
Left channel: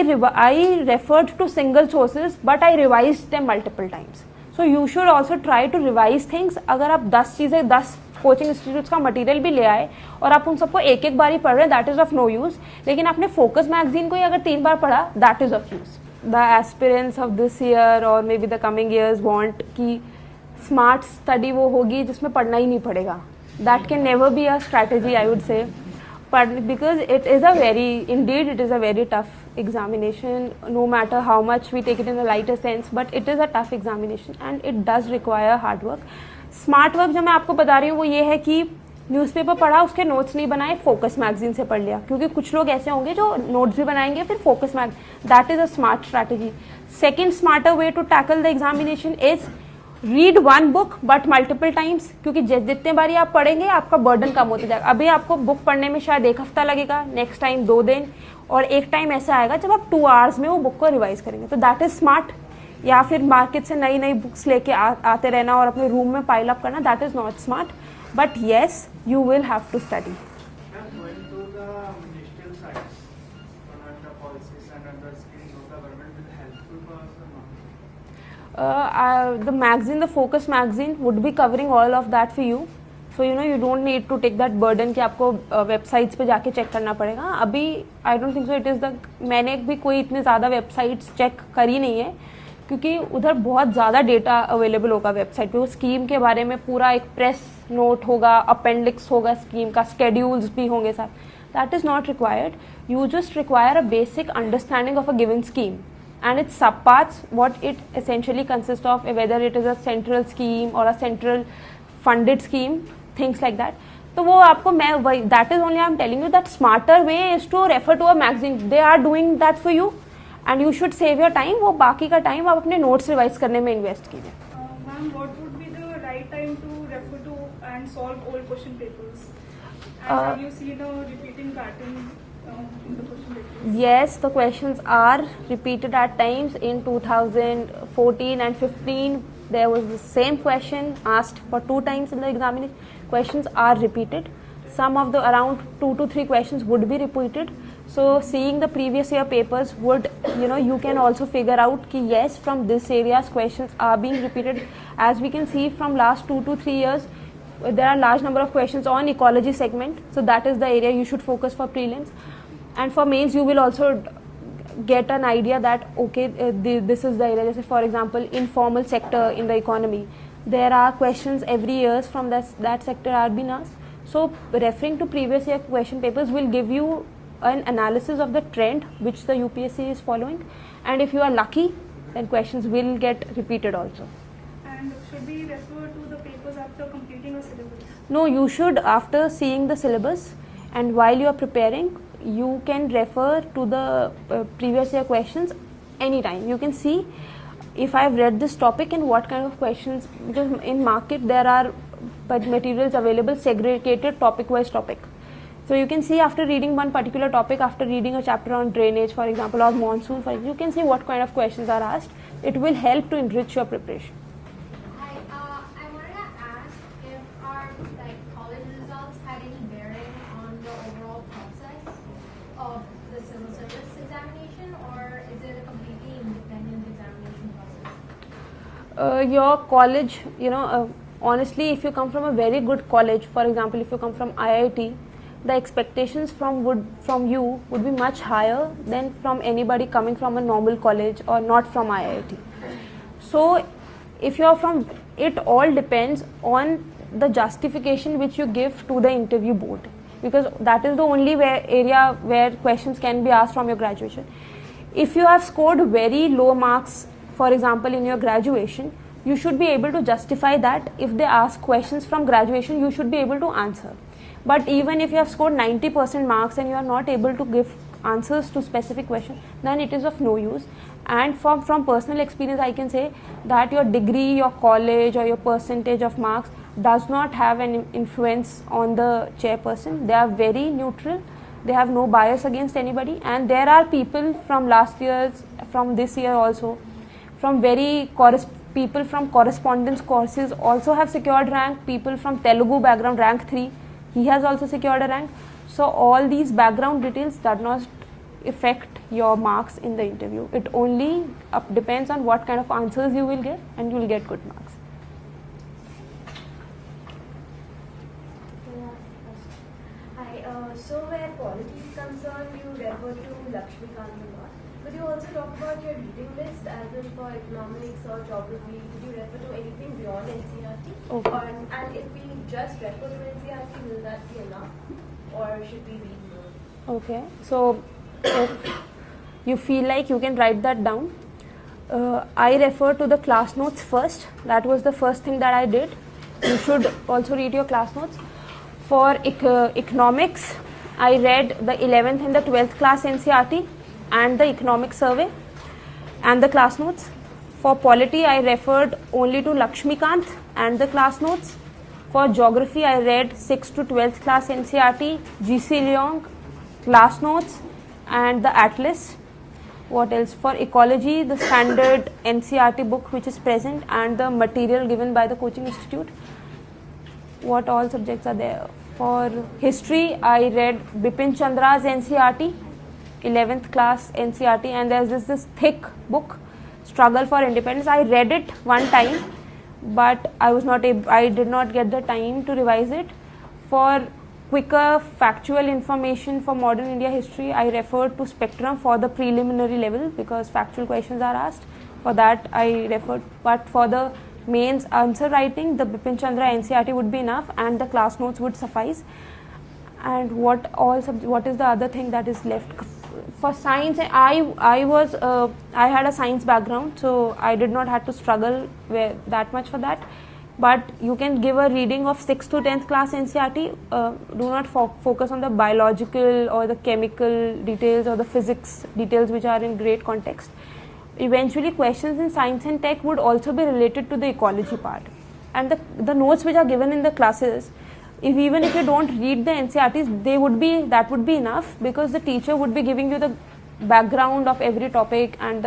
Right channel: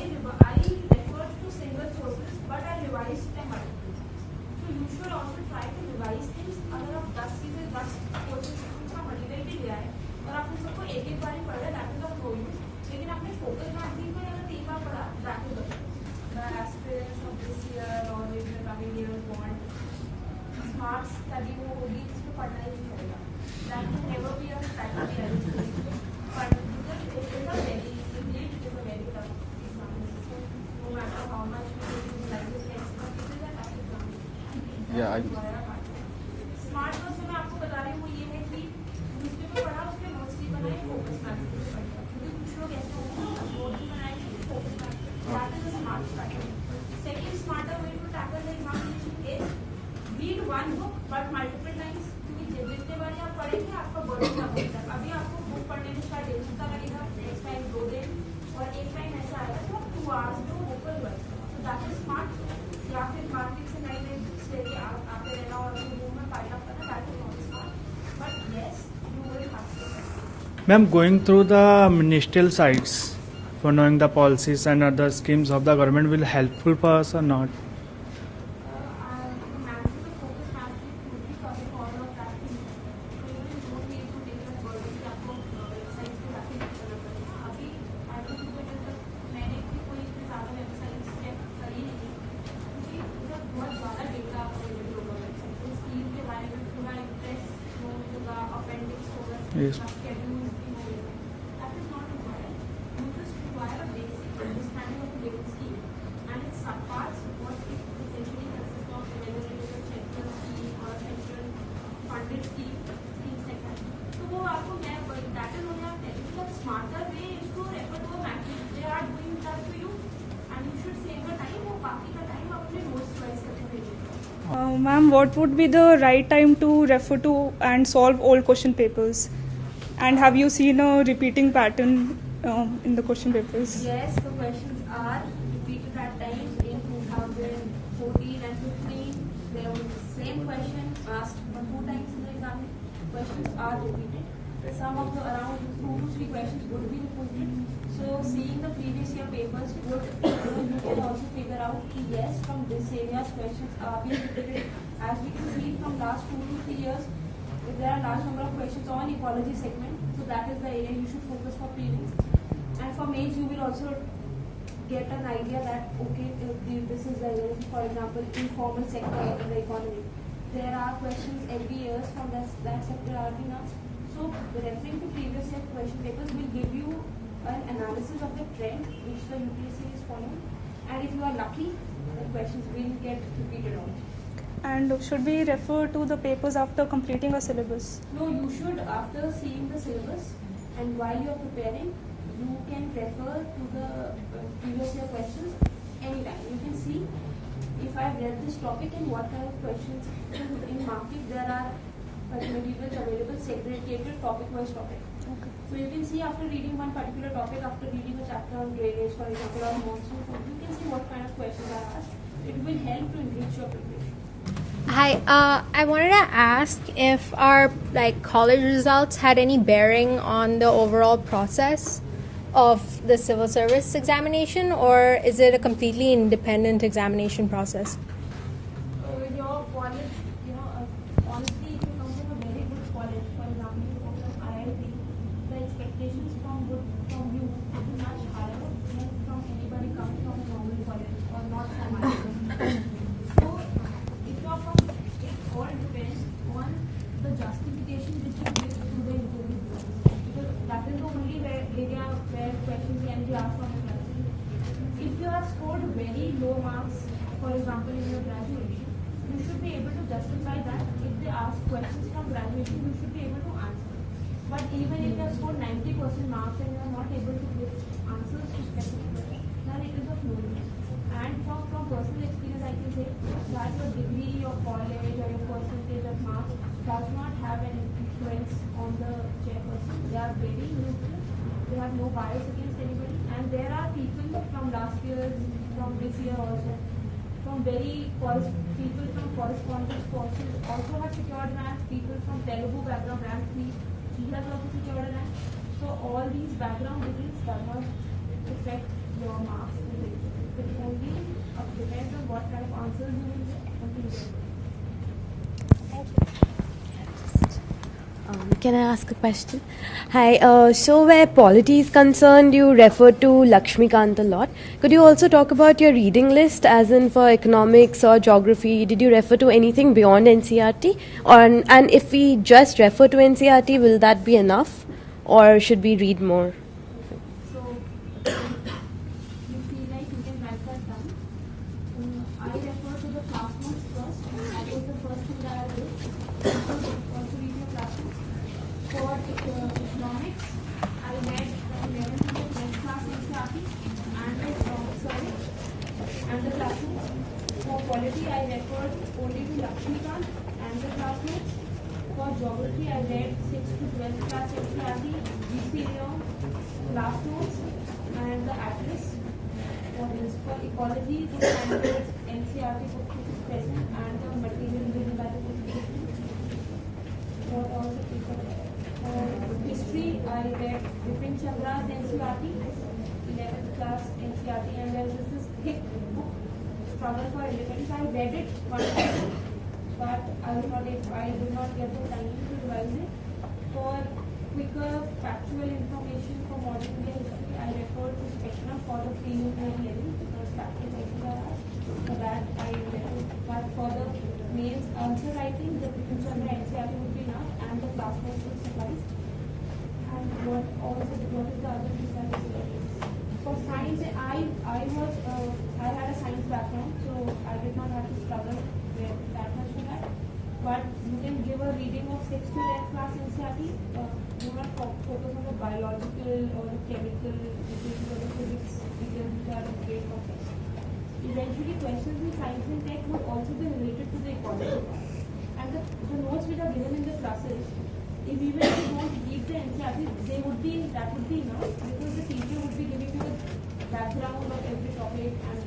referred to single sources, but I revised them multiple times. So you should also try to revise things. अगर आप 10 कोचिंग इंस्टीट्यूट्स का मटेरियल भी ले आए और आप उन सबको एक एक बार ही पढ़ रहे हैं, that is of no use. लेकिन आपने फोकस मैगजीन को ही अगर 3 बार पढ़ा, that is of use. The aspirants of this year और may be the coming years want कि स्मार्ट स्टडी वो होगी जिसमें पढ़ना ही नहीं पड़ेगा. That can never be a strategy, I would say. But because it is a very tough examination, no matter how much we take it in a lighter sense, but it is a tough examination and it does require hard work. Smart work जो मैं आपको बता रही हूँ वो ये है कि न्यूज़पेपर पढ़ा, उसके नोट्स नहीं बनाए, फोकस मैगजीन से पढ़ लिया. क्योंकि कुछ लोग ऐसे होंगे जो नोट्स भी बनाएंगे फिर focus that is a smart strategy. Second smarter way to tackle the examination is read one book but multiple times. क्योंकि जितने बारी आप पढ़ेंगे आपका बर्डन कम होता जाएगा. अभी आपको बुक पढ़ने में शायद 1 हफ्ता लगेगा, नेक्स्ट टाइम 2 दिन, और एक टाइम ऐसा आएगा जब आप 2 आवर्स में वो बुक को रिवाइज करेंगे. तो दैट इज स्मार्ट. या फिर मार्केट से नई नई बुक्स लेके आते रहना और अपने रूम में पाइल अप करना, that is not smart. But yes, you will have to study. Ma'am, going through the ministerial sites for knowing the policies and other schemes of the government will helpful for us or not? The magazine, the focus magazine would be covering all of that for you. So you don't need to take that burden कि आपको websites पे जाके check करना पड़ेगा. अभी I don't think so it is मैंने भी कोई इतने ज़्यादा वेबसाइट्स चेक करी नहीं है क्योंकि उधर बहुत ज़्यादा डेटा अवेलेबल होगा वेबसाइट पे. वो स्कीम के बारे में पूरा एक प्रेस नोट होगा, अपेंडिक्स होगा स्कीम का, स्केड्यूल्स भी होंगे साथ. That is not required. You just require a basic understanding of a given scheme and its subparts, what it essentially consists of, whether it is a central scheme or a central funded scheme, things like that. So वो आपको that is only I am telling you that smarter way is to refer to a magazine. They are doing that for you and you should save your time. वो बाकी का time आप अपने notes revise करने में invest कीजिए. Ma'am, what would be the right time to refer to and solve old question papers? And have you seen a repeating pattern in the question papers? Yes, the questions are repeated at times. In 2014 and 15, there was the same question asked for 2 times in the examination. Questions are repeated. Some of the around 2 to 3 questions would be repeated. So seeing the previous year papers would, you can also figure out ki yes, from this area's questions are being repeated. As we can see from last 2 to 3 years, there are large number of questions on ecology segment. So that is the area you should focus for prelims. And for mains, you will also get an idea that okay, this is the area. This is, for example, informal sector in the economy. There are questions every year from that sector are being asked. So referring to previous year question papers will give you an analysis of the trend which the UPSC is following. And if you are lucky, then questions will get repeated also. And should we refer to the papers after completing a syllabus? No, you should, after seeing the syllabus and while you are preparing, you can refer to the previous year questions anytime. You can see if I have read this topic and what kind of questions, because in market there are materials available segregated topic wise topic. So you can see after reading one particular topic, after reading a chapter on drainage for example or monsoon, for example, you can see what kind of questions are asked. It will help to enrich your preparation. Hi, I wanted to ask if our college results had any bearing on the overall process of the civil service examination, or is it a completely independent examination process? Your college, honestly, if you come from a very good college, for example, if you come from IIT, the expectations from you would be much higher than from anybody coming from a normal college or not from IIT. So if you are from, it all depends on the justification which you give to the interview board, because that is the only area where questions can be asked from your graduation. If you have scored very low marks, for example, in your graduation, you should be able to justify that. If they ask questions from graduation, you should be able to answer. But even if you have scored 90% marks and you are not able to give answers to specific questions, then it is of no use. And from personal experience, I can say that your degree, your college or your percentage of marks does not have an influence on the chairperson. They are very neutral. They have no bias against anybody. And there are people from last year, from this year also, from people from correspondence courses also have secured rank. People from Telugu background, rank 3, he has also secured a rank. So all these background details does not affect your marks in the interview. It only depends on what kind of answers you will get, and you will get good marks. Can I ask a question? Hi, so where polity is concerned, you refer to Lakshmikant a lot. Could you also talk about your reading list, as in for economics or geography? Did you refer to anything beyond NCERT? And if we just refer to NCERT, will that be enough? Or should we read more? Okay, so if you feel like you can write that down, I refer to the class notes first. That was the first thing that I did. You should also read your class notes. For economics, I read the 11th and the 12th class NCERT and the economic survey and the class notes. For polity, I referred only to Lakshmikant and the class notes. For geography, I read 6th to 12th class NCERT, G.C. Leong, class notes and the atlas. What else? For ecology, the standard NCERT book which is present and the material given by the coaching institute. What all subjects are there? For history, I read Bipin Chandra's NCERT, 11th class NCERT, and there's this thick book, Struggle for Independence. I read it one time, but I did not get the time to revise it. For quicker factual information for modern India history, I referred to Spectrum for the preliminary level because factual questions are asked. For that, I referred, but for the mains answer writing, the Bipin Chandra NCERT would be enough and the class notes would suffice. And what is the other thing that is left? For science, I had a science background, so I did not have to struggle that much for that. But you can give a reading of 6th to 10th class NCERT. Do not focus on the biological or the chemical details or the physics details which are in great context. Eventually, questions in science and tech would also be related to the ecology part. And the notes which are given in the classes, even if you don't read the NCERTs, that would be enough because the teacher would be giving you the background of every topic and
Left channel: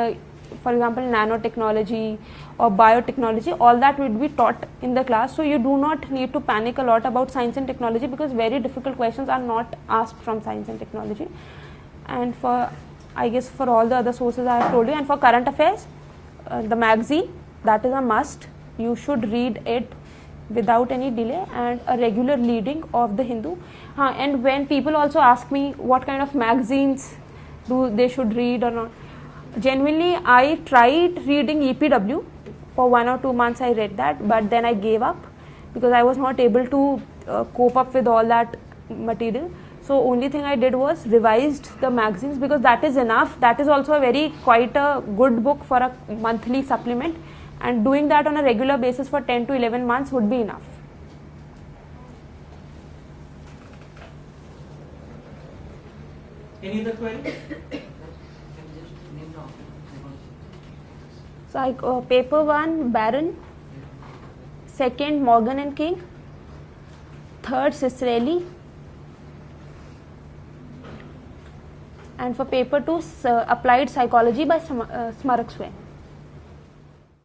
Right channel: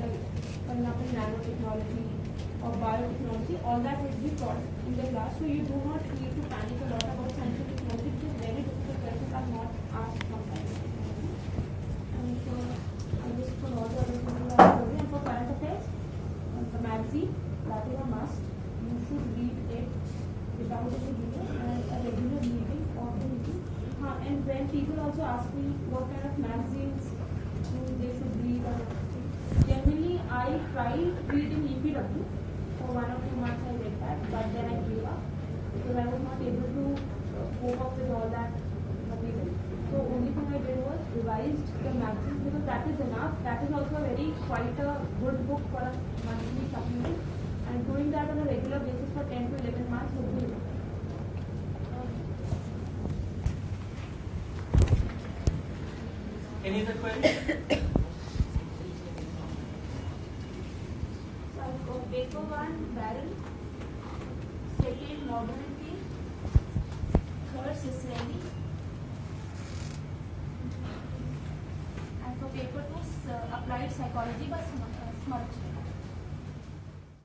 for example, nanotechnology or biotechnology, all that would be taught in the class. So you do not need to panic a lot about science and technology because very difficult questions are not asked from science and technology. And I guess for all the other sources I have told you, and for current affairs, the magazine, that is a must. You should read it without any delay, and a regular reading of the Hindu. And when people also ask me what kind of magazines they should read or not, genuinely I tried reading EPW. For 1 or 2 months I read that, but then I gave up because I was not able to cope up with all that material. So only thing I did was revised the magazines because that is enough. That is also quite a good book for a monthly supplement, and doing that on a regular basis for 10 to 11 months would be enough. Any other query? So paper 1 Barron, 2nd Morgan and King, 3rd Cicerelli, and for paper 2 applied psychology by Smarak Swain.